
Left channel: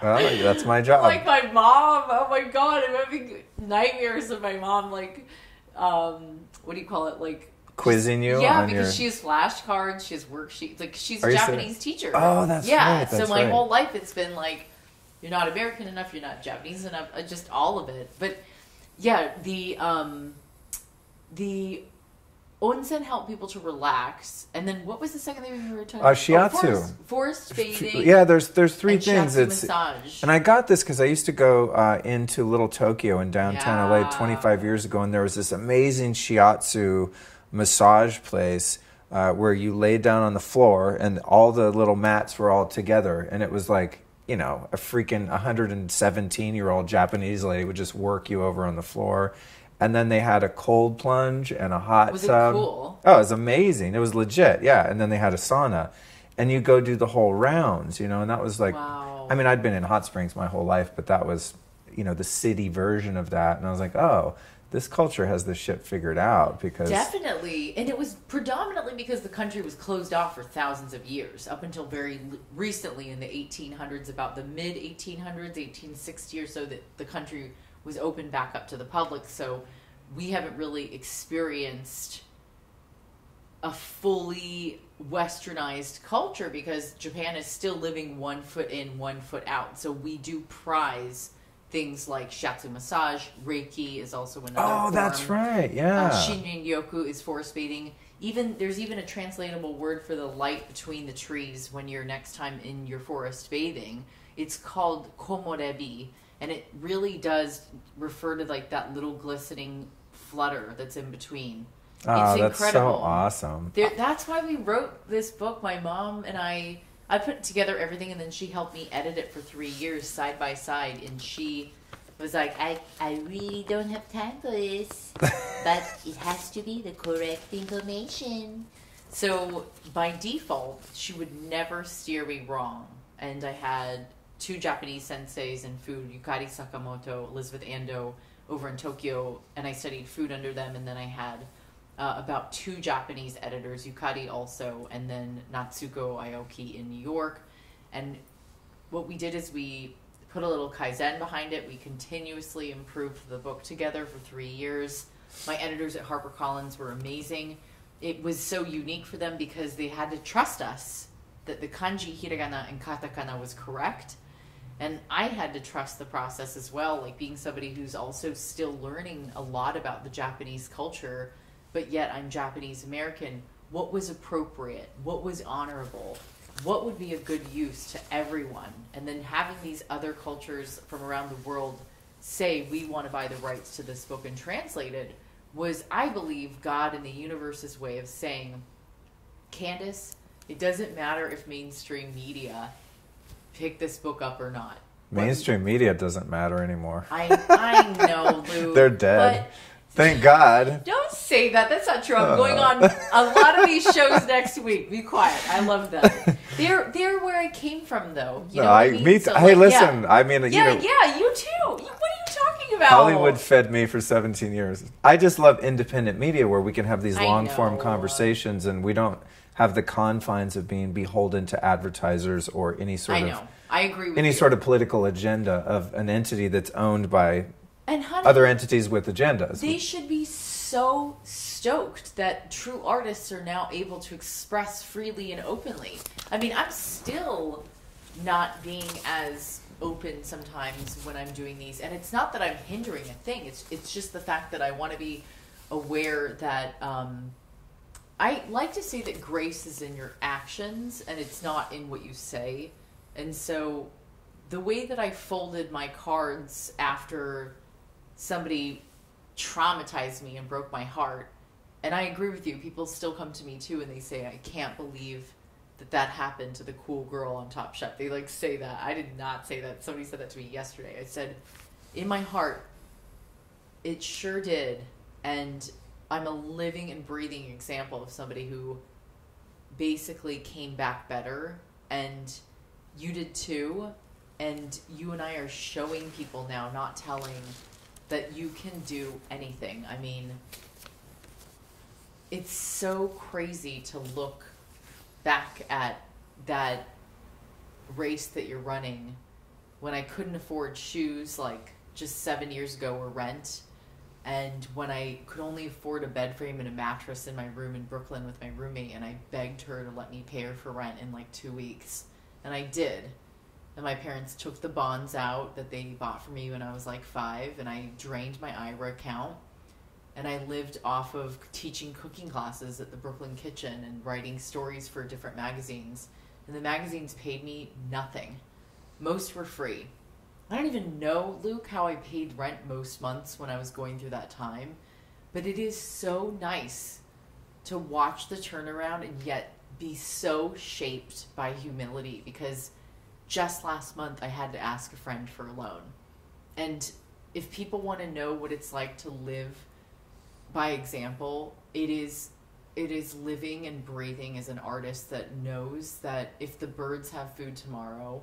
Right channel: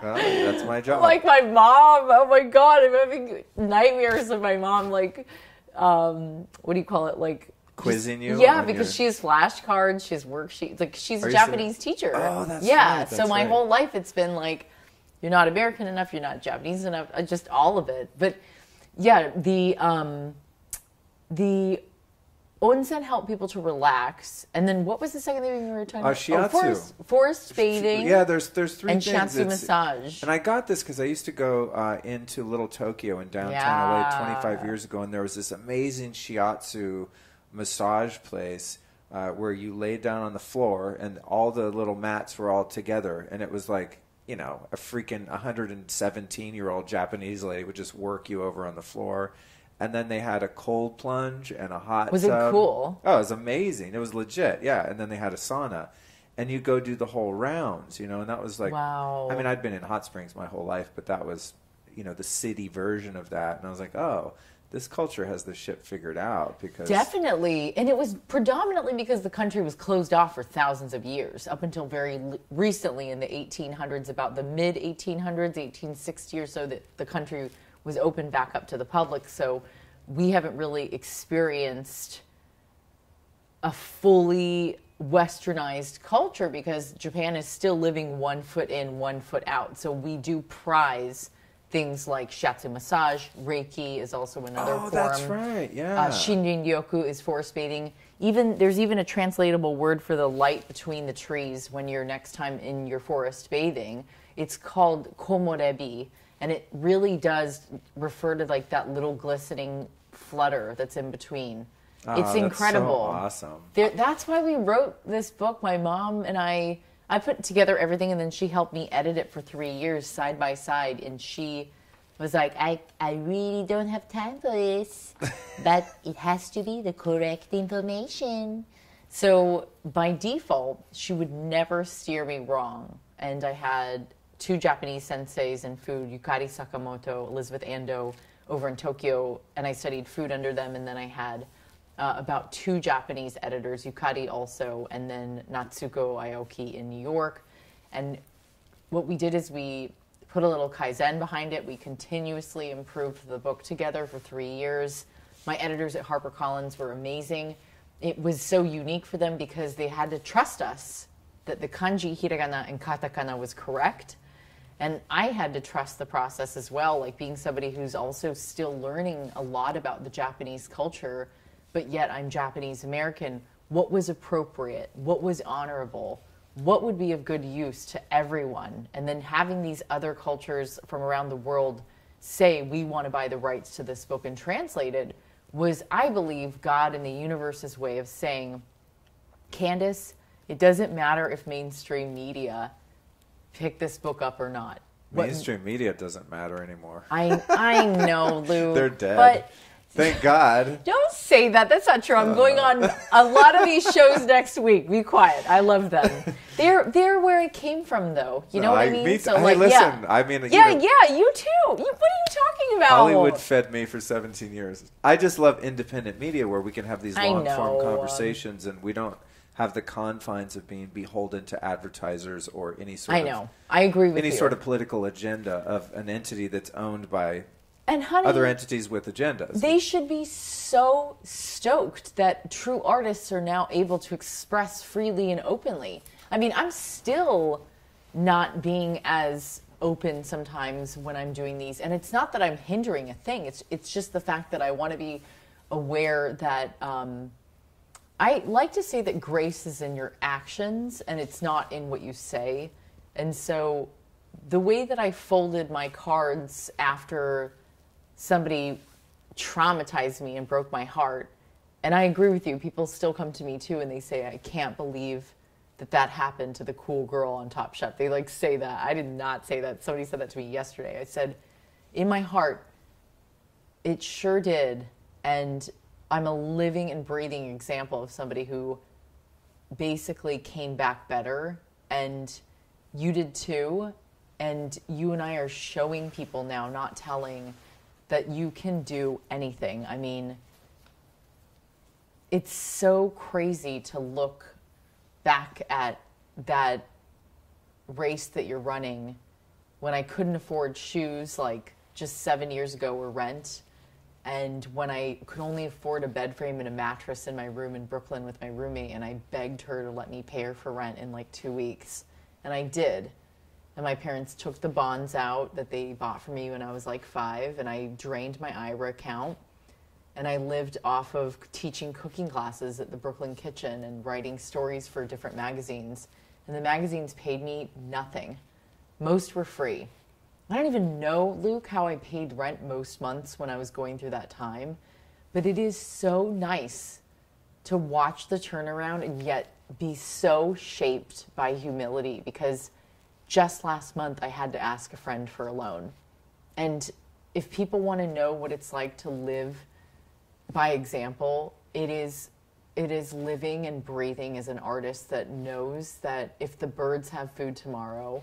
Well, that's my job. Like my mom, oh my God, I'm having nightmares of my mom, like, what do you call it? Like, quizzing you? Yeah, because she has flashcards, she has worksheets. Like, she's a Japanese teacher. Oh, that's right. So my whole life it's been like, you're not American enough, you're not Japanese enough, just all of it. But yeah, the onsen help people to relax. And then what was the second thing we were talking about? Shiatsu. Forest bathing. Yeah, there's three and things. Shiatsu massage. And I got this because I used to go into Little Tokyo in downtown LA 25 years ago, and there was this amazing shiatsu massage place where you laid down on the floor and all the little mats were all together, and it was like, a freaking 117-year-old Japanese lady would just work you over on the floor. And then they had a cold plunge and a hot tub. Was it cool? Oh, it was amazing. It was legit, yeah. And then they had a sauna. And you go do the whole rounds, and that was like... Wow. I mean, I'd been in hot springs my whole life, but that was, the city version of that. And I was like, oh, this culture has this shit figured out because... Definitely. And it was predominantly because the country was closed off for thousands of years, up until very recently in the 1800s, about the mid-1800s, 1860 or so, that the country was opened back up to the public. So we haven't really experienced a fully westernized culture because Japan is still living 1 foot in, 1 foot out. So we do prize things like shiatsu massage. Reiki is also another form. That's right, yeah. Shinrin Yoku is forest bathing. There's even a translatable word for the light between the trees when you're next time in your forest bathing. It's called komorebi. And it really does refer to like that little glistening flutter that's in between. It's incredible. That's so awesome. That's why we wrote this book. My mom and I put together everything, and then she helped me edit it for 3 years side by side. And she was like, I really don't have time for this, but it has to be the correct information. So by default, she would never steer me wrong. And I had 2 Japanese senseis in food, Yukari Sakamoto, Elizabeth Ando, over in Tokyo, and I studied food under them. And then I had about 2 Japanese editors, Yukari also, and then Natsuko Aoki in New York. And what we did is we put a little Kaizen behind it. We continuously improved the book together for 3 years. My editors at HarperCollins were amazing. It was so unique for them because they had to trust us that the kanji, hiragana, and katakana was correct. And I had to trust the process as well, like being somebody who's also still learning a lot about the Japanese culture, but yet I'm Japanese American. What was appropriate? What was honorable? What would be of good use to everyone? And then having these other cultures from around the world say, we want to buy the rights to this book and translate it, was, I believe, God in the universe's way of saying, Candice, it doesn't matter if mainstream media pick this book up or not. Mainstream media doesn't matter anymore. I know, Luke. They're dead. But thank God. Don't say that. That's not true. I'm going on a lot of these shows next week. Be quiet. I love them. They're where I came from, though. You know what I mean? So, hey, listen. I mean, you too. What are you talking about? Hollywood fed me for 17 years. I just love independent media where we can have these long-form conversations and we don't have the confines of being beholden to advertisers or any sort of... I agree with you. Any sort of political agenda of an entity that's owned by honey, other entities with agendas. They should be so stoked that true artists are now able to express freely and openly. I mean, I'm still not being as open sometimes when I'm doing these. And it's not that I'm hindering a thing. It's just the fact that I want to be aware that... I like to say that grace is in your actions and it's not in what you say. And so the way that I folded my cards after somebody traumatized me and broke my heart, and I agree with you, people still come to me too and they say, I can't believe that happened to the cool girl on Top Chef. They like say that. I did not say that. Somebody said that to me yesterday. I said, in my heart, it sure did. And I'm a living and breathing example of somebody who basically came back better, and you did too. And you and I are showing people now, not telling, that you can do anything. I mean, it's so crazy to look back at that race that you're running when I couldn't afford shoes like just 7 years ago or rent. And when I could only afford a bed frame and a mattress in my room in Brooklyn with my roommate, and I begged her to let me pay her for rent in like 2 weeks. And I did. And my parents took the bonds out that they bought for me when I was like 5, and I drained my IRA account. And I lived off of teaching cooking classes at the Brooklyn Kitchen and writing stories for different magazines. And the magazines paid me nothing. Most were free. I don't even know, Luke, how I paid rent most months when I was going through that time. But it is so nice to watch the turnaround and yet be so shaped by humility, because just last month I had to ask a friend for a loan. And if people want to know what it's like to live by example, it is living and breathing as an artist that knows that if the birds have food tomorrow,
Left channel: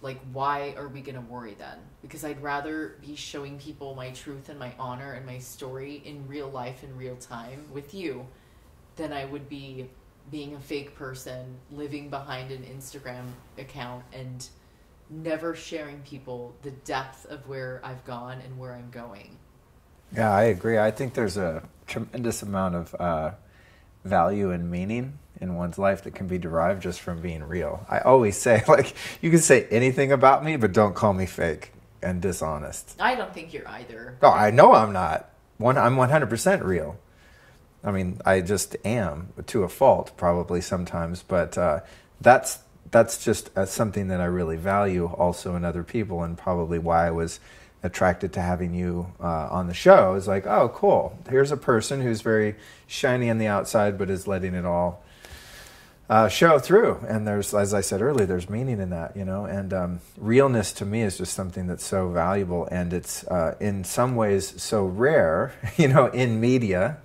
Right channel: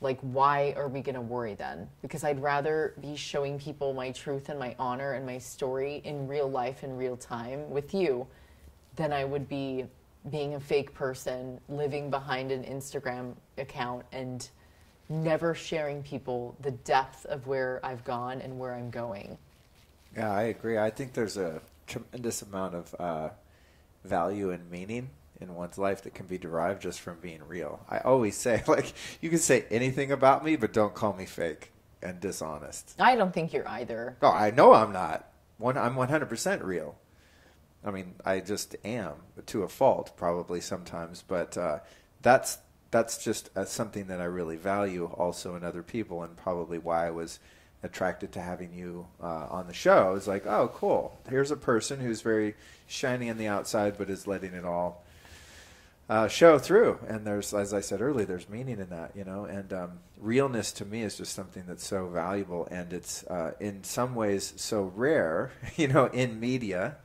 like, why are we going to worry then? Because I'd rather be showing people my truth and my honor and my story in real life in real time with you than I would be being a fake person living behind an Instagram account and never sharing people the depth of where I've gone and where I'm going. Yeah, I agree. I think there's a tremendous amount of value and meaning in one's life that can be derived just from being real. I always say, like, you can say anything about me, but don't call me fake and dishonest. I don't think you're either. Oh, I know I'm not. I'm 100% real. I mean, I just am, to a fault probably sometimes, but that's just something that I really value also in other people, and probably why I was attracted to having you on the show. Is like, oh, cool. Here's a person who's very shiny on the outside, but is letting it all show through. And there's, as I said earlier, there's meaning in that, you know. And realness to me is just something that's so valuable, and it's in some ways so rare, you know, in media.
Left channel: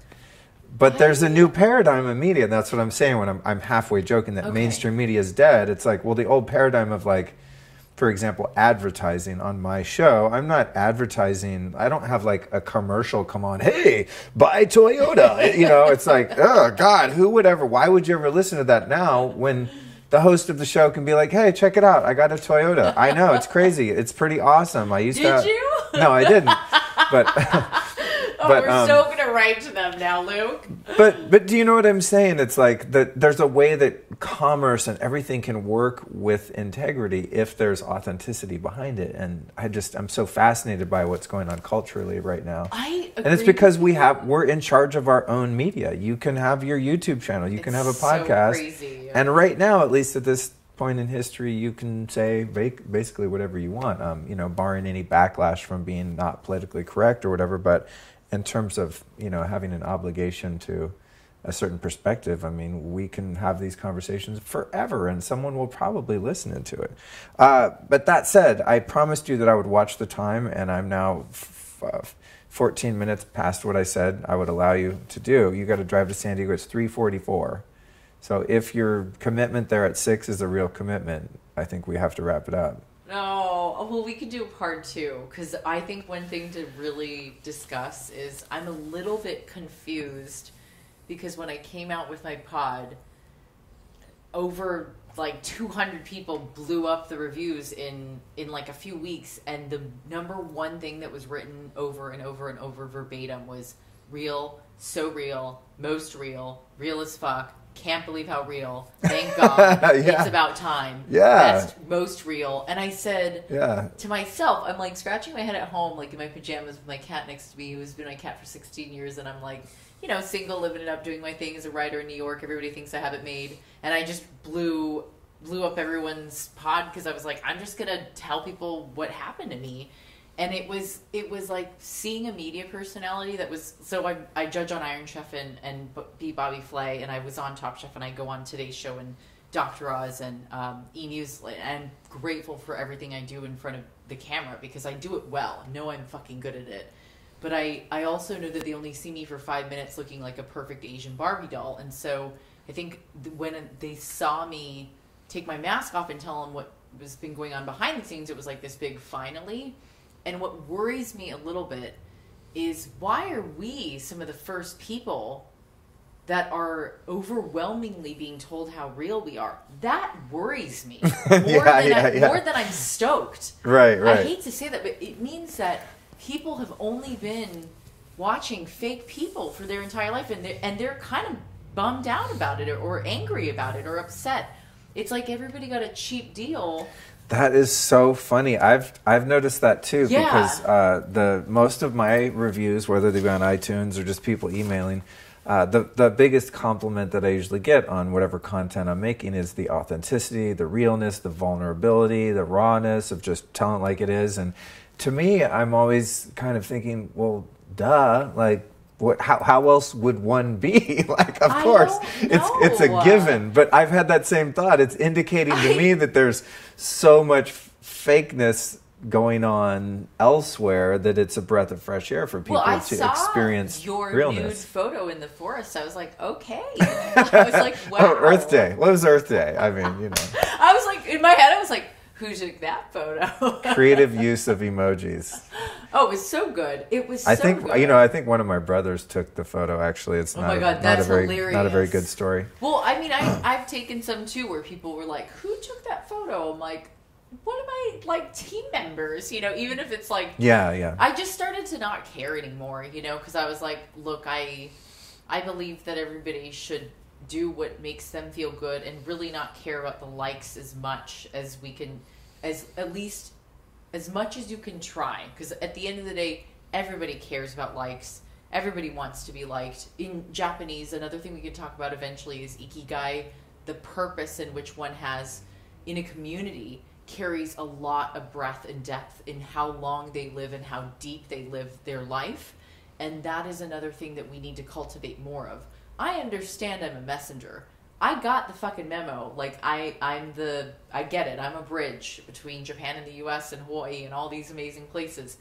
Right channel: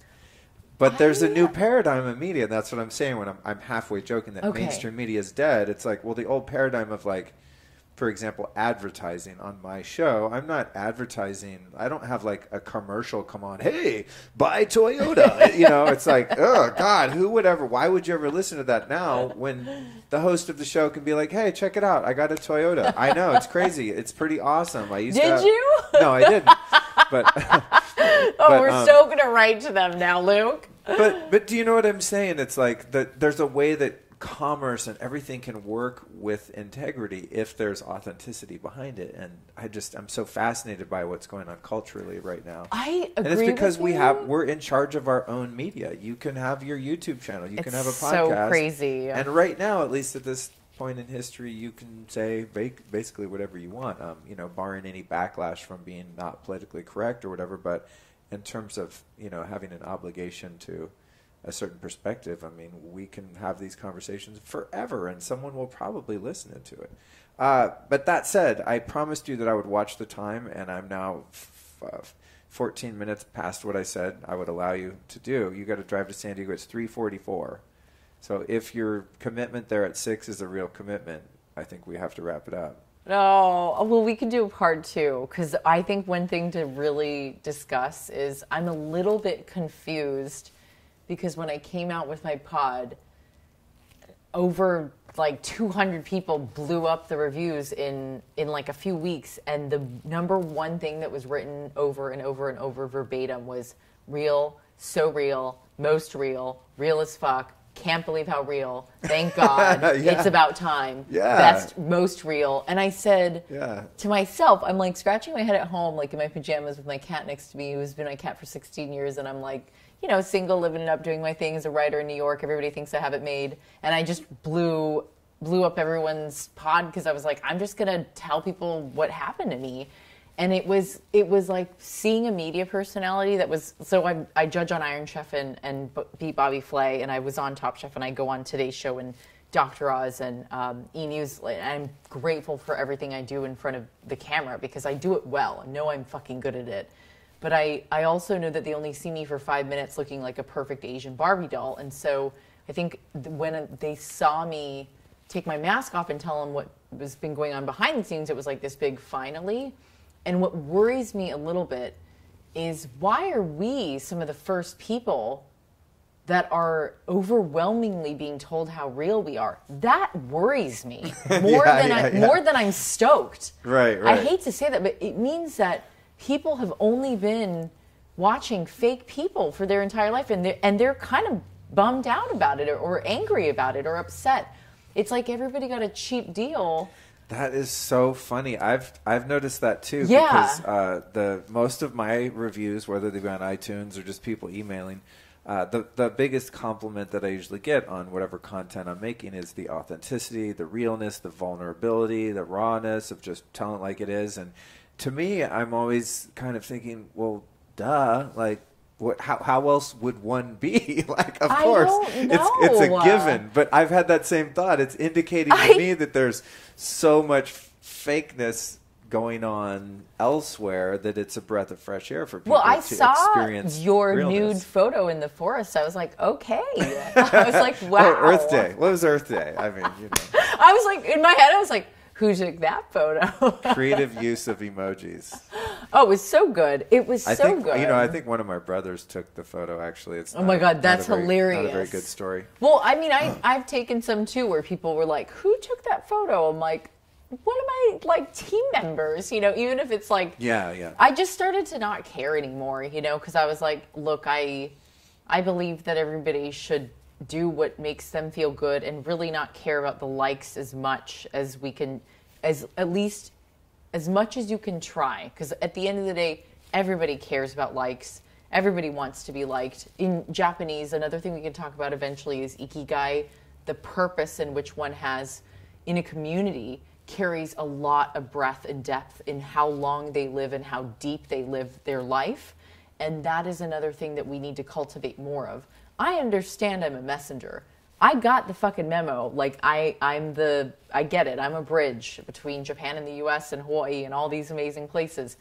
But there's a new paradigm in media. And that's what I'm saying when I'm halfway joking that mainstream media is dead. It's like, well, the old paradigm of, like, for example, advertising on my show. I'm not advertising. I don't have like a commercial come on, hey, buy Toyota. You know, it's like, oh God, why would you ever listen to that now when the host of the show can be like, hey, check it out. I got a Toyota. I know, it's crazy. It's pretty awesome. Did you? No, I didn't. But we're so going to write to them now, Luke. But do you know what I'm saying? It's like there's a way that commerce and everything can work with integrity if there's authenticity behind it. And I'm so fascinated by what's going on culturally right now. I agree. And it's because we're in charge of our own media. You can have your YouTube channel. You can have a podcast. So crazy. And right now, at least at this point in history, you can say basically whatever you want, you know, barring any backlash from being not politically correct or whatever. But in terms of, you know, having an obligation to a certain perspective, I mean, we can have these conversations forever and someone will probably listen to it. But that said, I promised you that I would watch the time, and I'm now 14 minutes past what I said I would allow you to do. You got to drive to San Diego. It's 3:44. So if your commitment there at 6 is a real commitment, I think we have to wrap it up. No, well, we can do a part 2, because I think one thing to really discuss is I'm a little bit confused, because when I came out with my pod, over like 200 people blew up the reviews in like a few weeks, and the number one thing that was written over and over and over verbatim was real, so real, most real, real as fuck. Can't believe how real. Thank God. Yeah. It's about time. Yeah. Best, most real. And I said to myself, I'm like scratching my head at home, like in my pajamas with my cat next to me, who's been my cat for 16 years. And I'm like, you know, single, living it up, doing my thing as a writer in New York. Everybody thinks I have it made. And I just blew up everyone's pod, because I was like, I'm just going to tell people what happened to me. And it was like seeing a media personality that was, so I judge on Iron Chef and beat Bobby Flay, and I was on Top Chef, and I go on Today's Show and Dr. Oz and E! News. And I'm grateful for everything I do in front of the camera, because I do it well. I know I'm fucking good at it. But I also know that they only see me for 5 minutes looking like a perfect Asian Barbie doll. And so I think when they saw me take my mask off and tell them what was been going on behind the scenes, it was like this big finally. And what worries me a little bit is, why are we some of the first people that are overwhelmingly being told how real we are? That worries me more than I'm stoked. Right. I hate to say that, but it means that people have only been watching fake people for their entire life, and they're kind of bummed out about it, or angry about it, or upset. It's like everybody got a cheap deal. That is so funny. I've noticed that too, because the most of my reviews, whether they be on iTunes or just people emailing, the biggest compliment that I usually get on whatever content I'm making is the authenticity, the realness, the vulnerability, the rawness of just telling it like it is. And to me, I'm always kind of thinking, well, duh, like, how else would one be? Like, of course, it's a given. But I've had that same thought. It's indicating to me that there's so much fakeness going on elsewhere that it's a breath of fresh air for people to experience your realness. Nude photo in the forest. I was like, okay. I was like, wow. Oh, Earth Day. What was Earth Day? I mean, you know. I was like, in my head, I was like, who took that photo? Creative use of emojis. Oh, it was so good. It was so good. I think one of my brothers took the photo, actually. It's oh my God, that's hilarious. Not a very good story. Well, I mean, I've taken some too where people were like, who took that photo? I'm like, one of my like team members, you know, even if it's like, yeah. I just started to not care anymore, you know, because I was like, look, I believe that everybody should do what makes them feel good and really not care about the likes as much as we can, at least as much as you can try. Because at the end of the day, everybody cares about likes. Everybody wants to be liked. In Japanese, another thing we can talk about eventually is ikigai. The purpose in which one has in a community carries a lot of breadth and depth in how long they live and how deep they live their life. And that is another thing that we need to cultivate more of. I understand I'm a messenger. I got the fucking memo. Like, I get it. I'm a bridge between Japan and the US and Hawaii and all these amazing places.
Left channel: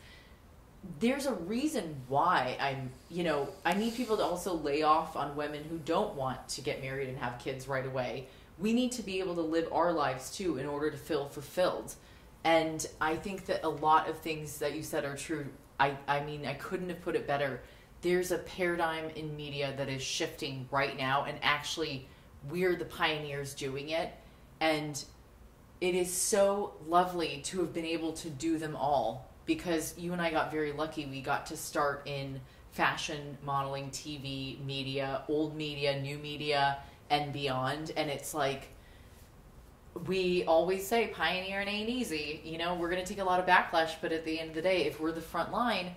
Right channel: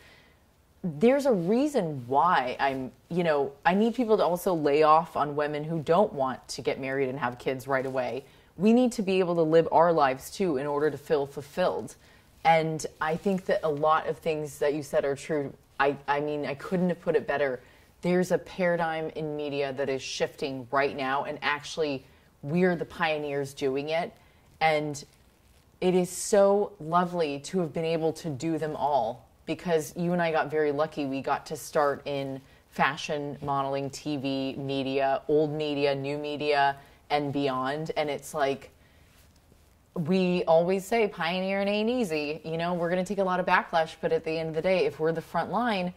There's a reason why I need people to also lay off on women who don't want to get married and have kids right away. We need to be able to live our lives too in order to feel fulfilled. And I think that a lot of things that you said are true. I mean, I couldn't have put it better. There's a paradigm in media that is shifting right now, and actually we're the pioneers doing it. And it is so lovely to have been able to do them all, because you and I got very lucky. We got to start in fashion, modeling, TV, media, old media, new media, and beyond. And it's like, we always say pioneering ain't easy. You know, we're going to take a lot of backlash, but at the end of the day, if we're the front line,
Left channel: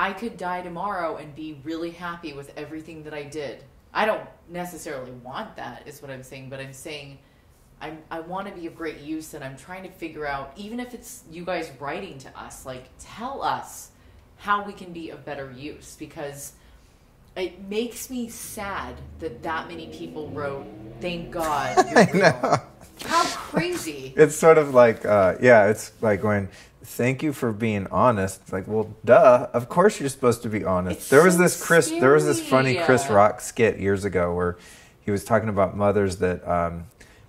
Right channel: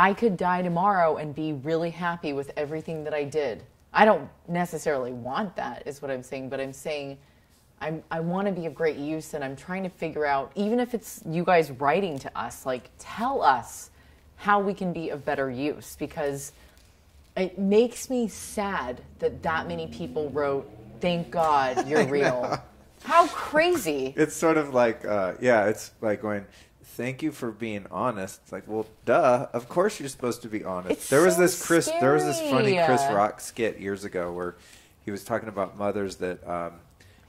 I could die tomorrow and be really happy with everything that I did. I don't necessarily want that, is what I'm saying, but I'm saying I want to be of great use, and I'm trying to figure out, even if it's you guys writing to us, like, tell us how we can be of better use, because it makes me sad that many people wrote, "Thank God you're real." How crazy. It's sort of like, it's like going, thank you for being honest. It's like, well, duh. Of course you're supposed to be honest. There was this funny Chris Rock skit years ago where he was talking about mothers that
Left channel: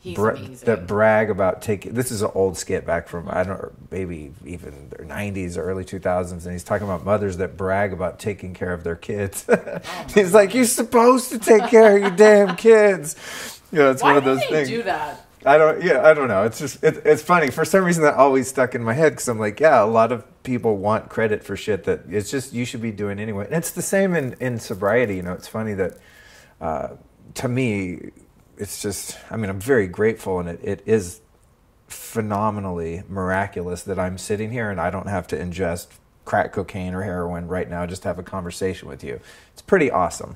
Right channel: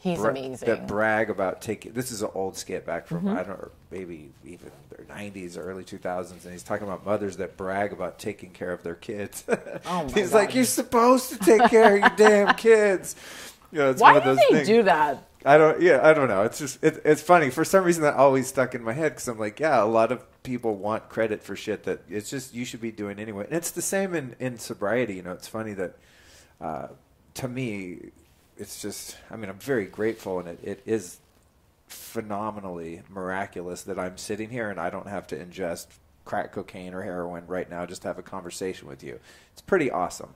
that brag about taking. This is an old skit back from maybe even the 90s or early 2000s, and he's talking about mothers that brag about taking care of their kids. He's like, you're supposed to take care of your damn kids. It's one of those things. Why do they do that? I don't know. It's just, it's funny. For some reason that always stuck in my head because I'm like, a lot of people want credit for shit that it's just, you should be doing anyway. And it's the same in sobriety. It's funny that, to me, it's just, I'm very grateful, and it is phenomenally miraculous that I'm sitting here and I don't have to ingest crack cocaine or heroin right now just to have a conversation with you. It's pretty awesome.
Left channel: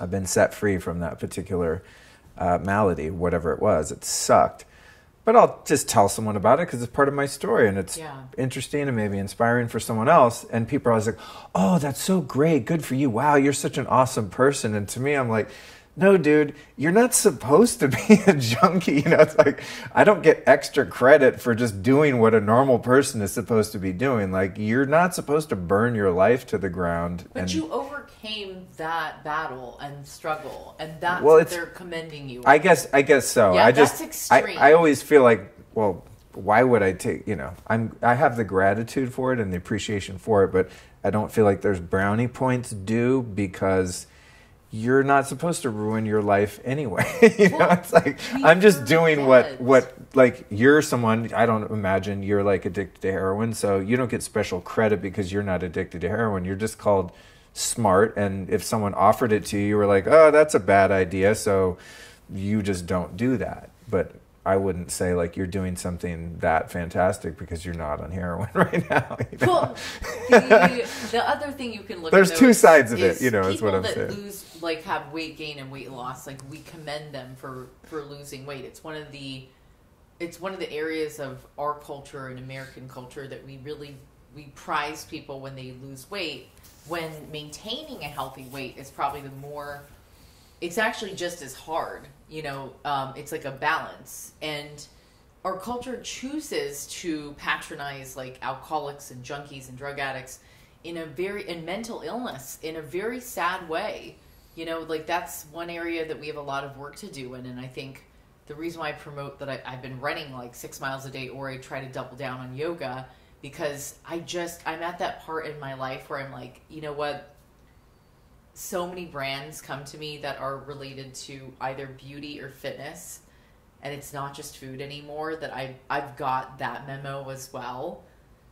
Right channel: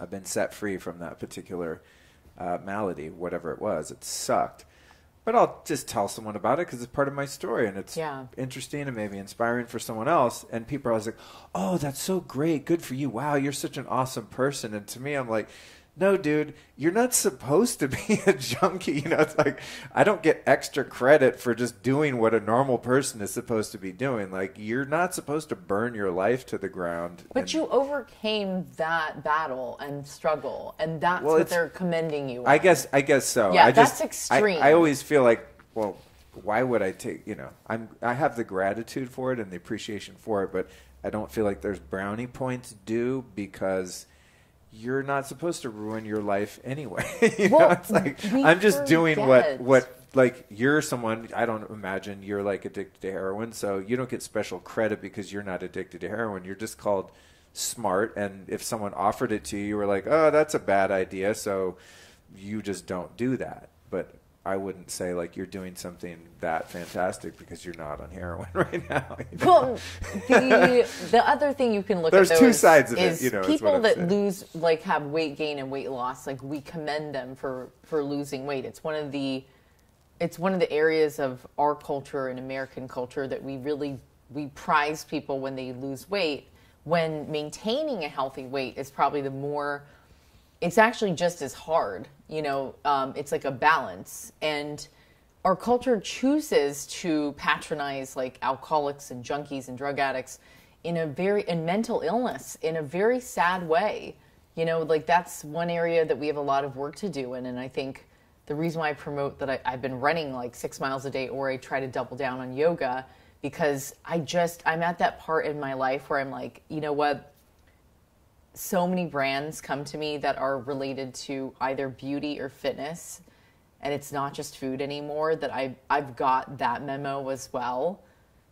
I've been set free from that particular malady, whatever it was. It sucked. But I'll just tell someone about it because it's part of my story, and it's interesting and maybe inspiring for someone else. And people are always like, oh, that's so great. Good for you. Wow, you're such an awesome person. And to me, I'm like, no, dude, you're not supposed to be a junkie. It's like, I don't get extra credit for just doing what a normal person is supposed to be doing. Like, you're not supposed to burn your life to the ground. But you overcame that battle and struggle, and that's what they're commending you on. I guess so. Yeah, that's extreme. I always feel like, well, why would I take, I have the gratitude for it and the appreciation for it, but I don't feel like there's brownie points due because you're not supposed to ruin your life anyway. It's like, I'm just doing what like, you're someone, I don't imagine you're like addicted to heroin, so you don't get special credit because you're not addicted to heroin. You're just called smart, and if someone offered it to you, you were like, oh, that's a bad idea, so you just don't do that. But I wouldn't say like you're doing something that fantastic because you're not on heroin right now. Well, the other thing you can look There's at, two sides of it. People is what I'm that saying. lose, like, have weight gain and weight loss, like, we commend them for losing weight. It's one of the areas of our culture and American culture that we prize people when they lose weight. When maintaining a healthy weight is probably it's actually just as hard. It's like a balance, and our culture chooses to patronize like alcoholics and junkies and drug addicts and mental illness in a very sad way. Like, that's one area that we have a lot of work to do in. And I think the reason why I promote that I've been running like 6 miles a day, or I try to double down on yoga, because I'm at that part in my life where I'm like, you know what? So many brands come to me that are related to either beauty or fitness, and it's not just food anymore, that I've got that memo as well.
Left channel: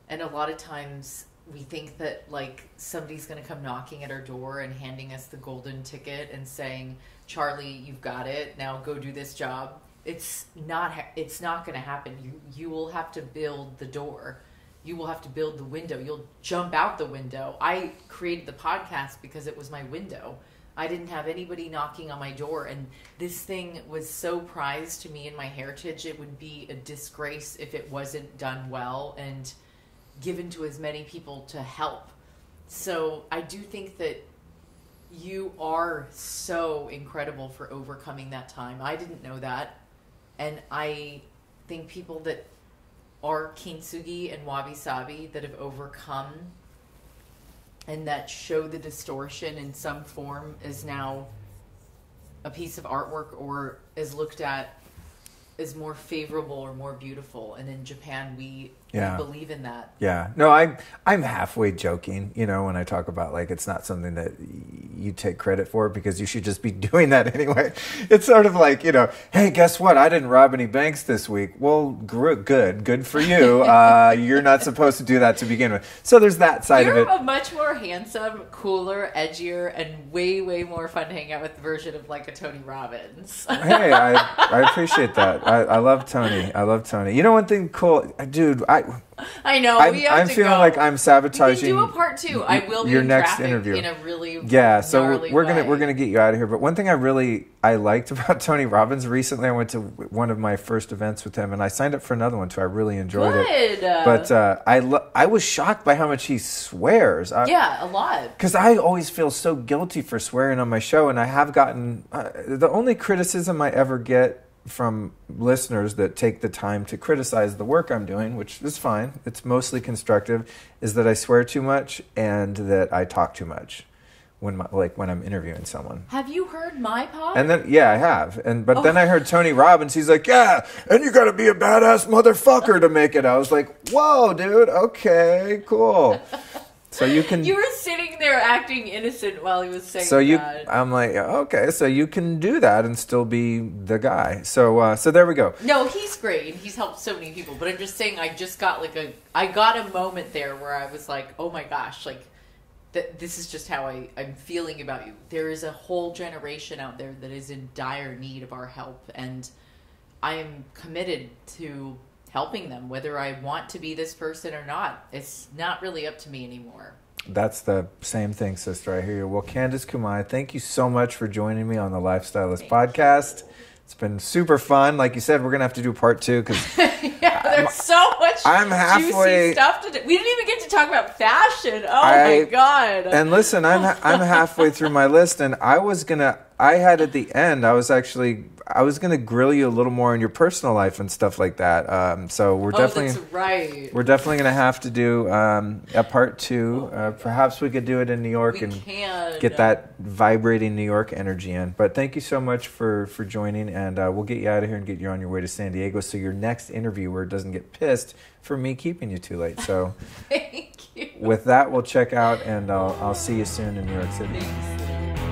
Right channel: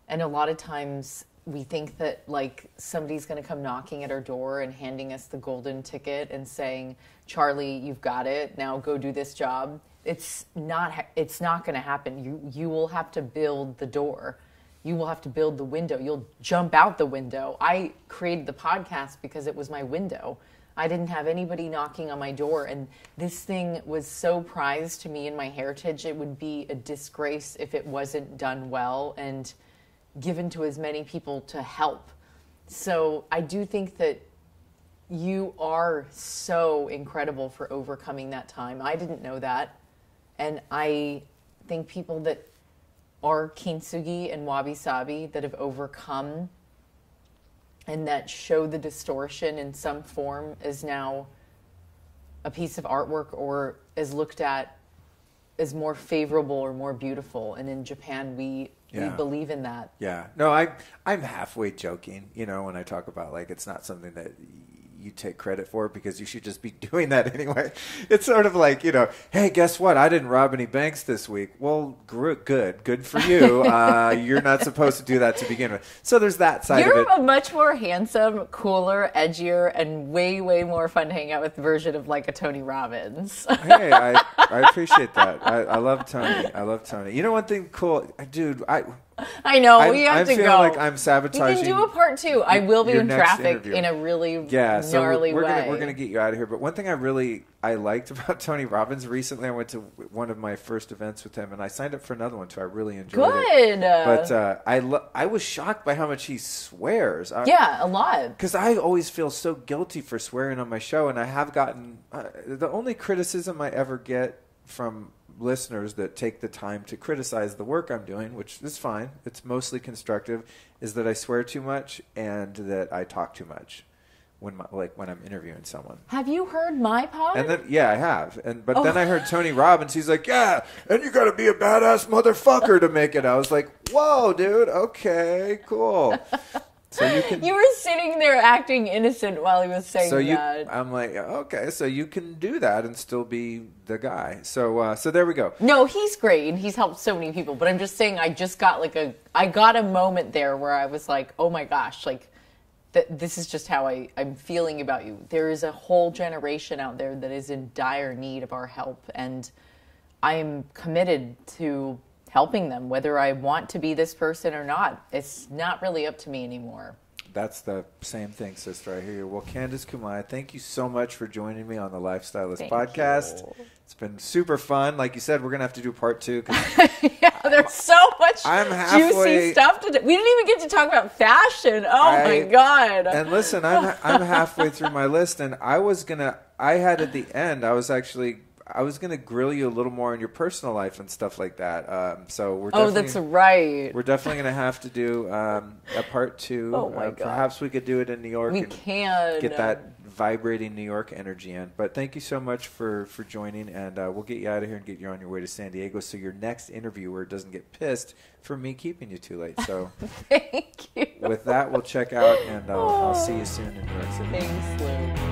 And a lot of times we think that like somebody's going to come knocking at our door and handing us the golden ticket and saying, Charlie, you've got it, now go do this job. It's not going to happen. You will have to build the door. You will have to build the window. You'll jump out the window. I created the podcast because it was my window. I didn't have anybody knocking on my door, and this thing was so prized to me in my heritage. It would be a disgrace if it wasn't done well and given to as many people to help. So I do think that you are so incredible for overcoming that time. I didn't know that. And I think people that are Kintsugi and Wabi Sabi that have overcome and that show the distortion in some form is now a piece of artwork or is looked at as more favorable or more beautiful. And in Japan, we believe in that. Yeah. No, I'm halfway joking, when I talk about like it's not something that you take credit for because you should just be doing that anyway. It's sort of like, hey, guess what? I didn't rob any banks this week. Well, good for you. You're not supposed to do that to begin with. So there's that side of it. You're a much more handsome, cooler, edgier, and way, way more fun to hang out with version of like a Tony Robbins. Hey, I appreciate that. I love Tony. One thing cool, dude, I know we have to go. I'm feeling like I'm sabotaging. We can do a part 2. I will be in traffic interview. in a really so gnarly we're way. gonna get you out of here. But one thing I liked about Tony Robbins recently, I went to one of my first events with him, and I signed up for another one too. I really enjoyed it. But I was shocked by how much he swears. A lot. Because I always feel so guilty for swearing on my show, and I have gotten the only criticism I ever get from listeners that take the time to criticize the work I'm doing, which is fine, it's mostly constructive, is that I swear too much and that I talk too much when I'm interviewing someone. Have you heard my pod? And then I have. But then I heard Tony Robbins, he's like, yeah, and you got to be a badass motherfucker to make it. I was like, whoa, dude, okay, cool. So you were sitting there acting innocent while he was saying that. I'm like, okay, so you can do that and still be the guy. So there we go. No, he's great and he's helped so many people. But I'm just saying, I just got I got a moment there where I was like, oh my gosh, this is just how I'm feeling about you. There is a whole generation out there that is in dire need of our help, and I am committed to helping them, whether I want to be this person or not. It's not really up to me anymore. That's the same thing, sister. I hear you. Well, Candice Kumai, thank you so much for joining me on the Lifestylist podcast. You. It's been super fun. Like you said, we're going to have to do part 2. There's so much juicy stuff to do. We didn't even get to talk about fashion. Oh my God. And listen, I'm halfway through my list, and I was going to grill you a little more on your personal life and stuff like that. So we're definitely. Oh, that's right. We're definitely going to have to do a part 2. Perhaps we could do it in New York and get that vibrating New York energy in. But thank you so much for joining, and we'll get you out of here and get you on your way to San Diego, so your next interviewer doesn't get pissed for me keeping you too late. So thank you. With that, we'll check out, and I'll see you soon in New York City. Thanks, Lynn.